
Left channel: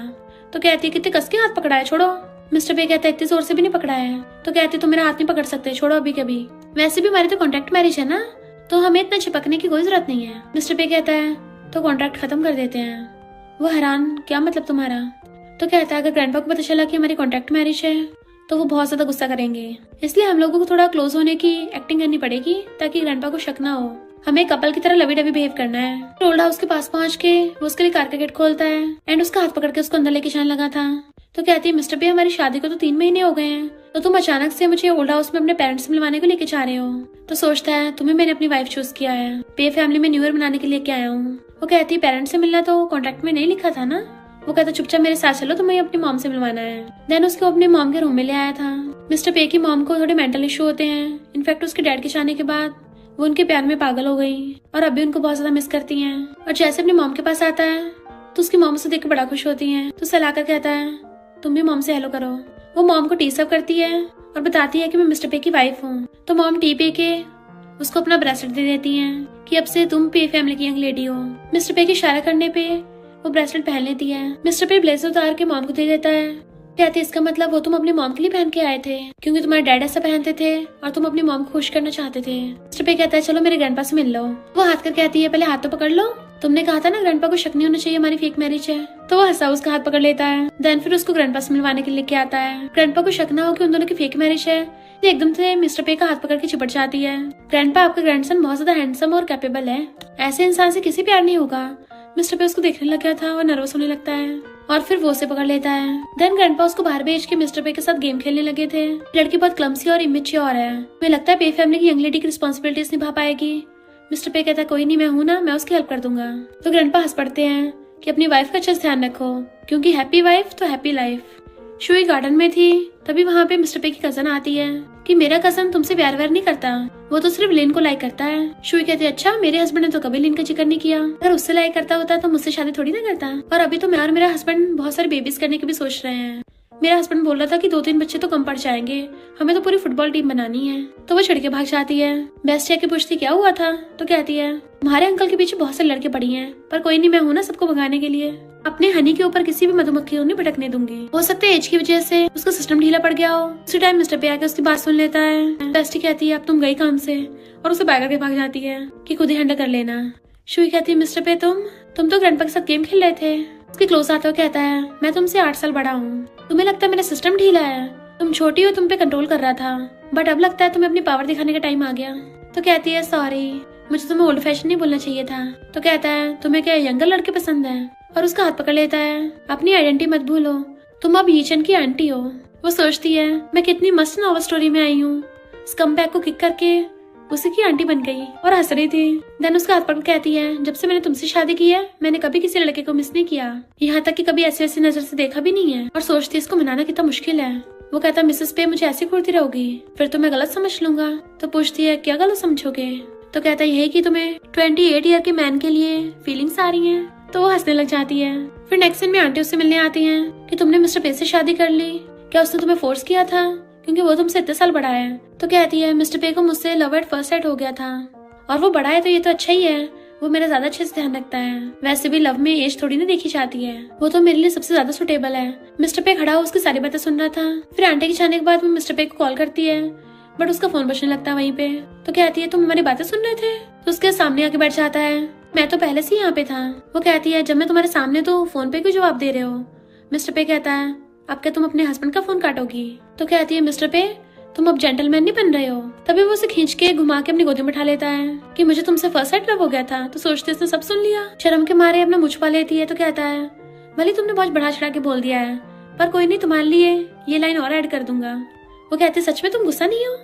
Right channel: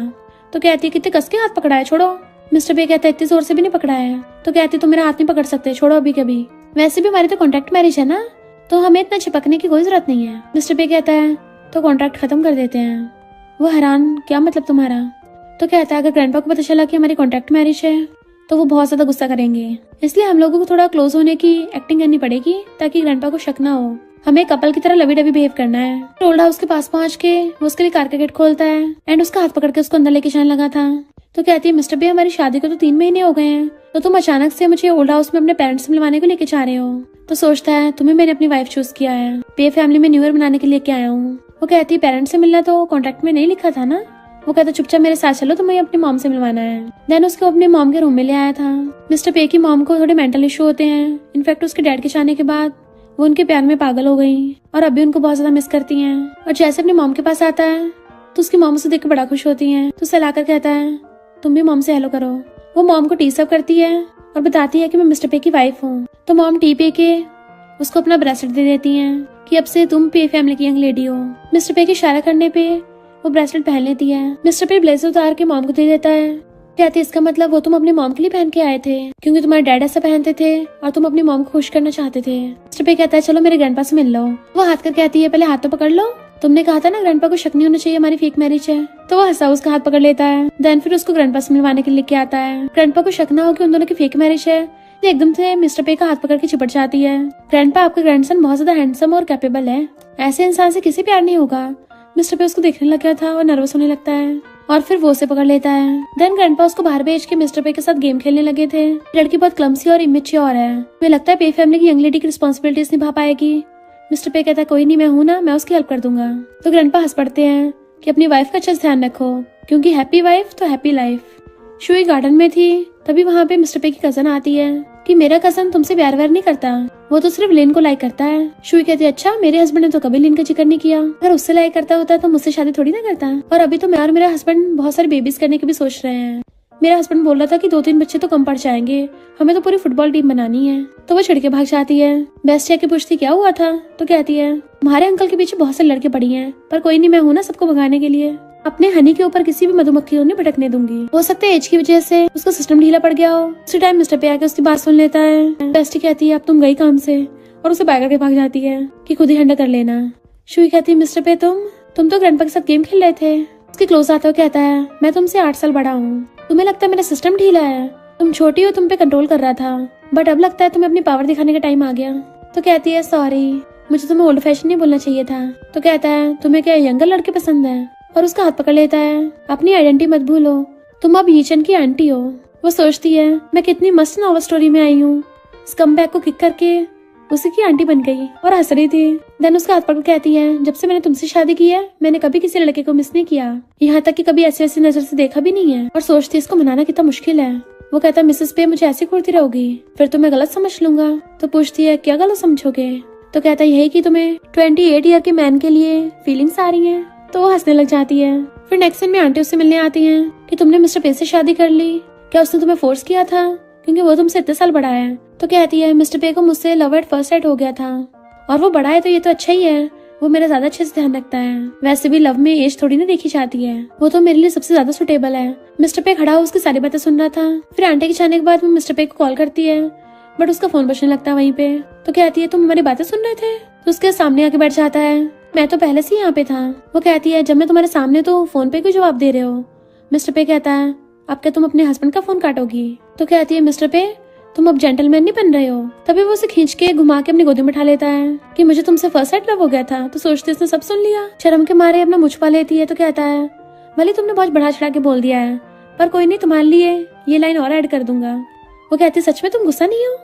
तो कहती है कितने कस के हाथ पकड़ा है, छोड़ो। मिस्टर पे कहता है इतने जोर से भी नहीं पकड़ा है। तो कहती तुम मेरा हाथ नहीं पकड़ सकते, छोड़ो अभी कभी, वैसे भी हमारी तो कॉन्ट्रैक्ट मैरिज है ना, तो हमें इतना चिपकने की कोई जरूरत नहीं है। मिस्टर पे कहता है तो कॉन्ट्रैक्ट खत्म कर देते हैं। वो हैरान, क्या मतलब तुम्हारा? तो कहता है अगर ग्रैंडपा को पता चला कि हमारी कॉन्ट्रैक्ट मैरिज है तो वो बहुत ज्यादा गुस्सा करेंगे, इसलिए हम लोगों को थोड़ा क्लोज होने की एक्टिंग करनी पड़ेगी ताकि ग्रैंडपा को शक ना हो। हमें कपल की तरह लवी डबी बिहेव करना है। ओल्ड हाउस के पास पहुंच के वो उसके लिए कार का गेट खोलता है एंड उसका हाथ पकड़ के उसको अंदर लेके जाने लगा था। तो कहती है मिस्टर बे हमारी शादी को तो 3 महीने हो गए हैं, तो तुम अचानक से मुझे ओल्ड हाउस में अपने पेरेंट्स से मिलवाने को लेके जा रहे हो। तो सोचता है तुम्हें मैंने अपनी वाइफ चूज किया है, पे फैमिली में न्यू ईयर मनाने के लिए लेके आया हूँ। वो कहती है पेरेंट्स से मिलना तो कॉन्ट्रैक्ट में नहीं लिखा था ना। वो कहता चुपचाप मेरे साथ चलो, तुम्हें अपनी मॉम से मिलवाना है। देन उसको अपने मॉम के रूम में ले आया था। मिस्टर पे की मॉम को थोड़े मेंटल इशू होते हैं। इनफैक्ट उसके डैड के जाने के बाद वो उनके प्यार में पागल हो गई और अभी उनको बहुत ज्यादा मिस करती हैं। और जैसे अपनी मॉम के पास आता है तो उसकी मॉम उसे देख के बड़ा खुश होती है। तो सलाह कर कहता है तुम भी मॉम से हेलो करो। वो मॉम को टीस अप करती है और बताती है कि मैं मिस्टर पे की वाइफ हूँ। तो मॉम टी पे के उसको अपना ब्रेसलेट दे देती है कि अब से तुम पे फैमिली की यंग लेडी हो। मिस्टर पे के इशारा करने पे वो ब्रेसलेट पहन लेती है। मिस्टर पे ब्लेजर उतार के मॉम को दे देता है। कहती है इसका मतलब वो तुम अपनी मॉम के लिए पहन के आए थे क्योंकि तुम्हारे डैड ऐसा पहनते थे और तुम अपनी मॉम को खुश करना चाहते थे। मिस्टर पे कहता है चलो मेरे ग्रैंडपा से मिल लो। वो हाथ कर कहती है पहले हाथ तो पकड़ लो, तुमने कहा था ना ग्रैंडपा को शक नहीं होना चाहिए हमारी फेक मैरिज है। तो वो हंसा उसका हाथ पकड़ लेता है। देन फिर उसको ग्रैंडपा से मिलवाने के लिए लेके आता है। ग्रैंडपा को शक ना हो कि उन दोनों की फेक मैरिज है तो एकदम से मिस्टर पे का हाथ पकड़ के चिपट जाती है। ग्रैंडपा आपका ग्रैंडसन बहुत ज्यादा हैंडसम और कैपेबल है, ऐसे इंसान से किसी प्यार नहीं होगा। मिस्टर पे उसको देखने लग गया था और नर्वस होने लगता है और फिर वो उसे पकड़ लेता है। देन ग्रैंडपा उसको बाहर भेज के मिस्टर पे के साथ गेम खेलने लगे थे। लड़की बहुत क्लमसी और इमेच्योर है, मुझे लगता है पे फैमिली की यंग लेडी की रिस्पॉन्सिबिलिटीज निभा पाएगी। मिस्टर पे कहता है कोई नहीं, मैं हूँ ना, मैं उसकी हेल्प कर दूंगा। तो ग्रैंडपा हंस पड़ते हैं कि अपनी वाइफ का अच्छे से ध्यान रखो क्योंकि हैप्पी वाइफ तो हैप्पी लाइफ। शुई गार्डन में थी तभी वहाँ पे मिस्टर पे की कजन आती है कि मेरा कजन तुमसे प्यार व्यार नहीं करता, वो तो सिर्फ लिन को लाइक करता है। शुई कहती है अच्छा, मेरे हस्बैंड ने तो कभी लिन का जिक्र नहीं किया, अगर उससे लाइक करता होता तो मुझसे शादी थोड़ी ना करता। और अभी तो मैं और मेरा हस्बैंड बहुत सारे बेबीज करने की भी सोच रहे हैं। मेरा हस्बैंड बोल रहा था कि 2-3 बच्चे तो कम पड़ जाएंगे, हमें तो पूरी फुटबॉल टीम बनानी है। तो वो छिड़ के भाग जाती है। बेस्ट के पूछती क्या हुआ था तो कहती है तुम्हारे अंकल के पीछे बहुत से लड़के पड़ी हैं, पर कोई नहीं, मैं हूँ ना सबको भगाने के लिए। अपने हनी के ऊपर किसी भी मधुमक्खी नहीं भटकने दूंगी। हो सकता है एज की वजह से उसका सिस्टम ढीला पड़ गया हो। उसी टाइम मिस्टर पे आकर उसकी बात सुन लेता है। बेस्टी कहती है अब तुम गई काम से और उसे बैग के भाग जाती है कि खुद ही हैंडल कर लेना। शुई कहती है मिस्टर पे तुम तो ग्रैंडपा के साथ गेम खेल रहे थे। उसकी क्लोज आता हुआ कहता है मैं तुमसे 8 साल बड़ा हूँ, तुम्हें लगता है मेरा सिस्टम ढीला है, तुम छोटी हो, तुम पे कंट्रोल कर रहा था, बट अब लगता है तुम्हें अपनी पावर दिखाने का टाइम आ गया। तो कहती है सॉरी, मुझे तुम्हें ओल्ड फैशन नहीं बोलना चाहिए था। तो कहता है तुम्हें क्या यंगर लड़के पसंद है, और उसका हाथ पकड़ लेता है। अपनी आइडेंटिटी मत भूलो, तुम अब यीचन की आंटी हो। वो सोचती है मैं कितनी मस्त नॉवल स्टोरी में आई हूँ, स्कमबैग को किक करके उसी की आंटी बन गई और हंस रही थी। देन उसका हाथ पकड़ कहती है जब से मैंने तुमसे शादी की है मैंने कभी किसी लड़के को मिस नहीं किया, यहाँ तक कि कभी ऐसी ऐसी नजर से देखा भी नहीं है। और सोचती इसको मनाना कितना मुश्किल है। वो कहता मिसेस पे मुझे ऐसी घूरती रहोगी फिर तो मैं गलत समझ लूंगा। तो पूछती है क्या गलत समझोगे। तो कहता यही कि तुम्हें 28 ईयर के मैन के लिए फीलिंग्स आ रही हैं। तो वो हंसने लग जाती है। फिर नेक्स्ट सीन में आंटी उससे मिलने आती है कि तुमने मिस्टर पे से शादी कर ली, क्या उसने तुम्हें फोर्स किया था क्योंकि वो तुमसे इतने साल बड़ा है। तो कहती है मिस्टर पे को मुझसे लव एट फर्स्ट साइट हो गया था और वो बड़ा है तो ये तो अच्छा ही है, वो मेरा ज्यादा अच्छे से ध्यान रखता है। वैसे भी लव में एज थोड़ी ना देखी जाती है, वो तो मेरे लिए सबसे ज्यादा सुटेबल है। मिस्टर पे खड़ा हो उसकी सारी बातें सुन रहा था। फिर आंटी के जाने के बाद वो मिस्टर पे को कॉल करती है बट उसका फोन बजने लगता है वहीं पे। तो कहती है तुम हमारी बातें सुन रहे थे। तो उसके सामने आके बैठ जाता है, मैं तो पहले से यहाँ पे था। वो कहती है जब मैं तुम्हारे सामने तो फोन पे क्यों जवाब दे रहे हो। मिस्टर पे कहता है अब क्या तुम अपने हस्बैंड का फोन काटोगी। तो कहती है मिस्टर पे तुम अब जेंटलमैन नहीं बन रहे हो। तभी वो उसे खींच के घुमा के अपनी गोदी में उठा लेता है कि मुझे तुमसे फर्स्ट साइड लव हो गया था। तो सोचते इसने सब सुन लिया। शर्म के मारे अपना मुझ पा लेती है। तो कहता है भले तुमने बहुत बढ़ा चढ़ा के बोल दिया है पर कोई नहीं, तुम्हारे लिए ये लाइन और ऐड कर दूंगा। वो कहती सच में तुम गुस्सा नहीं हो।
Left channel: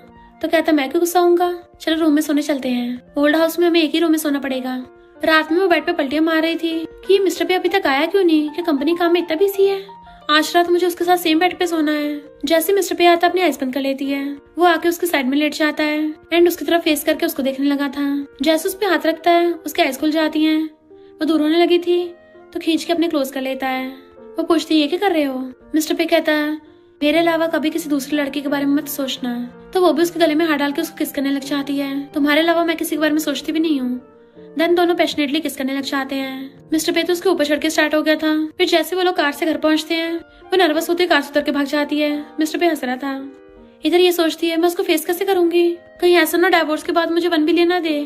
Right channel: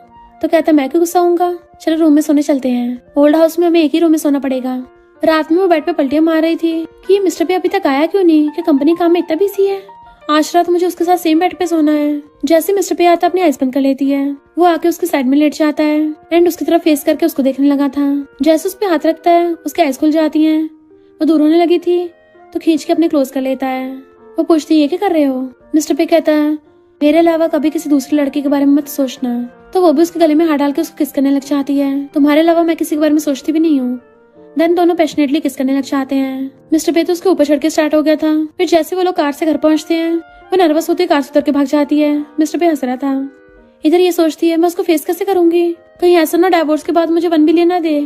तो कहता मैं क्यों गुस्सा होऊंगा, चलो रूम में सोने चलते हैं। ओल्ड हाउस में हमें एक ही रूम में सोना पड़ेगा। रात में वो बेड पे पलटियां मार रही थी कि मिस्टर पे अभी तक आया क्यों नहीं, कि कंपनी काम में इतना बिजी है, आज रात मुझे उसके साथ सेम बेड पे सोना है। जैसे मिस्टर पे आता अपनी आइज बंद कर लेती है। वो आके उसके साइड में लेट जाता है एंड उसकी तरफ फेस करके उसको देखने लगा था। जैसे उस पे हाथ रखता है उसकी आइज खुल जाती है। वो दूर होने लगी थी तो खींच के अपने क्लोज कर लेता है। वो पूछती है ये क्या कर रहे हो। मिस्टर पे कहता है मेरे अलावा कभी किसी दूसरे लड़के के बारे में मत सोचना। तो वो भी उसके गले में हाथ डाल के उसको किस करने लग जाती है। तुम्हारे अलावा मैं किसी के बारे में सोचती भी नहीं हूँ। देन दोनों पैशनेटली किस करने लग जाते हैं। मिस्टर पे तो उसके ऊपर चढ़ के स्टार्ट हो गया था। फिर जैसे वो लोग कार से घर पहुंचते हैं वो नर्वस होती है, कार से उतर के भाग जाती है। मिस्टर पे हंस रहा था। इधर ये सोचती है मैं उसको फेस कैसे करूंगी, कहीं ऐसा ना डिवोर्स के बाद मुझे 1 बिलियन ना दे।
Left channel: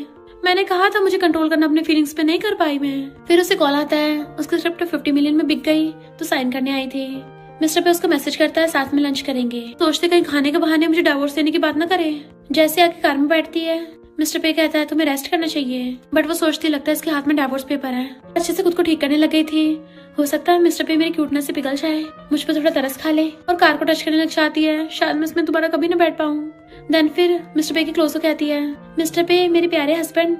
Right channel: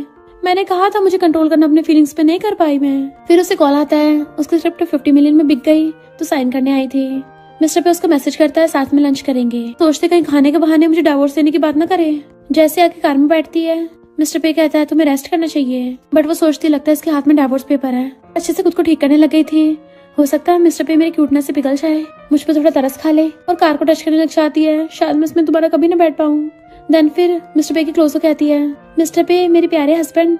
मैंने कहा था मुझे कंट्रोल करना अपने फीलिंग्स पे नहीं कर पाई मैं। फिर उसे कॉल आता है, उसकी स्क्रिप्ट 50 मिलियन में बिक गई तो साइन करने आई थी। मिस्टर पे उसको मैसेज करता है साथ में लंच करेंगे। सोचते कहीं खाने के बहाने मुझे डिवोर्स देने की बात ना करे। जैसे आके कार में बैठती है, मिस्टर पे कहता है तुम्हें रेस्ट करना चाहिए, बट वो सोचती लगता है इसके हाथ में डिवोर्स पेपर है। अच्छे से खुद को ठीक करने लग गई थी। हो सकता है मिस्टर पे मेरी क्यूटनेस से पिघल जाए, मुझ पर थोड़ा तरस खा ले और कार को टच करने लग जाती है। शायद मैं इसमें दोबारा कभी ना बैठ पाऊँ। देन फिर मिस्टर पे की क्लोज हो कहती है, मिस्टर पे मेरे प्यारे हस्बैंड।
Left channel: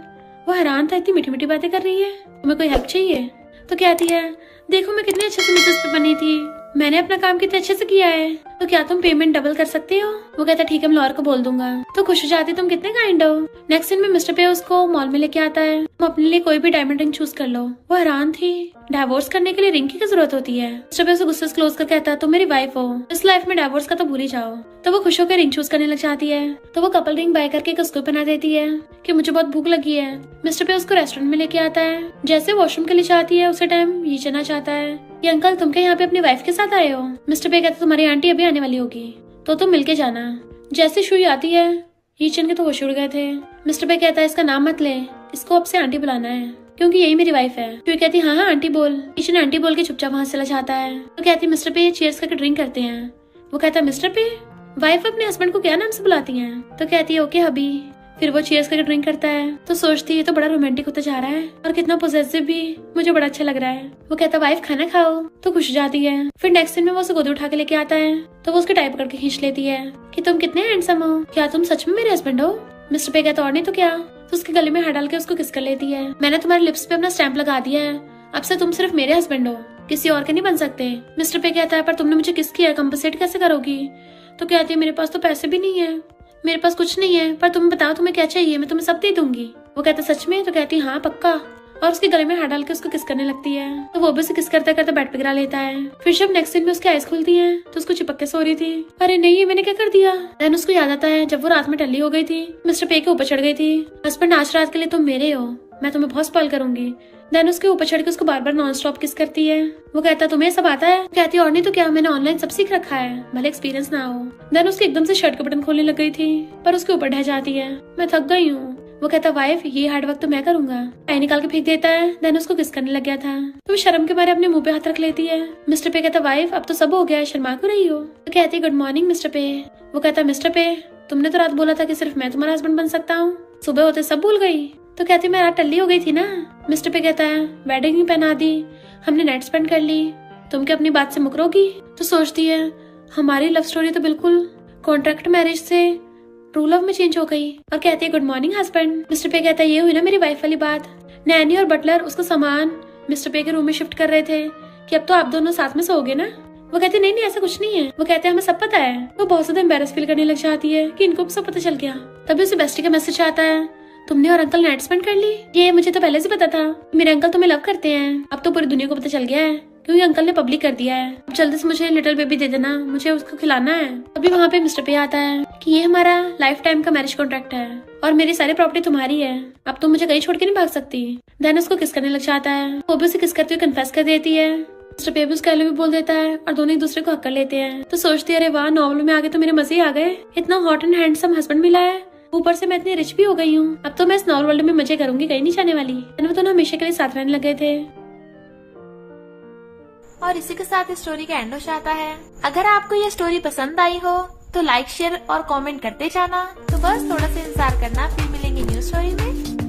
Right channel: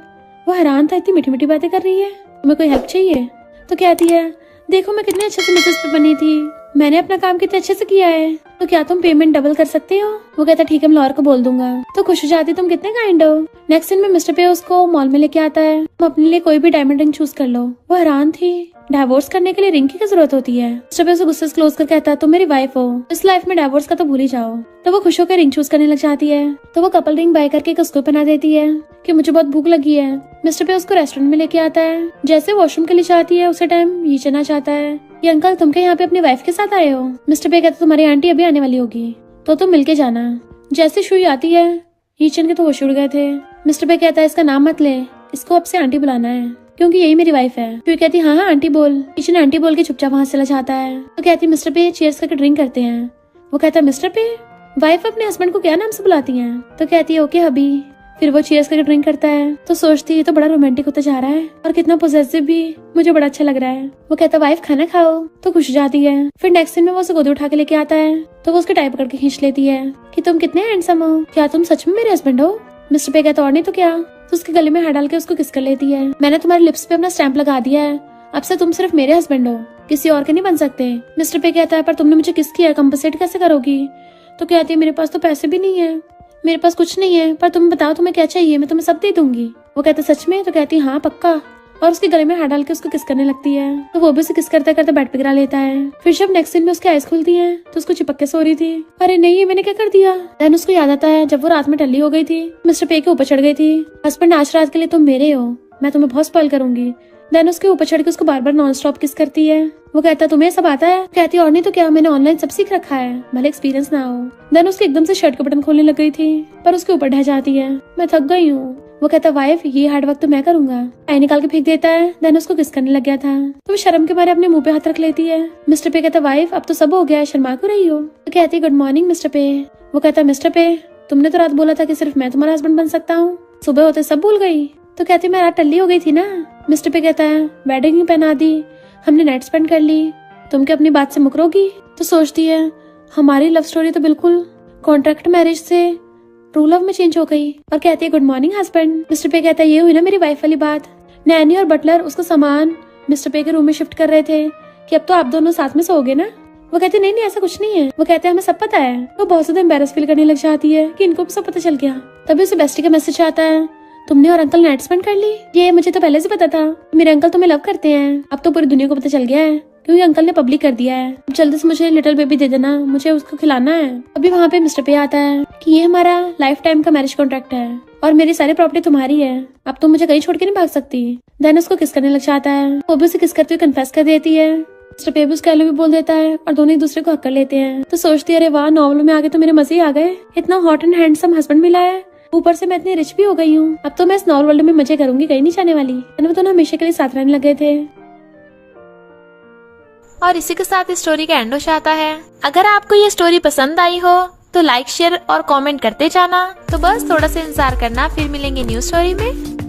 वो हैरान था, इतनी मीठी मीठी बातें कर रही है, तुम्हें कोई हेल्प चाहिए? तो कहती है देखो मैं कितने अच्छे से मिसेस पे बनी थी, मैंने अपना काम कितने अच्छे से किया है, तो क्या तुम पेमेंट डबल कर सकते हो? वो कहता ठीक है मैं लॉयर को बोल दूंगा। तो खुश हो जाती तुम कितने काइंड हो। नेक्स्ट दिन में मिस्टर पे उसको मॉल में लेके आता है, तुम अपने लिए कोई भी डायमंड रिंग चूज कर लो। वो हैरान थी, डिवोर्स करने के लिए रिंग की क्या जरूरत होती है। मिस्टर पे उसे गुस्से से क्लोज कर कहता है तुम मेरी वाइफ हो, इस लाइफ में डिवोर्स का तो भूल ही जाओ। तो वो खुश होकर रिंग चूज करने लग जाती है। तो वो कपल रिंग बाय करके उसको बना देती है कि मुझे बहुत भूख लगी है। मिस्टर पे उसको रेस्टोरेंट में लेके आता है। जैसे वॉशरूम के लिए जाती है उसे टाइम ये चना चाहता है कि अंकल तुम क्या यहाँ पे अपनी वाइफ के साथ आए हो? मिस्टर पे कहते तुम्हारी आंटी अभी आने वाली होगी तो तुम मिलके जाना। जैसे शुई आती है, हीचन के तो होश उड़ गए थे। मिस्टर पे कहता है इसका नाम मत ले, इसको अब से आंटी बुलाना है क्योंकि यही मेरी वाइफ है। शुई कहती हाँ हाँ आंटी बोल। हीचन आंटी बोल के चुपचाप वहाँ चला जाता है। तो कहती मिस्टर पे चीयर्स करके ड्रिंक करते हैं। वो कहता है मिस्टर पे वाइफ अपने हस्बैंड को क्या नाम से बुलाती है? तो कहती है ओके हबी। फिर वो चीयर्स करके ड्रिंक करता है। तो सोचती है ये तो बड़ा रोमांटिक होता जा रहा है और कितना पॉजिटिव भी, मुझे बड़ा अच्छा लग रहा है। वो कहता वाइफ खाना खाओ, तो खुश जाती है। फिर नेक्स्ट दिन में वो उसे गोद उठा के लेके आता है। तो वो उसकी टाई पकड़ के खींच लेती है कि तुम कितने हैंडसम हो, क्या तुम सच में मेरे हस्बैंड हो? मिस्टर पे कहता और नहीं तो क्या। तो उसके गले में हाथ डाल के उसको किस कर लेती है। मैंने तुम्हारे लिप्स पे अपना स्टैंप लगा दिया है, अब से तुम सिर्फ मेरे हस्बैंड हो, किसी और के नहीं बन सकते। मिस्टर पे कहता है पर तुमने मुझे किस किया, कंपनसेट कैसे करोगी? तो कहती है मेरे पास तो पैसे भी नहीं है, मेरे पास कुछ नहीं है, पर तुम बताओ तुम्हें क्या चाहिए, मैं तुम्हें सब दे दूंगी। वो कहते सच में? तो कहती हाँ पक्का। और उसके गले में हाथ डाल के उसको किस करने लगती है। तो वो भी उसे किस करते करते बेड पे गिरा लेता है। फिर जब नेक्स्ट दिन में उसकी आइज खुलती है तो उसको चिपक के सो रही थी। अरे नहीं मैंने क्या कर दिया। देन उसको याद आता है जब वो रात में टल्ली हो गई थी, मिस्टर पे के ऊपर चढ़ गई थी। हस्बैंड आज रात के लिए तुम मेरे हो, मैं तुम्हें बहुत स्पॉइल करूंगी। देन उसके ऊपर चढ़ के उसको बार बार नॉन स्टॉप किस करती है। वो कहता तुम्हें सब आता है? कहती और नहीं तो क्या, मैंने ऑनलाइन सब सीख रखा है, भले एक्सपीरियंस ना हो। देन उसकी एकदम से शर्ट का बटन खोलने लग गई थी पर उसके ऊपर ढह जाती है, मैं थक गई हूँ। वो कहता वाइफ ये हार्ड वर्क तो मैं करूंगा। आई निकाल के फेंक देता है। देन उसको किस करने लग गया था तो वो शर्म के मारे अपने मुंह पे हाथ रख लेती है। मिस्टर पे कहता वाइफ अब तो सब हो गया, शर्मा क्यों रही हो? तो कहती गुड मॉर्निंग मिस्टर पे। वो कहता मिस्टर पे तुमने तो रात बोला था कि सिर्फ मैं तुम्हारा हस्बैंड बन सकता हूँ, सुबह होते सब भूल गई। तो कहती मैं रात टल्ली हो गई थी ना। मिस्टर पे कहता है वेडिंग भी पहना दी, हमने नाइट स्पेंड कर ली, तुम क्या अपनी बात से मुकरोगी? तो सोचती है हमारी लव स्टोरी तो बिल्कुल कॉन्ट्रैक्ट मैरिज से ट्रू लव में चेंज हो गई। और कहती है गुड मॉर्निंग हस्बैंड। मिस्टर पे कहता है ये हुई ना मेरी वाइफ वाली बात। नैनी और बटलर उसको सामान मिस्टर पे के रूम में शिफ्ट कर रहे थे कि अब तो आप दोनों साथ में सोओगे ना। वो कहती नहीं नहीं ऐसा कुछ नहीं है। वो कहते हैं हमें सब पता है। वो बहुत ज्यादा एम्बेरस फील करने लग जाती है कि इनको भी सब पता चल गया। तभी उसे बेस्टी का मैसेज आता है तुमने और अंकल नाइट स्पेंड कर ली। ये मुझे तो पहले से पता था, मेरे अंकल तुम्हें लव करते हैं, अब तो पूरी दुनिया को पता चल गया है क्योंकि अंकल ने पब्लिक कर दिया है। अब जल्दी से मुझे लिटिल बेबी दे देना, मुझे उसको खिलाना है। अभी वहाँ पे मिस्टर पे आता है कि ये हमारा लाइफ टाइम का मैरिज कॉन्ट्रैक्ट है और मेरी सारी प्रॉपर्टी तुम्हारी है, अब तुम मुझे कहीं छोड़ के नहीं भाग सकती। देन उसको किस करने लग जाता है। वो भी उसे किस करते हुए कन्फेस कर देती है। मिस्टर पे भी उसका भी बोल देता है और दोनों एक दूसरे को हक कर लेते हैं। तो सोचती है अरे वाह नॉवल में आगे तो मेरे मजे ही आ गए, इतना हॉट एंड हैंडसम हस्बैंड मिला है, ऊपर से मैं इतनी रिच भी हो गई हूँ, अब तो मैं इस नॉवल वर्ल्ड में मजे करूंगी, कहीं नहीं जाने वाली। वो दोनों हमेशा के लिए साथ रहने लग गए थे। और इसी के साथ इस स्टोरी का एंड हो जाता है। अगर आपको ये स्टोरी पसंद आई हो तो लाइक शेयर और कमेंट करते जाना। तो बस थोड़ा सा इंतजार करना, फिर मिलेंगे न्यू स्टोरी में।